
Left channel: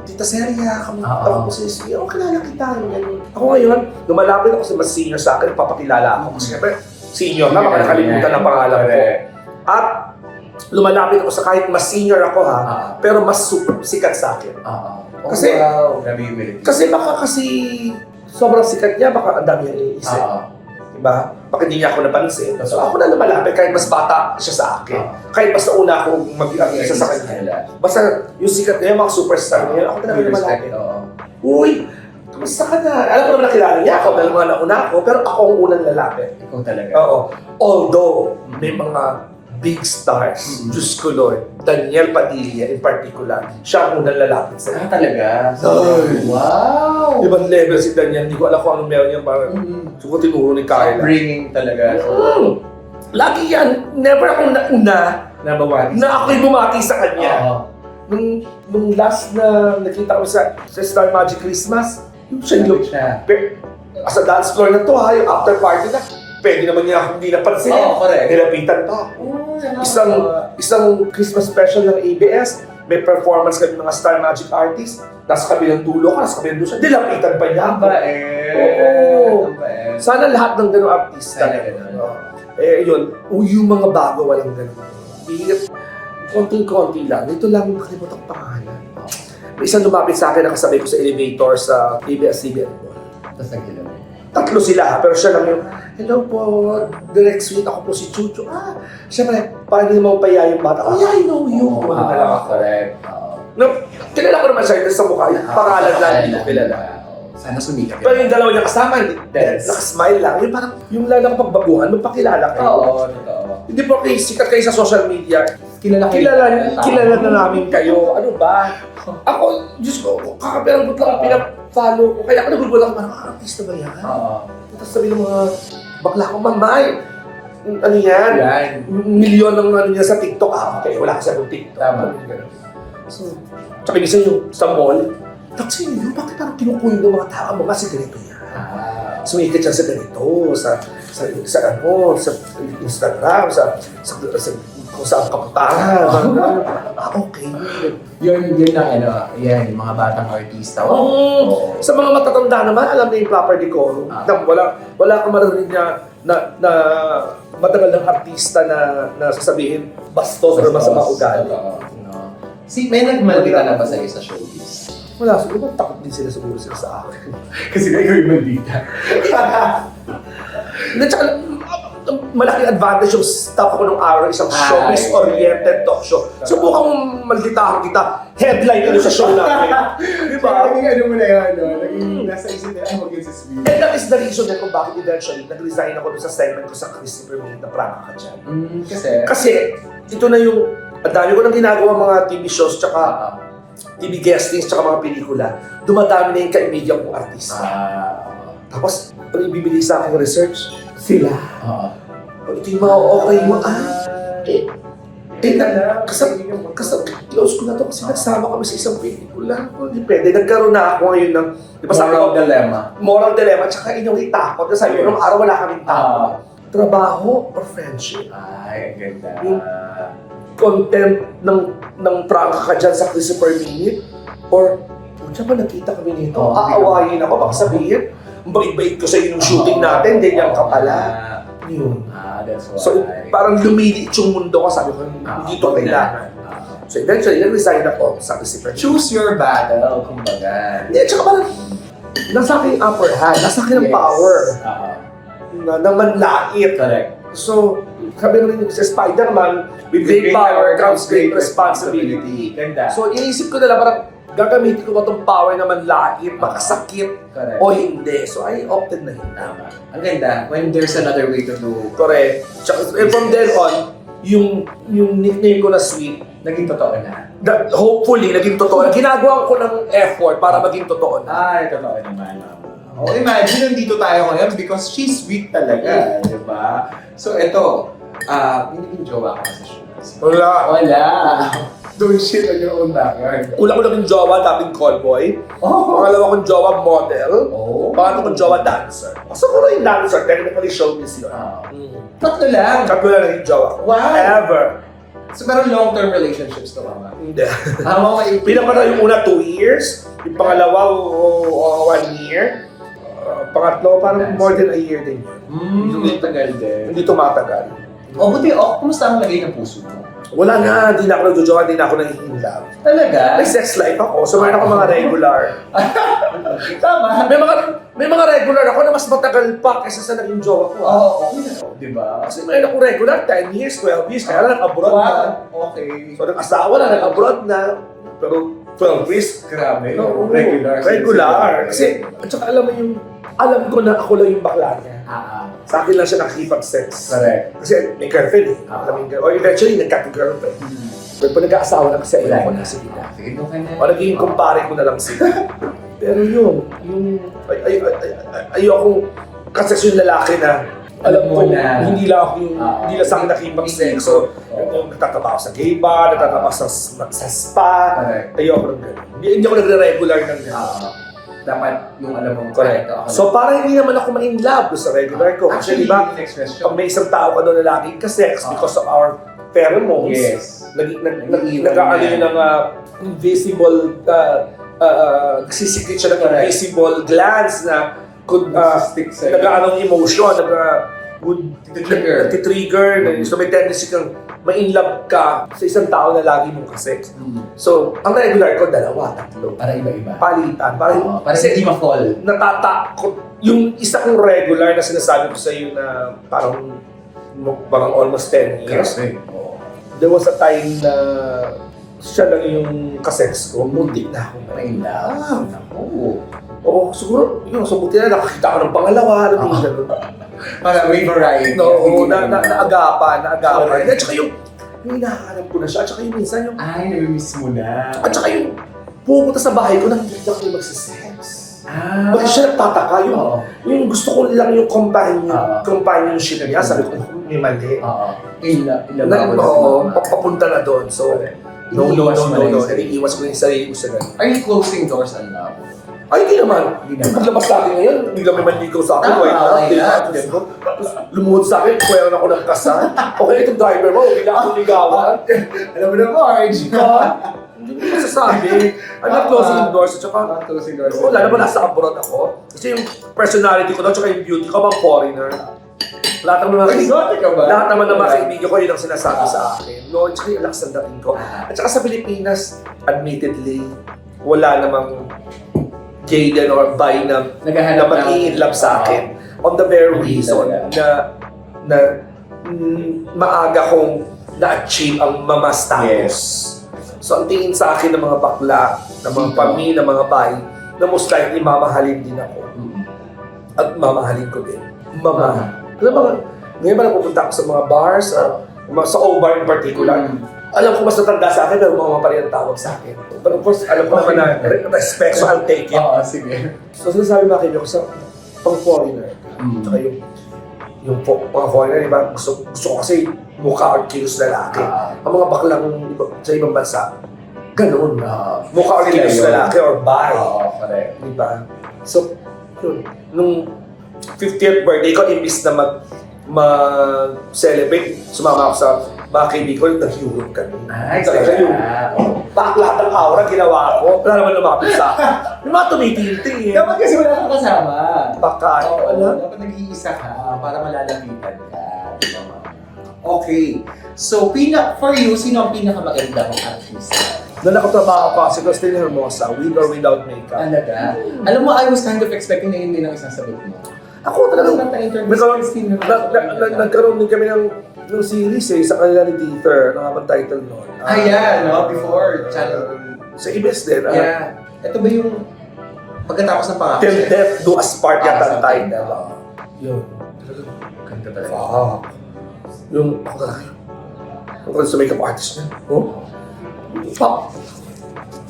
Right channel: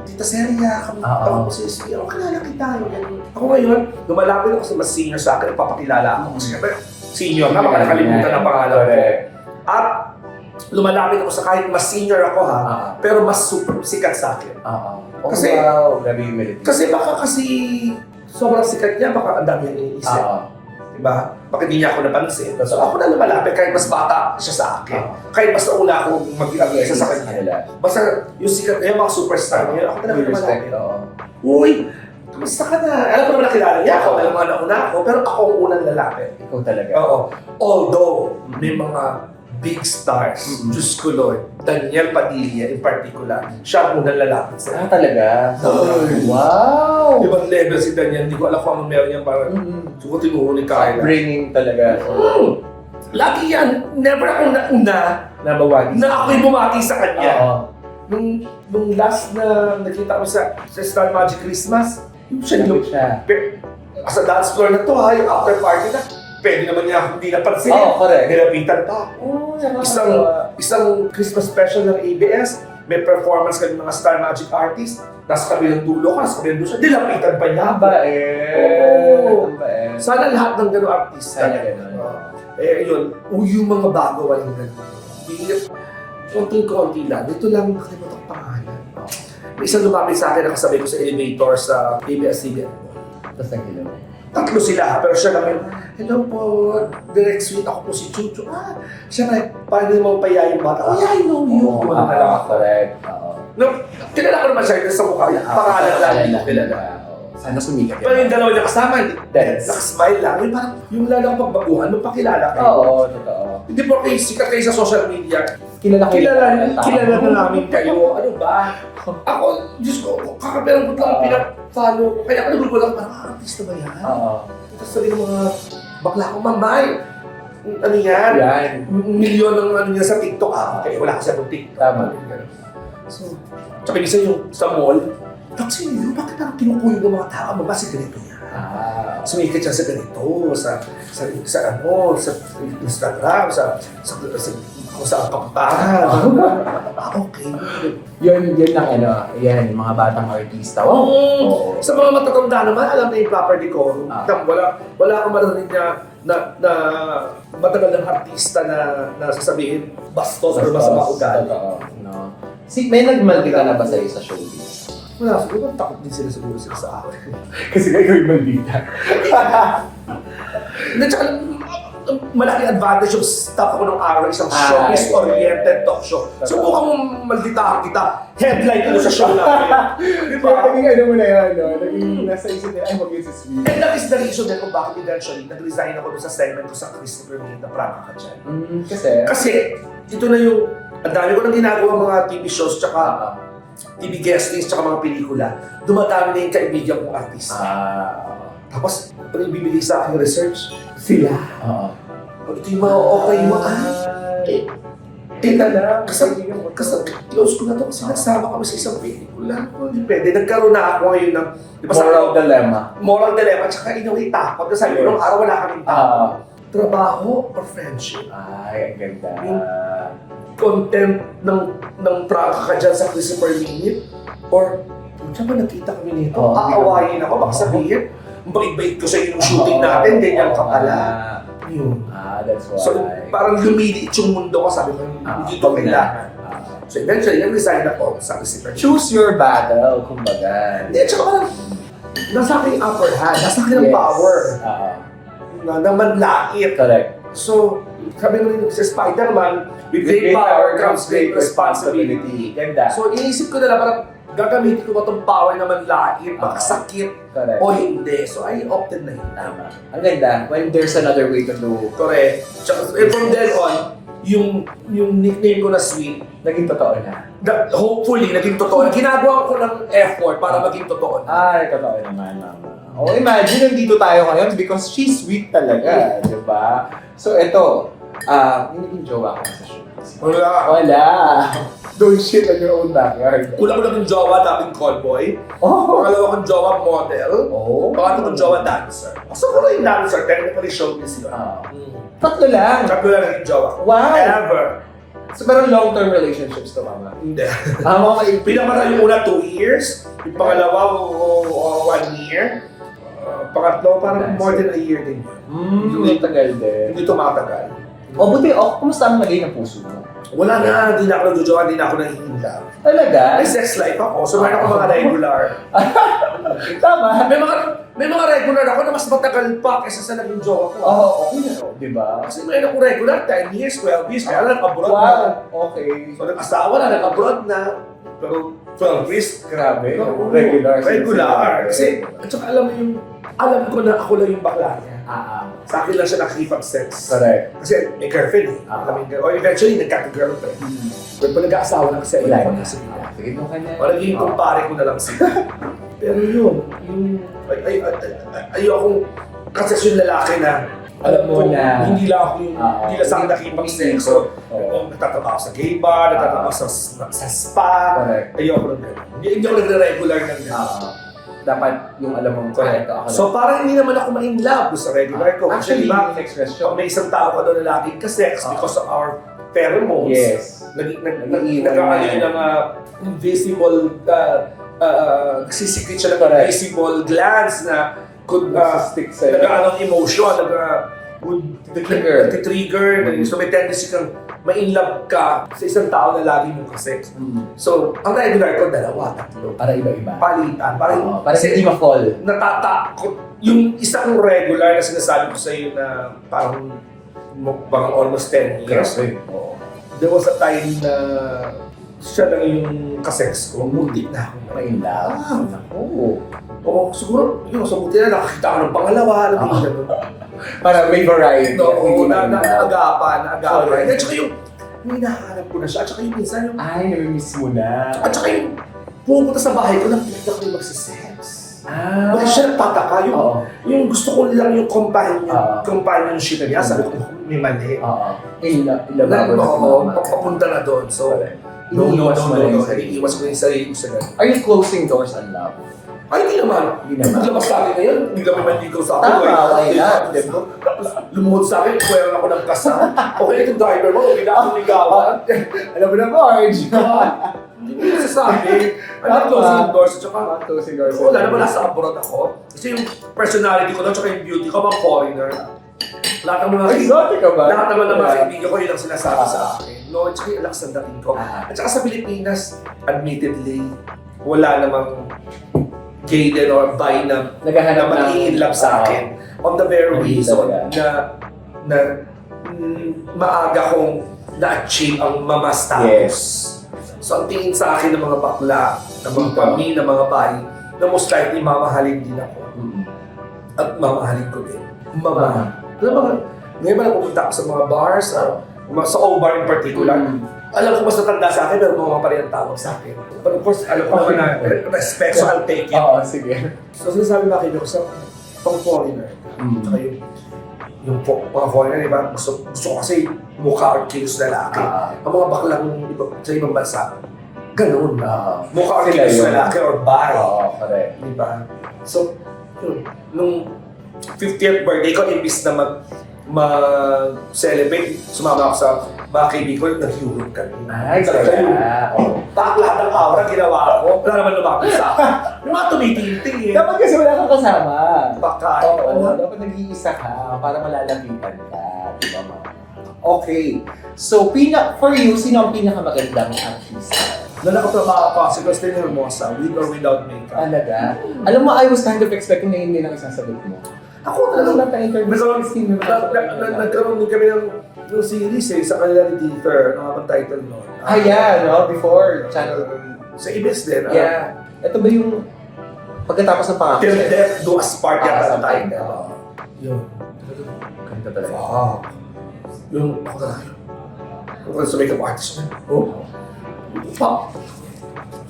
Tita Seria, kami po si SB. Ako kilala kita. Ganun. Ako ngayon, lumalapit ako sa mas senior sa akin, nagpapakilala ako. Kasi syempre, senior na, baka nakalimutan ang pangalan ko. At lumalapit ako sa kahit mas senior ako pero mas super sikat sa akin. Kasi, grabe yung melody. Kasi baka sobrang sikat niya, baka ang dami niyang iniisip. Diba? Baka hindi niya ako napansin. So ako na lumalapit kahit mas bata siya sa akin. Kahit mas nauna ako mag-isa sa kanya. Basta yung sikat niya, mga superstar niya, ako talaga lumalapit. Uy! Kamusta ka na? Alam ko naman nakilala niya ako, dahil mga nauna ako, pero ako ang unang lalapit. Ikaw talaga. Oo. Although, may mga big stars, Diyos ko Lord, Daniel Padilla in particular, siya ang unang lalapit sa Talaga? Wow! ibang level si Daniel, hindi ko alam kung anong meron niya para siguro tinuro ni Kyla. Bringing talaga. Lagi yan, never akong nauna Nabawagi. na ako'y bumati sa kanya. nung last na nakita ko sa Star Magic Christmas, yung siya yung, sa dance floor na to ha, yung after party na, pwede naman niya akong hindi napansin. correct. Nilapitan pa. Isang Christmas special ng ABS, may performance kami mga Star Magic artists, nasa kabilang dulo ko, nasa kabilang dulo siya, nilapitan pa niya. Oo. Sana lahat ng gano'ng artista. Yun, yung mga bago, walang gano'n. Konting-konti lang. Ito lang yung nakalimutan ko pangalan. May isang lumapit sa akin, nakasabay ko sa elevator sa ABS-CBN. Tapos nag-hello. Tatlo sila, pero siya lang yung, hello po, direct suite, ako po si Chucho. Siyempre, paano naman paya yung bata? Oh, yeah, I know you. Correct. No, kilala ko naman siya sa mukha, yung pangalan lang, hindi ko kilala. Sana sumikat. Pero yung dalawa niya kasama, nakasmile lang. Yung parang, yung lalang pagbaguhan, nung pakilala kayo. Oo, totoo. Hindi po kayo sikat kayo sa social media. Kilala na namin kayo. Ano ba? Ako, Diyos ko, kakaperang ko lang pinag-follow ko. Kaya ako nagugulat ko, artista ba yan? Tapos sabi ng mga bakla ko, mamay, ano yan? Milyon ng ano niya sa TikTok. Okay, wala ka sa TikTok. Tama. So, tsaka isa yung sa mall, kasi yun, bakit parang kinukuyin ng mga tao, mga sikreto yan? Sumikat siya sa ganito, sa Instagram, kung saan kapuntahan. Okay. Yun ang yan, yung mga batang artista. Sa mga matatanda naman, alam na yung proper decorum. Wala kang marinig na matagal ng artista na sasabihin bastos or masama ugali. May nagmaldita na ba sa'yo sa showbiz? Wala, siguro takot din siguro sila sa akin. Kasi kayo yung maldita. Tsaka, malaking advantage yung staff ako ng araw, isang showbiz-oriented talk show. Subukang malditahan kita, headline ko sa show namin. Di ba? Naging mo na yun, naging nasa isip nila, ay mag sa sweet. And that is the reason din kung bakit eventually nag-resign ako doon sa segment ko sa Christopher Minute na Prama ka dyan. Kasi, ito na yung, ang dami ko nang ginagawa mga TV shows, tsaka TV guestings, tsaka mga pelikula. Dumadami na yung kaibigan kong artista. Tapos, pag ibibigay sa akin research, sila. Ito yung mga okay mo. Close ko na to kasi nagsama kami sa isang pelikula. Hindi pwede. Nagkaroon na ako ngayon ng moral dilemma. Tsaka inaway takot. Kasi sabi ko, nung araw wala kaming takot. Trabaho or friendship? Ay, ang ganda. Yung content ng prangka ka dyan sa Christopher Minute? Or, pucha ba nakita kami nito? Aawayin ako. Baka sabihin, bait-bait ko sa inyo yung shooting natin, ganyan ka pala. Yun. That's why. So, parang lumiliit yung mundo ko, sabi ko, hindi ko kailangan. So, eventually, nag-resign ako sa Christopher Minute. Choose your battle, kumbaga. Hindi, tsaka parang, nasa akin yung upper hand, nasa akin ang power. Na manlait. Correct. So, sabi naman sa Spider-Man, with great power comes great responsibility. Ganda. So, iniisip ko na lang parang gagamitin ko ba itong power na manlait, makasakit, Correct. o hindi. So, I opted na yun. Tama. Ang ganda. When there's another way to do. Correct. And from then on, yung nickname ko na Sweet, Naging totoo na. hopefully, naging totoo. Ginagawa ko ng effort para maging totoo na. Ay, totoo naman, mama. Imagine, nandito tayo ngayon because she's sweet talaga, di ba? So, ito, hindi jowa ka sa showbiz. Wala. Don't shit on your own backyard. Una ko lang yung jowa, dating callboy. Pangalawa kong jowa, model. Pangatlo kong jowa, dancer. So, kung yung dancer, technically showbiz yun. Tatlo lang. Tatlo lang yung jowa ko. Wow. Ever. So, pero long-term relationships to, mama. Hindi. Okay. Pinamara yung una 2 years, yung pangalawa 1 year. Pangatlo, parang more than a year din. Tagal din. Hindi tumatagal. Buti, kumusta ang lagay ng puso mo? Wala na, hindi na ako nagjojowa, hindi na ako nanghihila. Talaga? May sex life ako, so meron ako mga regular. Tama. May mga regular ako na mas matagal pa kaysa sa naging jowa ko. Okay na. Di ba? Kasi meron ako regular, 10 years, 12 years, kaya nag-abroad na. Okay. So nag-asawa na, nag-abroad na. Pero 12 years, Grabe. no, Regular. Kasi, at saka alam mo yung, alam ko na ako lang yung bakla niya. Sa akin lang siya nakikipag-sex. Correct. Kasi may girlfriend eh. Alam mo yung girlfriend. O eventually, nagkaka-girlfriend. Pero pag nag-aasawa na kasi, ayoko na sila. Sige mo ka na. O naging kumpare ko na lang sila. Pero yun, yung ayoko kasi yung lalaki na alam mo mo na- hindi lang ako yung, hindi lang sa akin nakipag-sex. So, Oo. nagtatrabaho sa gay bar, nagtatrabaho sa spa. Correct. Ayoko ng gano'n. Hindi ako nagre-regular ng gano'n. Dapat yung alam mong Correct. ako So parang hindi naman ako ma-in love sa regular ko. actually, Kasi diba, yung next question. pag may isang tao ka doon na laging ka-sex because of our pheromones, Yes. Nag-iiwan nag-ano yan. yun ng invisible, nagsisikrit siya ng Correct. invisible glands na could Nagsistick sa'yo. nag-ano ng emotion, would Trigger. trigger so may tendency kang ma-in love ka sa isang tao na lagi mong ka-sex. So, ang regular ko, 2, 3. Para iba-iba. Palitan. Parang, Para hindi ma-fall. natatakot. Yung isa kong regular na sinasabi ko sa iyo na parang almost 10 years. Oo. There was a time na siya lang yung kasex ko. Muntik na ako. Ma-in love. Naku. Oo, siguro, yun, so buti na nakakita ko ng pangalawa. Ano din siya nun. Para may variety. No, Hindi na ma-in love. agapan. Correct. At saka yung hinahanap ko na siya. At saka yung minsan yung, Ay, nami-miss mo na. at saka yung pumunta sa bahay ko, nakikita ko yung magsisex. Bakit siya nagtataka? Oo. Yung gusto ko lang yung Oo. companionship niya. Sabi ko, may mali. Oo. Ilababo na Oo, mo. papunta na doon. So, No, iwas mo na yung sarili. Iwas ko yung sarili ko sa ganun. Are you closing doors on love? Ay, hindi naman. Hindi naman. Paglabas sa akin ngayon, hindi kami manligaw sa akin. Tama, why Di ba? not? Diba? Lumuhod sa akin, kuwera ako ng kasal. Okay, itong driver mo, hindi ka akong ligawan. Alam mo na, Marge. Hindi mo nasasabi. I'm not Tama. closing the doors. At saka, Closing doors. wala naman nasa abroad ako. Kasi yung personality ko doon, tsaka yung beauty ko, bang foreigner. Lahat ng mga Exotic ka ba? lahat naman ng mga kaibigan ko, yun ang sinasabi sa akin. No, tsaka yung lakas ng dating ko. Ah. At saka sa Pilipinas, admittedly, wala namang gay din or bi na Naghahanap ng- mag-i-love sa akin. On the very Hindi reason talaga. na maaga kong na-achieve ang mama status. So ang tingin sa akin ng mga bakla, ng mga Dito. pamilya, ng mga bi, na most likely mamahalin din ako. Mm. At mamahalin ko din. Mama. Alam mo, ngayon ba na pupunta ako sa mga bars, sa O-Bar in particular, alam ko mas natanda sa akin, pero mga pa rin ang tawag sa akin. But of course, alam ko naman na respect, so I'll take it. Oo, sige. So sinasabi mga kaibigan ko sa pang-foreigner, tsaka yung mga foreigner, di ba? Gusto ko kasi mukha or kilos lalaki. Ang mga baklang sa ibang bansa, ganoon na. Mukha or Sila kilos yun. lalaki or bi. Oo, correct. Di ba? So, yun. Nung 50th birthday ko, imbis na mag-celebrate, sumama ako sa mga kaibigan ko, nag-Europe kami. Ay, Talaga yun. Oo. Bakit lahat ng aura ginawa ko? Wala naman lumapit sa akin. Yung mga tumitinting eh. Dapat kasi wala kang kasama. Baka, Oo, dapat nag-iisa ka para malalapitan ka. Diba, ma? Okay. So, for you, sino ang pinakamaganda mong artista? na nakatrabaho ko, si Christine Hermosa, with or without makeup. Talaga? Alam mo, I was kind of expecting na hindi ang isang sagot mo. Ako talaga, na-interview nagkaroon din kami ng series eh, sa kanila ni Dieter, nakapag-title noon. Ayan, no? Before, channel. Sa IBS din. Yeah. Ito ba yung pagkatapos ng pangako? Till Death Do Us Part Ah, yata ang something. title. Yun. Kanta talaga. Fuck. Yung, ako talaga yun. Ako sa makeup artist niya. Oh. Fuck.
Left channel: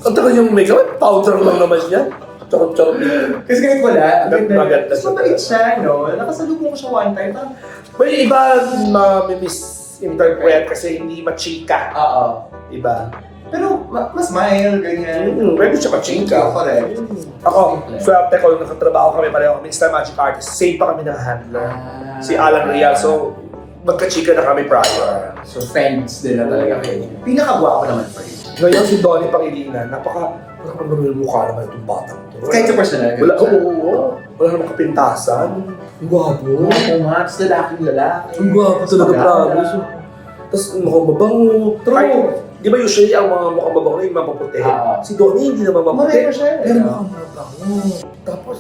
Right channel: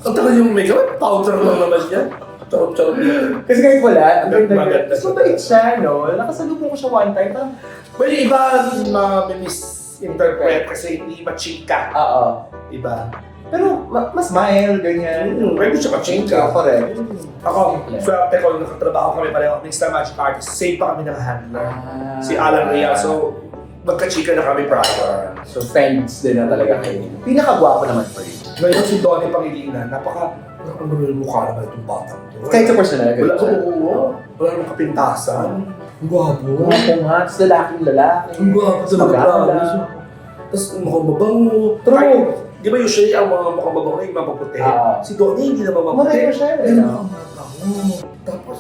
Ang tagal yung makeup, powder lang naman yan. Charot-charot dito. Kasi kahit wala, ang ganda Maganda niya. siya. Mabait siya, no? Nakasalubong ko siya one time, parang, Well, iba ma-misinterpret kasi hindi machika. oo. Iba. Pero, mas smile, ganyan. Pwede siya machika. Correct. Ako, swerte ko, nakatrabaho kami pareho. Mr. Magic Artist. Same pa kami ng handler. Si Alan Real. So, magka-chika na kami prior. So, friends din na talaga kayo. Pinakagwapo naman for you. Ngayon si Donnie Pangilinan, ang mukha naman itong batang ito. Kahit sa personal. Wala, oo. Wala namang kapintasan. Ang gwapo. Gwapo nga, tapos lalaking lalaki. Ang gwapo talaga, Maganda. promise. Tapos mukhang mabango. True. Di ba usually ang mga mukhang mabango yung mapaputi? Ah. Si Donnie hindi naman maputi. Moreno siya eh. Pero mukhang mabango. Tapos,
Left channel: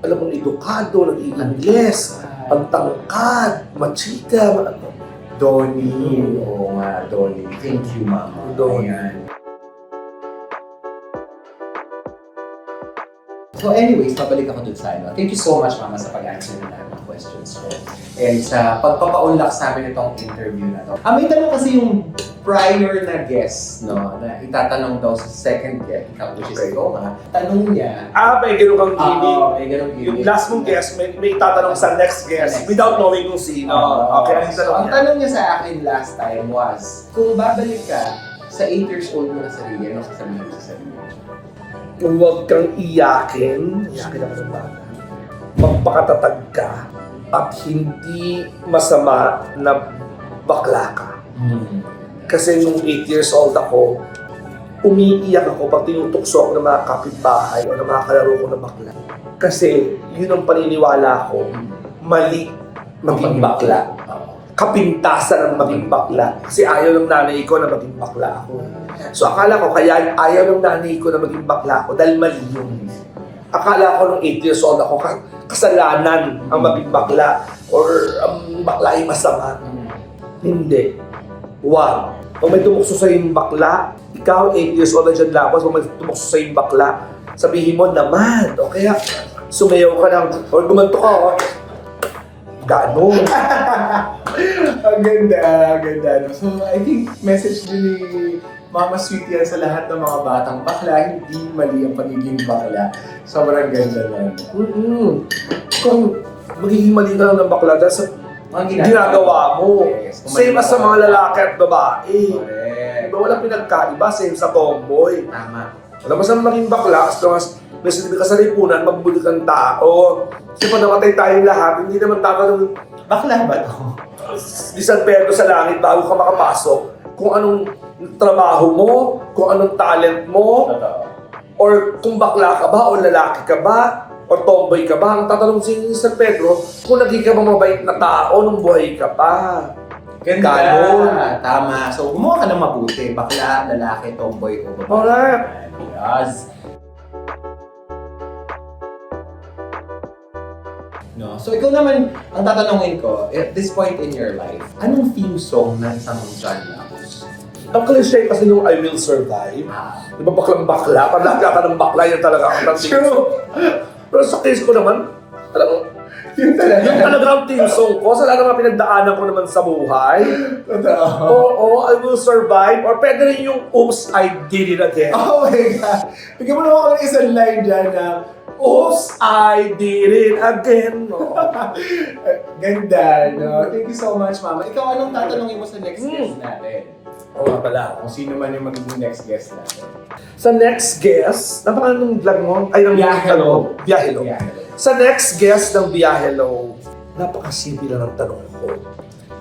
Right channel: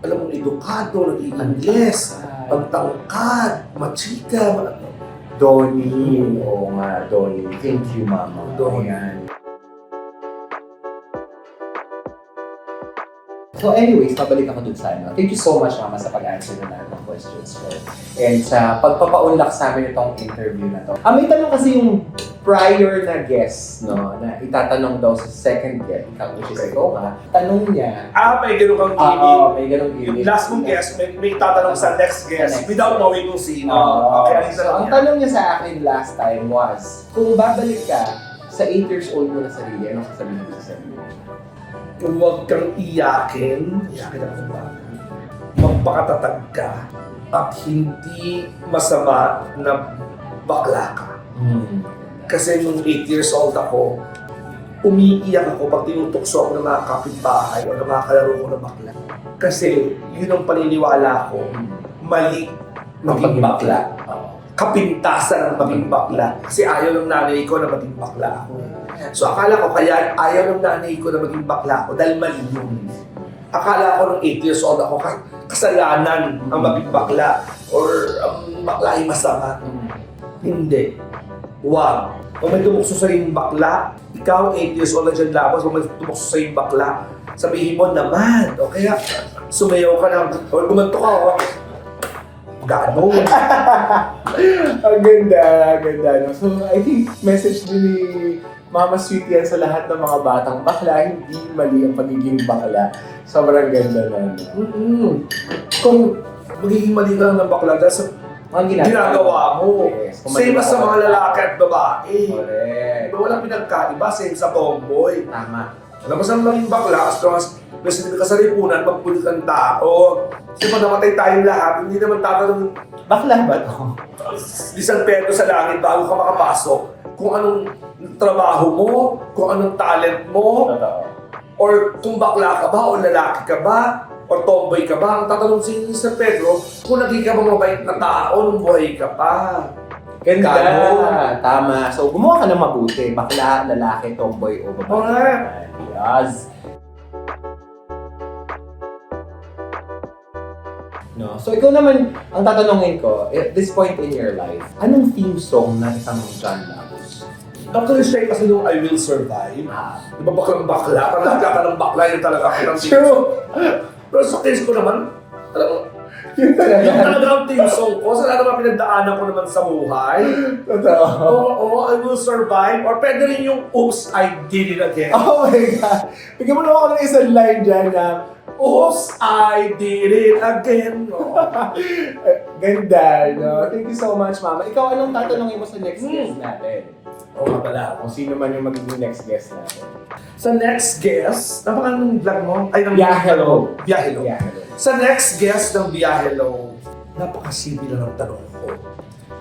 alam mong edukado, nag-i-ingles, ang tangkad, machika, Donnie. Oo nga, Donnie. Thank you, Mama. Donnie. Ayan. So anyways, pabalik ako dun sa ano. Thank you so much, Mama, sa pag-answer na lahat ng questions. questions ko. And sa pagpapaunlak sa amin itong interview na to. May tanong kasi yung prior na guest, no, na itatanong daw sa second guest, which is ikaw ha. Tanong niya, May ganun kang gimmick. may ganong Yung gimmick. last mong guest, may tatanong sa next guest without knowing kung sino. Okay, So, ang tanong niya sa akin last time was, kung babalik ka sa 8 years old mo na sarili, anong sasabihin mo sa sarili mo? Huwag kang iyakin ako ng bata. Magpakatatag ka at hindi masama na bakla ka. Kasi nung 8 years old ako, umiiyak ako pag tinutukso ako ng mga kapitbahay o ng mga kalaro ko na bakla. Kasi yun ang paniniwala ko, mali maging bakla. Kapintasan ng maging bakla. Kasi ayaw ng nanay ko na maging bakla ako. So akala ko kaya ayaw ng nanay ko na maging bakla ako dahil mali yun. Akala ko nung 8 years old ako, kasalanan ang maging bakla or ang bakla ay masama. Hindi. Wow. Kung may tumukso sa yung bakla, ikaw 8 years old na dyan labas, kung may tumukso sa yung bakla, sabihin mo naman, o kaya sumayaw ka ng, or gumanto ka, ganon. Ang ganda, no? So, I think message din ni Mama Sweet yan sa lahat ng mga batang bakla, hindi mali ang pagiging bakla. Sobrang ganda na. Kung magiging mali ka lang ng bakla dahil sa ginagawa mo. Yes. Kung Same mali as sa ka mga ba- lalaki at babae. Correct. Diba walang pinagkaiba, same sa tomboy. Tama. Alam mo saan maging bakla, as long as may sinabi ka sa lipunan, magbuli kang tao. Kasi pag namatay tayong lahat, hindi naman tatanong Bakla ba to? di San Pedro sa langit bago ka makapasok kung anong trabaho mo, kung anong talent mo, Totoo. or kung bakla ka ba, o lalaki ka ba, o tomboy ka ba. Ang tatanong si San Pedro, kung naging ka ba mabait na tao nung buhay ka pa. Ganda. Ganon. Tama. So, gumawa ka ng mabuti. Bakla, lalaki, tomboy, o babae. Alright. Yes. No? So, ikaw naman, ang tatanungin ko, at this point in your life, anong theme song ng isang John Lacus? Ang cliche kasi yung I Will Survive. Di ba baklang bakla? Pag lakla ka ng bakla, yun talaga ang True. Pero sa case ko naman, alam mo, Yun talaga. yung talaga ang team song ko sa lahat ng mga pinagdaanan ko naman sa buhay. Totoo. Oo, I Will Survive. Or pwede rin yung Oops, I Did It Again. Oh my God. Bigyan mo naman ako ng isang line dyan na, Oops, I Did It Again. Oo. ganda, no? Thank you so much, Mama. Ikaw, anong tatanungin mo sa next guest natin? Oo nga pala. Kung sino man yung magiging next guest natin. Sa next guest, napangalan ng vlog mo? Ay, ng Biyahelo. Biyahelo. Yeah. Sa next guest ng Biyahelo, napakasimple lang ang tanong ko.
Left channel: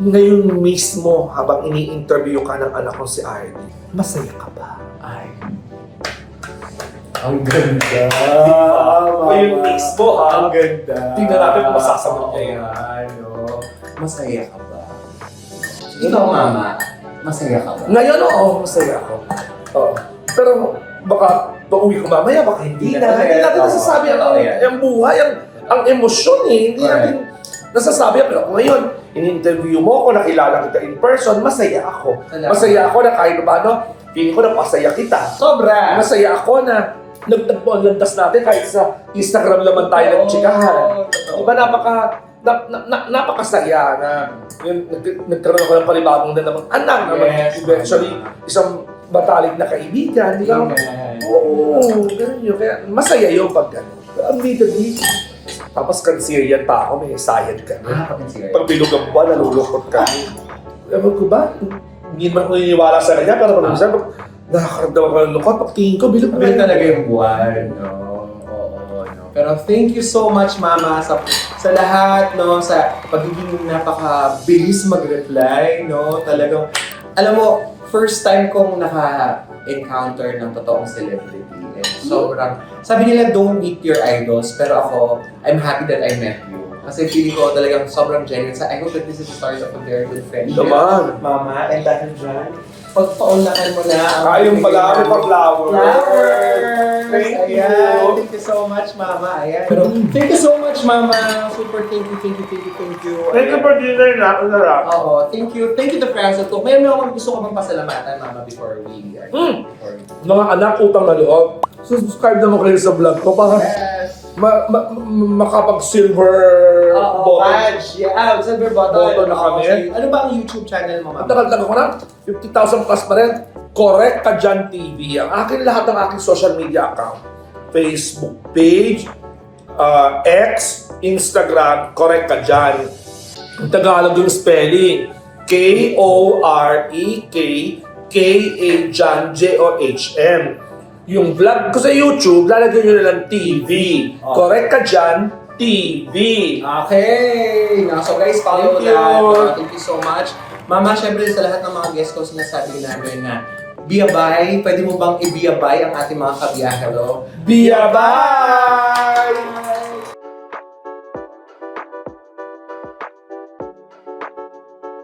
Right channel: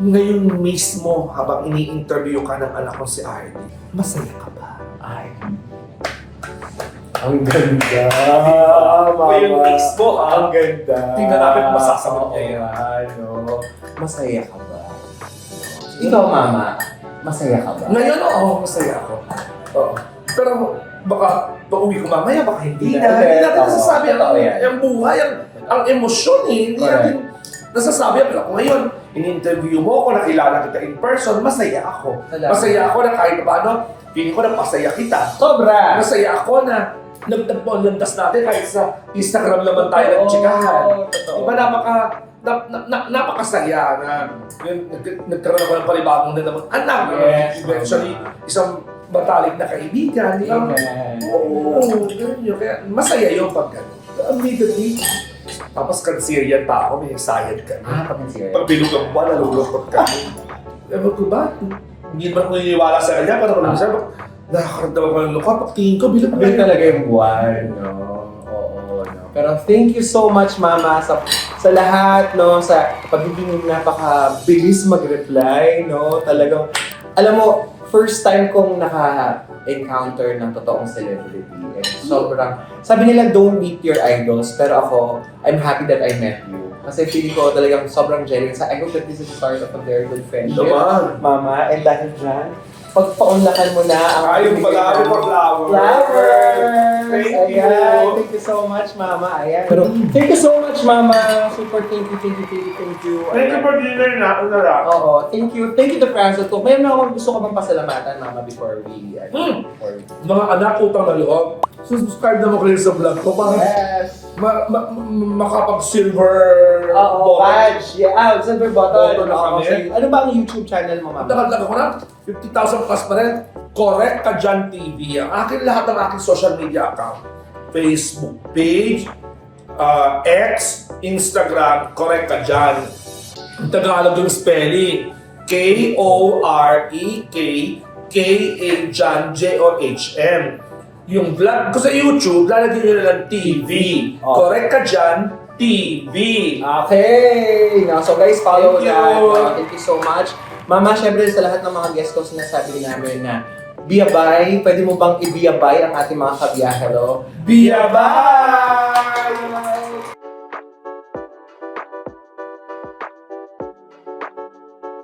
Ngayon mismo, habang ini-interview ka ng anak ko si Arnie, masaya ka ba? Ay. Ang ganda. O yung mismo, ha? Ang ganda. Tingnan natin kung masasagot niya yun. Ano? Masaya ka ba? Ikaw, Mama, masaya ka ba? Ngayon, oo, masaya ako. Oo. Pero baka pauwi ko mamaya, baka hindi Hindi na. na. Hindi natin Oo. nasasabi Totoo yan. ang buhay, ang emosyon eh. Hindi Correct. natin nasasabi. Pero kung ngayon, in-interview mo ako, nakilala kita in person, masaya ako. Salamat. Masaya ako na kahit paano, feeling ko na pasaya kita. Sobra! Masaya ako na nagtagpo ang landas natin kahit sa Instagram naman tayo nagtsikahan. Totoo. Diba napakasaya na yun, nagkaroon ako ng panibagong na naman anak na Yes, eventually isang matalik na kaibigan. Di ba? Amen. Oo, ganun yun. Kaya masaya yung pag gano'n. Admittedly, tapos Cancerian pa ako, may sayad ka. Pag-consider. Pag bilog ang buwan, nalulungkot ka. Ewan ko ba? Hindi naman ako naniniwala sa kanya, pero kung minsan, nakakaramdaman ko ng lungkot, pag tingin ko, bilog Sabi talaga yung buwan, no? Oo, no? Pero thank you so much, Mama, sa lahat, no? Sa pagiging napakabilis mag-reply, no? Talagang, alam mo, first time kong naka-encounter ng totoong celebrity. And sobrang, sabi nila, don't meet your idols, pero ako, I'm happy that I met you. Kasi feeling ko talagang sobrang genuine. I hope that this is the start of a very good friendship. Naman. Mama, and dahil dyan, pagpaunlakan mo na ang Ayun pala ako pa flower. flowers! Thank Ayan, you. thank you so much, Mama. Ayan. Pero, thank you so much, Mama. Super thank you. Thank you Ayan. for dinner na. Ano na? Oo, thank you. Thank you to Francis. May mga gusto ko bang pasalamatan, Mama, before we... Mga anak, utang na loob. Subscribe naman kayo sa vlog ko para Yes! makapag-silver Oo, button. badge. Yeah, silver button. Button na Oo, kami. okay. Ano ba ang YouTube channel mo, Ang mama? tagal-tagal ko na, 50,000 plus pa rin. Correct ka dyan TV. Ang akin lahat ng aking social media account. Facebook page, X, Instagram, correct ka dyan. Ang Tagalog yung spelling. Korek Jan, J-O-H-M. Yung vlog ko sa YouTube, lalagyan nyo na lang TV. Oh. Correct ka dyan, TV. Okay! No, so guys, follow Thank you. that. Thank you so much. Mama, syempre sa lahat ng mga guests ko, sinasabi namin na biyabay, pwede mo bang ibiyabay ang ating mga kabiyahe, hello? Biyabay!